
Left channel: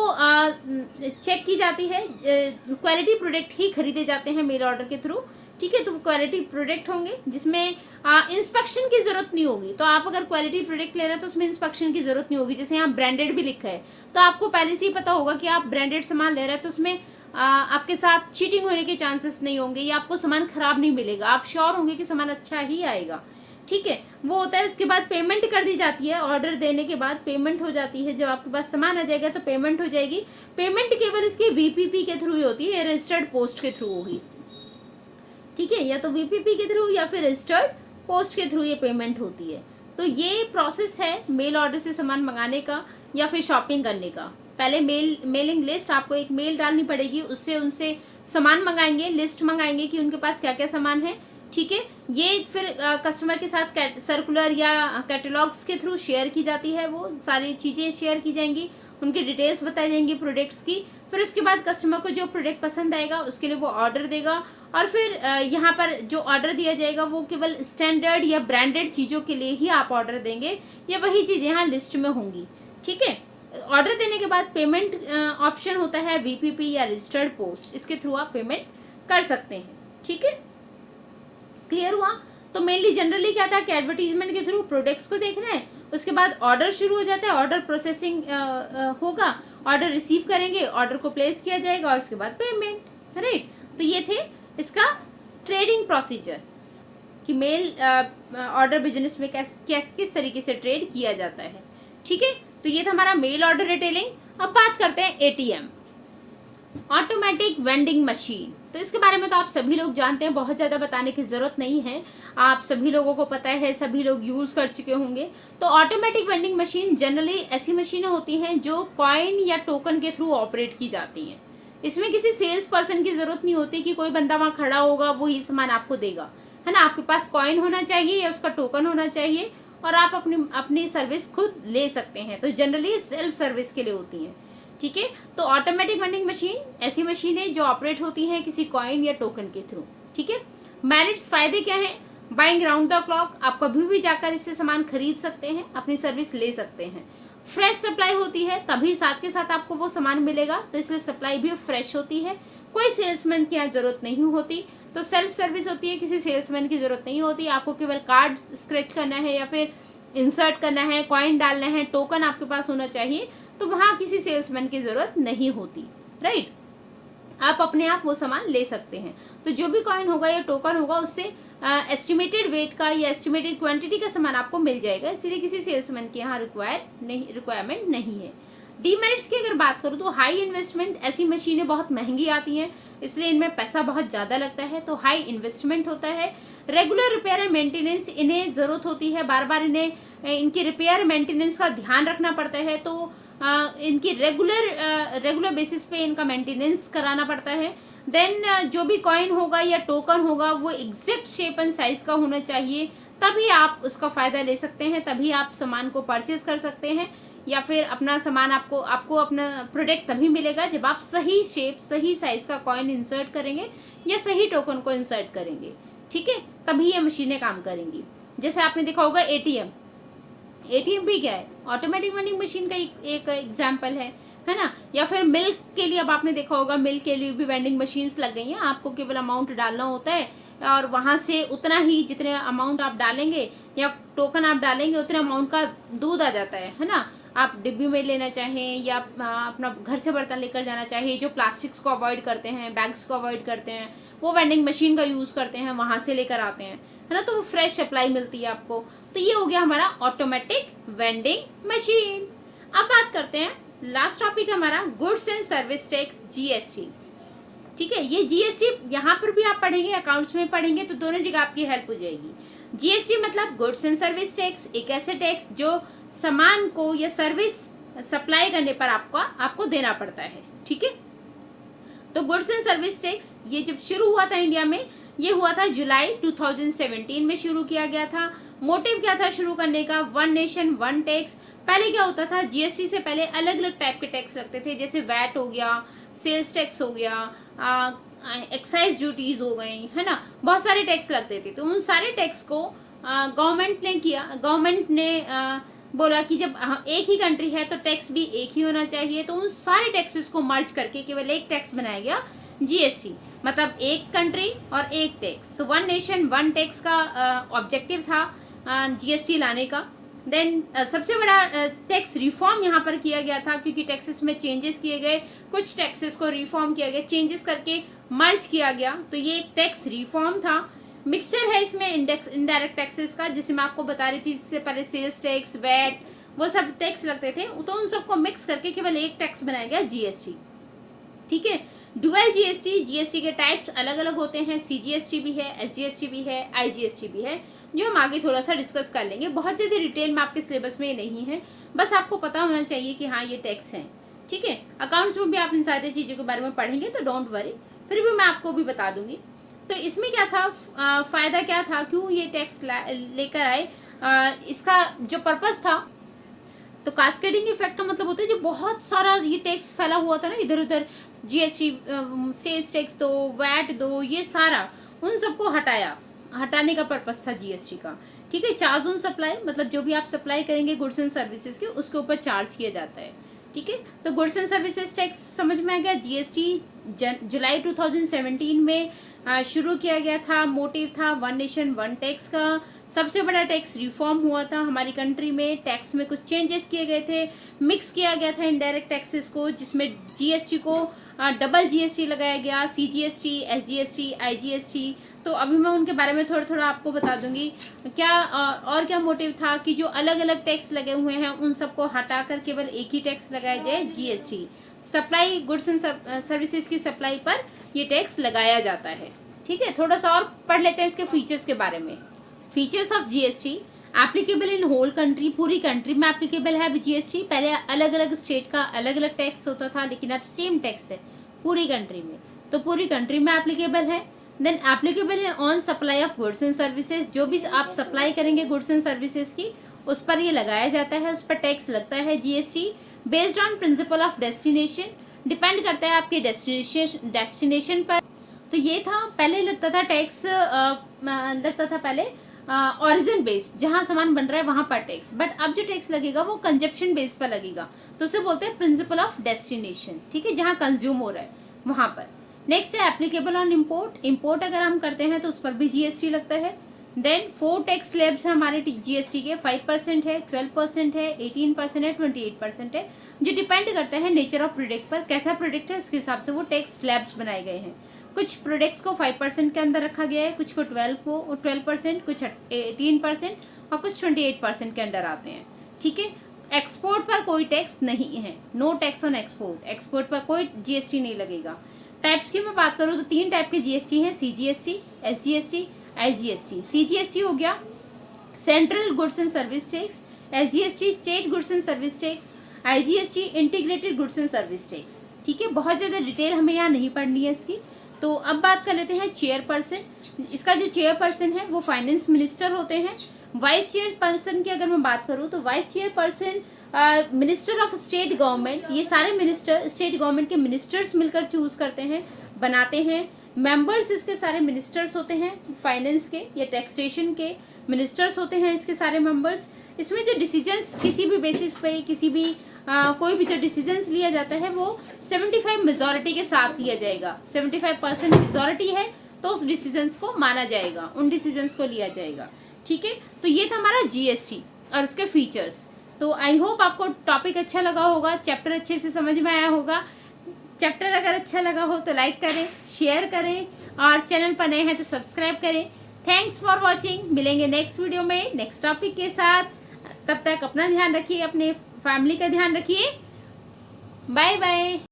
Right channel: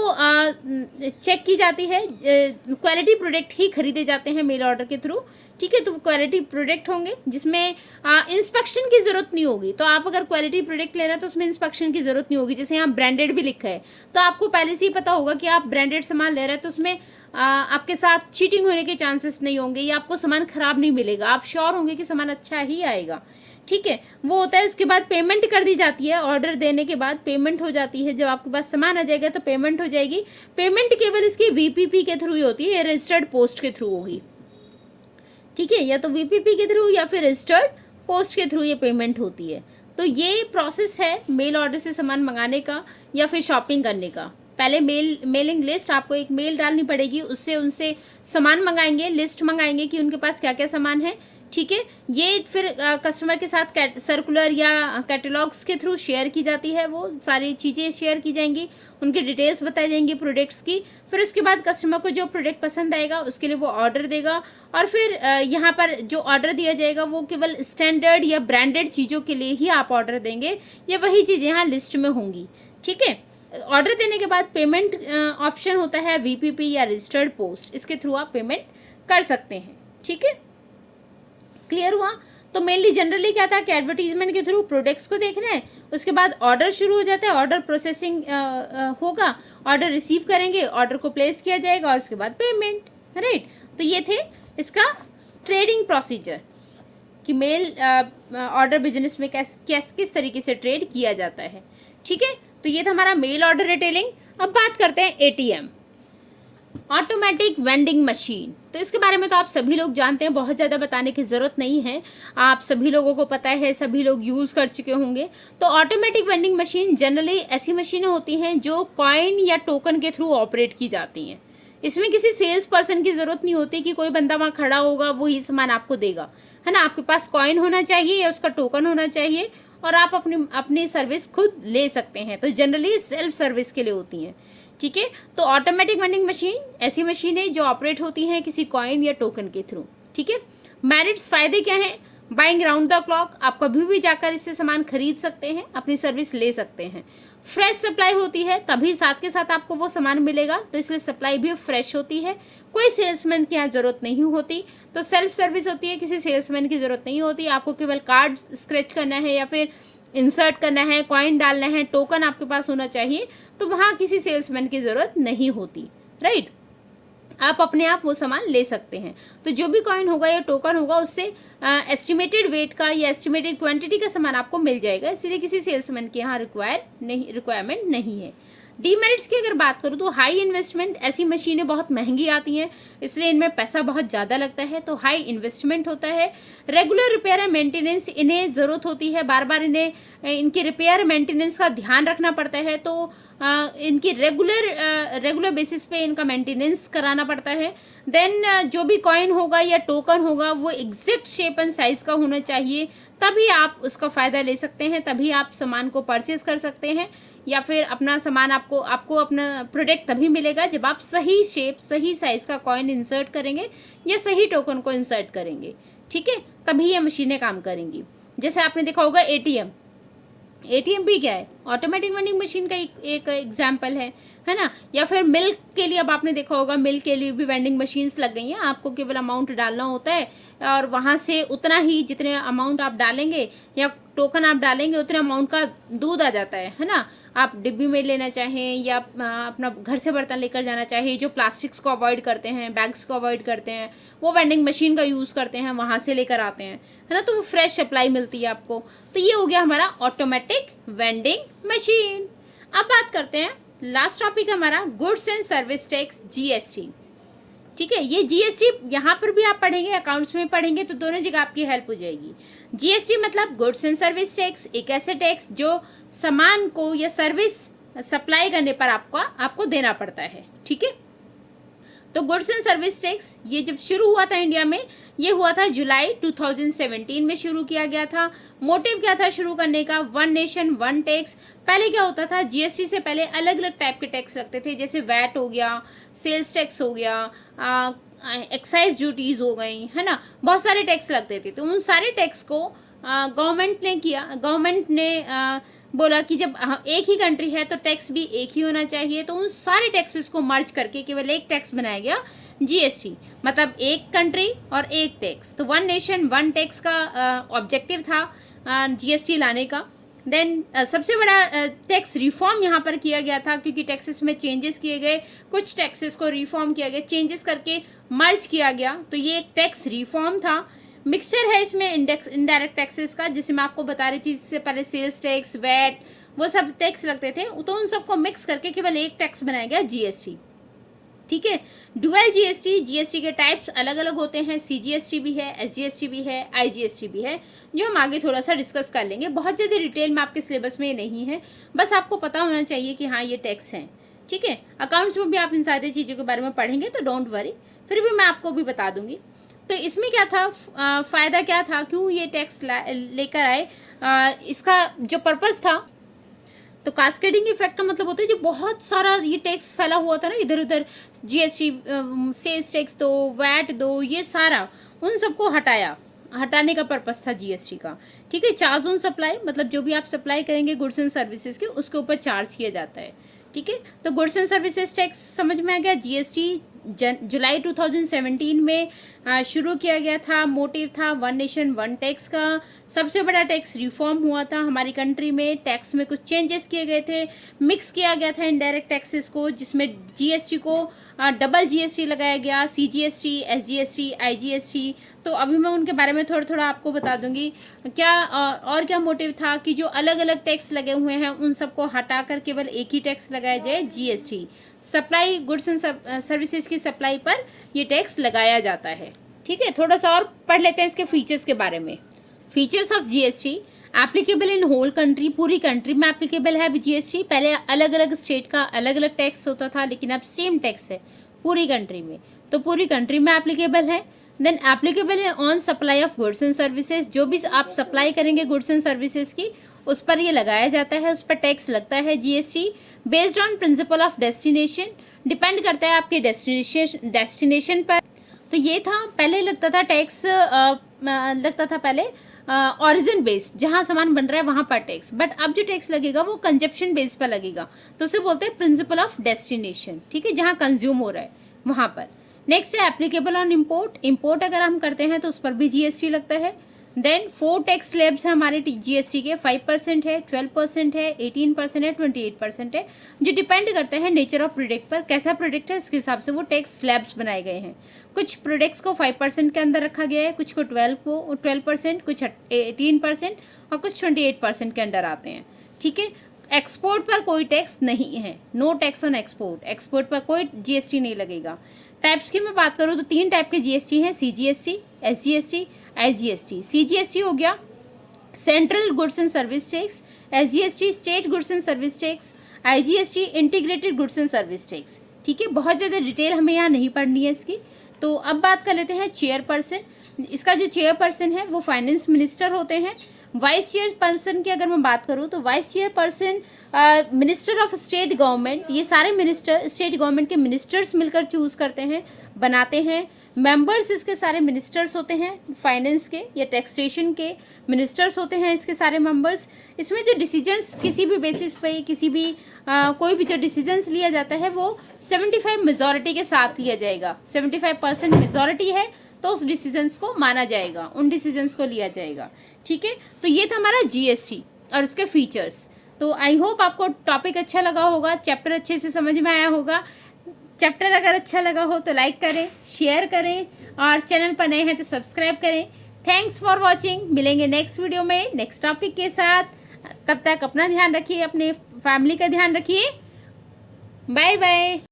चेक की जाती है। क्वालिटी प्रोडक्ट ही खरीदे जाते हैं मेल ऑर्डर के थ्रू, ठीक है। तो क्वालिटी प्रोडक्ट होंगे जिसमें इंस्पेक्शन की जरूरत नहीं होगी। तो आप अगर क्वालिटी प्रोडक्ट ले रहे हैं तो उसमें इंस्पेक्शन की जरूरत नहीं होगी। जैसे यहाँ ब्रांडेड भी लिखा है, तो आपको पहले से ही पता होगा कि आप ब्रांडेड सामान ले रहे हैं, तो उसमें आपके साथ चीटिंग होने के चांसेस नहीं होंगे या आपको सामान खराब नहीं मिलेगा। आप श्योर होंगे कि सामान अच्छा ही आएगा, ठीक है। वो होता है। उसके बाद पेमेंट कर दी जाती है। ऑर्डर देने के बाद पेमेंट हो जाती है। जब आपके पास सामान आ जाएगा तो पेमेंट हो जाएगी। पेमेंट केवल इसकी वीपीपी के थ्रू ही होती है, रजिस्टर्ड पोस्ट के थ्रू होगी, ठीक है। या तो वीपीपी के थ्रू या फिर रजिस्टर्ड पोस्ट के थ्रू ये पेमेंट होती है। तो ये प्रोसेस है मेल ऑर्डर से सामान मंगाने का या फिर शॉपिंग करने का। पहले मेलिंग लिस्ट, आपको एक मेल डालनी पड़ेगी, उससे उनसे सामान मंगाएंगे, लिस्ट मंगाएंगे कि उनके पास क्या क्या सामान है, ठीक है। ये फिर कस्टमर के साथ सर्कुलर या कैटलॉग्स के थ्रू शेयर की जाती है। वो सारी चीज़ें शेयर की जाएंगी, उनकी डिटेल्स बताई जाएंगी प्रोडक्ट्स की। फिर उसके बाद कस्टमर को जो प्रोडक्ट पसंद आएगा उसके लिए वो ऑर्डर देगा। और फिर यहाँ पर जो ऑर्डर दिया जाएगा वो केवल स्टैंडर्ड या ब्रांडेड चीज़ों के लिए ही आप ऑर्डर देंगे, या वही चीज़ें यहाँ लिस्ट में होंगी, ठीक है। ऑर्डर देने के बाद पेमेंट ऑप्शन होता है वीपीपी या रजिस्टर्ड पोस्ट, इसके थ्रू आप पेमेंट कर सकते हैं, ठीक है। क्लियर हुआ? तो मेनली जनरली क्या था कि एडवर्टीजमेंट के थ्रू प्रोडक्ट्स को देखना है, उसके बाद ऑर्डर शुरू हो जाता है, ऑर्डर प्रोसेसिंग होगा, ऑर्डर रिसीव करेंगे, ऑर्डर को प्लेस किया जाएगा और उसके बाद पेमेंट, राइट। तो ये थे इसका ट्रेडिंग प्रोसीजर कि मेल ऑर्डर बिजनेस में किस तरीके से ट्रेड किया जाता है, ठीक है। तो ये था हमारा मेल ऑर्डर रिटेलिंग। अब बात करते हैं एटीएम, ऑटोमेटिक वेंडिंग मशीन। तो इसके बारे में तो आप सभी लोग जानते हैं, बहुत ज़्यादा बताने की ज़रूरत नहीं है, आप सभी लोगों को पता है, सभी लोग यूज़ कर चुके होंगे। तो ऑटोमेटिक वेंडिंग मशीन जनरली ऐसी मशीनें होती हैं जो कॉइन या टोकन के थ्रू ऑपरेट की जाती हैं। इसमें किसी सेल्स पर्सन की ज़रूरत नहीं होती कि कोई बंदा वहाँ खड़ा होगा वो ही सामान आपको देगा, है ना। आपके पास कॉइन होना चाहिए या उसका टोकन होना चाहिए और आप अपनी सर्विस खुद ले सकते हैं। तो जनरली सेल्फ सर्विस के लिए होती हैं, ठीक है। तो ऑटोमेटिक वेंडिंग मशीन ऐसी मशीन है जो ऑपरेट होती है किसी कॉइन या टोकन के थ्रू, ठीक है। मेरिट्स, फायदे क्या हैं? बाइंग राउंड द क्लॉक, आप कभी भी जाकर इससे सामान खरीद सकते हैं, अपनी सर्विस ले सकते हैं। फ्रेश सप्लाई होती है, तभी साथ के साथ आपको वो सामान मिलेगा, तो इसलिए सप्लाई भी फ्रेश होती है। कोई सेल्समैन की यहाँ जरूरत नहीं होती। तो सेल्फ सर्विस होती है, किसी सेल्समैन की जरूरत नहीं होती। आपको केवल कार्ड स्क्रैच करना है या फिर इंसर्ट करना है, कॉइन डालना है, टोकन आपके पास होना चाहिए, तो वहाँ किसी सेल्समैन की ज़रूरत नहीं होती, राइट। आप अपने आप वो सामान ले सकते हैं। तो जो भी कॉइन होगा या टोकन होगा उससे एस्टिमेटेड वेट का या एस्टिमेटेड क्वांटिटी का सामान आपको मिल जाएगा, इसलिए किसी सेल्समैन के यहाँ रिक्वायरमेंट नहीं है। डीमेरिट्स की अगर बात करूँ तो हाई इन्वेस्टमेंट, ऐसी मशीनें बहुत महंगी आती हैं, इसलिए इनमें पैसा बहुत ज़्यादा लगता है, तो हाई इन्वेस्टमेंट होता है। रेगुलर रिपेयर एंड मेंटेनेंस, इन्हें ज़रूरत होती है, बार बार इनकी रिपेयर मेंटेनेंस का ध्यान रखना पड़ता है। तो इनकी रेगुलर बेसिस पे इनका मेंटेनेंस कराना पड़ता है। देन जो भी कॉइन होगा या टोकन होगा वो एग्जैक्ट शेप एंड साइज का होना चाहिए, तभी आप उसका फ़ायदा ले सकते हैं, तभी आप सामान को परचेज कर सकते हैं, या फिर अपना सामान आपको अपना प्रोडक्ट तभी मिलेगा जब आप सही शेप सही साइज का कॉइन इंसर्ट करेंगे या सही टोकन को इंसर्ट करेंगे, ठीक है, तभी ये मशीनें काम करेंगी। जैसे आपने देखा होगा एटीएम भी क्या है, ऑटोमेटिक वेंडिंग मशीन का एक एग्जाम्पल है ना। या फिर मिल्क के लिए, अब आपने देखा होगा मिल्क के लिए भी वेंडिंग मशीन्स लग गई हैं। आपको केवल अमाउंट डालना होता है और वहाँ से उतना ही, जितने अमाउंट आप डालेंगे या टोकन आप डालेंगे उतने अमाउंट का दूध आ जाता है ना। आप डिब्बी में लेना चाहें या अपना घर से बर्तन लेकर जाना चाहिए, जो प्लास्टिक्स को अवॉइड करते हैं, बैग्स को अवॉइड करते हैं, वो वेंडिंग मशीन का यूज़ करते हैं, वहाँ से लेकर आते हैं, है ना। तो वो फ्रेश सप्लाई मिलती है आपको। तो ये हो गया हमारा ऑटोमेटिक वेंडिंग मशीन। अब बात करते हैं लास्ट टॉपिक हमारा goods and service tax, GST. ठीक है। ये जीएसटी यहाँ पर भी आप पढ़ेंगे, अकाउंट्स में पढ़ेंगे, तो दोनों जगह आपकी हेल्प हो जाएगी। जीएसटी मतलब गुड्स एंड सर्विस टैक्स, एक ऐसे टैक्स जो सामान को या सर्विस सप्लाई करने पर आपको देना पड़ता है। ठीक है। तो गुड्स एंड सर्विस टैक्स ये जब शुरू हुआ था इंडिया में, ये हुआ था जुलाई 2017 में शुरू किया गया था। मोटिव क्या था शुरू करने का? One nation one tax. पहले क्या होता था, जीएसटी से पहले अलग अलग टाइप के टैक्स लगते थे, जैसे वैट हो गया, सेल्स टैक्स हो गया, एक्साइज ड्यूटीज हो गई, है ना, बहुत सारे टैक्स लगते थे। तो उन सारे टैक्स को गवर्नमेंट ने बोला कि जब एक ही कंट्री है तो टैक्स भी एक ही होना चाहिए, तो उन सारे टैक्सेस को मर्ज करके केवल एक टैक्स बनाया गया, जीएसटी। मतलब एक कंट्री और एक टैक्स, तो वन नेशन वन टैक्स का ऑब्जेक्टिव था जीएसटी लाने का। देन सबसे बड़ा टैक्स रिफॉर्म यहाँ पर किया गया था, क्योंकि टैक्सेस में चेंजेस किए गए, कुछ टैक्सेस को रिफॉर्म किया गया, चेंजेस करके मर्ज किया गया, तो ये एक टैक्स रिफॉर्म था। मिक्सचर है इसमें इनडायरेक्ट टैक्सेस का, जिसे मैं आपको बता रही थी इससे पहले, सेल्स टैक्स, वैट, वो सब टैक्स लगते थे, तो उन सबको मिक्स करके केवल एक टैक्स बनाया गया, जीएसटी। ठीक है। डुअल जीएसटी, जीएसटी के टाइप्स अलग अलग होते हैं, सीजीएसटी भी है, एसजीएसटी भी है, आईजीएसटी भी है, जो हम आगे थोड़ा सा डिस्कस कर लेंगे। बहुत ज़्यादा डिटेल में आपके सिलेबस में ये नहीं है, बस आपको पता होना चाहिए कि हाँ ये टैक्स हैं। ठीक है। अकाउंट्स में भी आप इन सारी चीज़ों के बारे में पढ़ेंगे, तो डोंट वरी, फिर भी मैं आपको भी बता दूंगी। तो इसमें क्या था, फ़ायदा क्या था, क्यों ये टैक्स लेकर आए, इसका जो पर्पस था, तो कास्केडिंग इफेक्ट का मतलब होता है जो बहुत सारा ये टैक्स फैला हुआ था ना इधर उधर, जीएसटी, सेल्स टैक्स दो, वैट दो, ये सारा उन सबको हटाने का पर्पस था जीएसटी का। ठीक है। चार्ज ऑन सप्लाई, मतलब जो भी आप सप्लाई करेंगे गुड्स एंड सर्विसेज के, उसके ऊपर चार्ज किया जाता है। ठीक है। तो गुड्स एंड सर्विसेज टैक्स समझ में आ गया। जीएसटी जुलाई 2017 में शुरू किया गया था। मोटिव था वन नेशन वन टैक्स का। सबसे बड़ा टैक्स रिफॉर्म हुआ था हमारी कंट्री में, टैक्स में कुछ चेंजेस किए गए थे, मिक्स किया गया था इनडायरेक्ट टैक्सेस को, जिसमें जीएसटी को डबल जीएसटी लगाया गया, सीजीएसटी, एसजीएसटी, आईजीएसटी। तो अभी मैं उनके बारे में थोड़ा थोड़ा आपको बता दूंगी क्या और क्या मोटिव था कि जो अलग अलग टैक्स लगे हुए हैं उन सबको हटाकर केवल एक ही टैक्स लगाया जाए, GST. Supply, goods and services की सप्लाई पर ये टैक्स लगाया जाता है। ठीक है। थोड़ा सा और पढ़ लेते हैं इसके फीचर्स के बारे में। Features of GST, applicable in whole country, पूरी कंट्री में एप्लीकेबल है जीएसटी। पहले अलग अलग स्टेट का अलग अलग टैक्स होता था, लेकिन अब सेम टैक्स है पूरी कंट्री में, तो पूरी कंट्री में एप्लीकेबल है। Then applicable on supply of goods and services, जो भी आप सप्लाई करेंगे गुड्स एंड सर्विसेज की, उस पर ये लगाया जाता है, उस पर टैक्स लगता है GST. Based on principle of destination, depend करता है आपके डेस्टिनेशन पर। तो ये था, पहले लगता था टैक्स, लगता था पहले ऑरिजिन बेस्ड, जहाँ सामान बन रहा है वहाँ पर टैक्स, बट अब जो टैक्स लगेगा वो कंजप्शन बेस पर लगेगा, तो उसे बोलते हैं प्रिंसिपल ऑफ डेस्टिनेशन। ठीक है। जहाँ कंज्यूम हो रहा है वहाँ पर। नेक्स्ट है एप्लीकेबल ऑन इम्पोर्ट, इम्पोर्ट अगर हम करते हैं तो उस पर भी जीएसटी लगता है। देन 4 टैक्स स्लैब्स हैं हमारे जीएसटी के, 5% है, 12% है, 18% है, 28% है, जो डिपेंड करता है नेचर ऑफ प्रोडक्ट पर, कैसा प्रोडक्ट है उसके हिसाब से वो टैक्स स्लैब्स बनाए गए हैं। कुछ प्रोडक्ट्स को 5% के अंदर रखा गया है, कुछ को 12%, कुछ 18% और कुछ 28% के अंदर आते हैं। ठीक है। एक्सपोर्ट पर कोई टैक्स नहीं है, no tax on export, export पर कोई जीएसटी नहीं लगेगा। टाइप्स की मैं बात करूँ तो 3 टाइप के जीएसटी हैं, सीजीएसटी, एसजीएसटी, आईजीएसटी। सीजीएसटी हो गया central goods and service tax, SGST state goods and service tax, IGST integrated goods and service tax. ठीक है। बहुत ज़्यादा डिटेल हमें यहाँ नहीं पढ़नी है इसकी। तो अब बात कर लेते हैं चेयरपर्सन। इसका जो चेयरपर्सन है वो फाइनेंस मिनिस्टर होते हैं। वाइस चेयरपर्सन की अगर मैं बात करूँ तो vice chairperson minister of state government, ये सारे मिनिस्टर स्टेट गवर्नमेंट के मिनिस्टर्स मिलकर चूज करते हैं, बनाते हैं। मेंबर्स इसके सारे मिनिस्टर्स होते हैं, फाइनेंस के या टैक्सेशन के मिनिस्टर्स होते हैं इसके सारे मेंबर्स। इसमें जो डिसीजंस किसी भी बेसिस पे, किसी भी कोई भी जो डिसीजंस लिया जाता है वो 75 मेजॉरिटी के साथ लिया जाएगा। 75% मेजॉरिटी है तो उस डिसीजंस को माना जाएगा, उन डिसीजंस को लिया जाएगा। ठीक है। तो ये था हमारा जीएसटी और इसके फीचर्स। तो आई होप आपको टॉपिक अच्छा लगा होगा, चैप्टर अच्छे से समझ में आया होगा। चैप्टर अगर अच्छा लगा हो तो लाइक करें, शेयर करें और चैनल पर नए हैं तो सब्सक्राइब करें। Thanks for watching. मिलेंगे नेक्स्ट वीडियो में नेक्स्ट टॉपिक के साथ। तब तक अपना ध्यान रखिए, अपने फैमिली का ध्यान रखिए। Bye bye.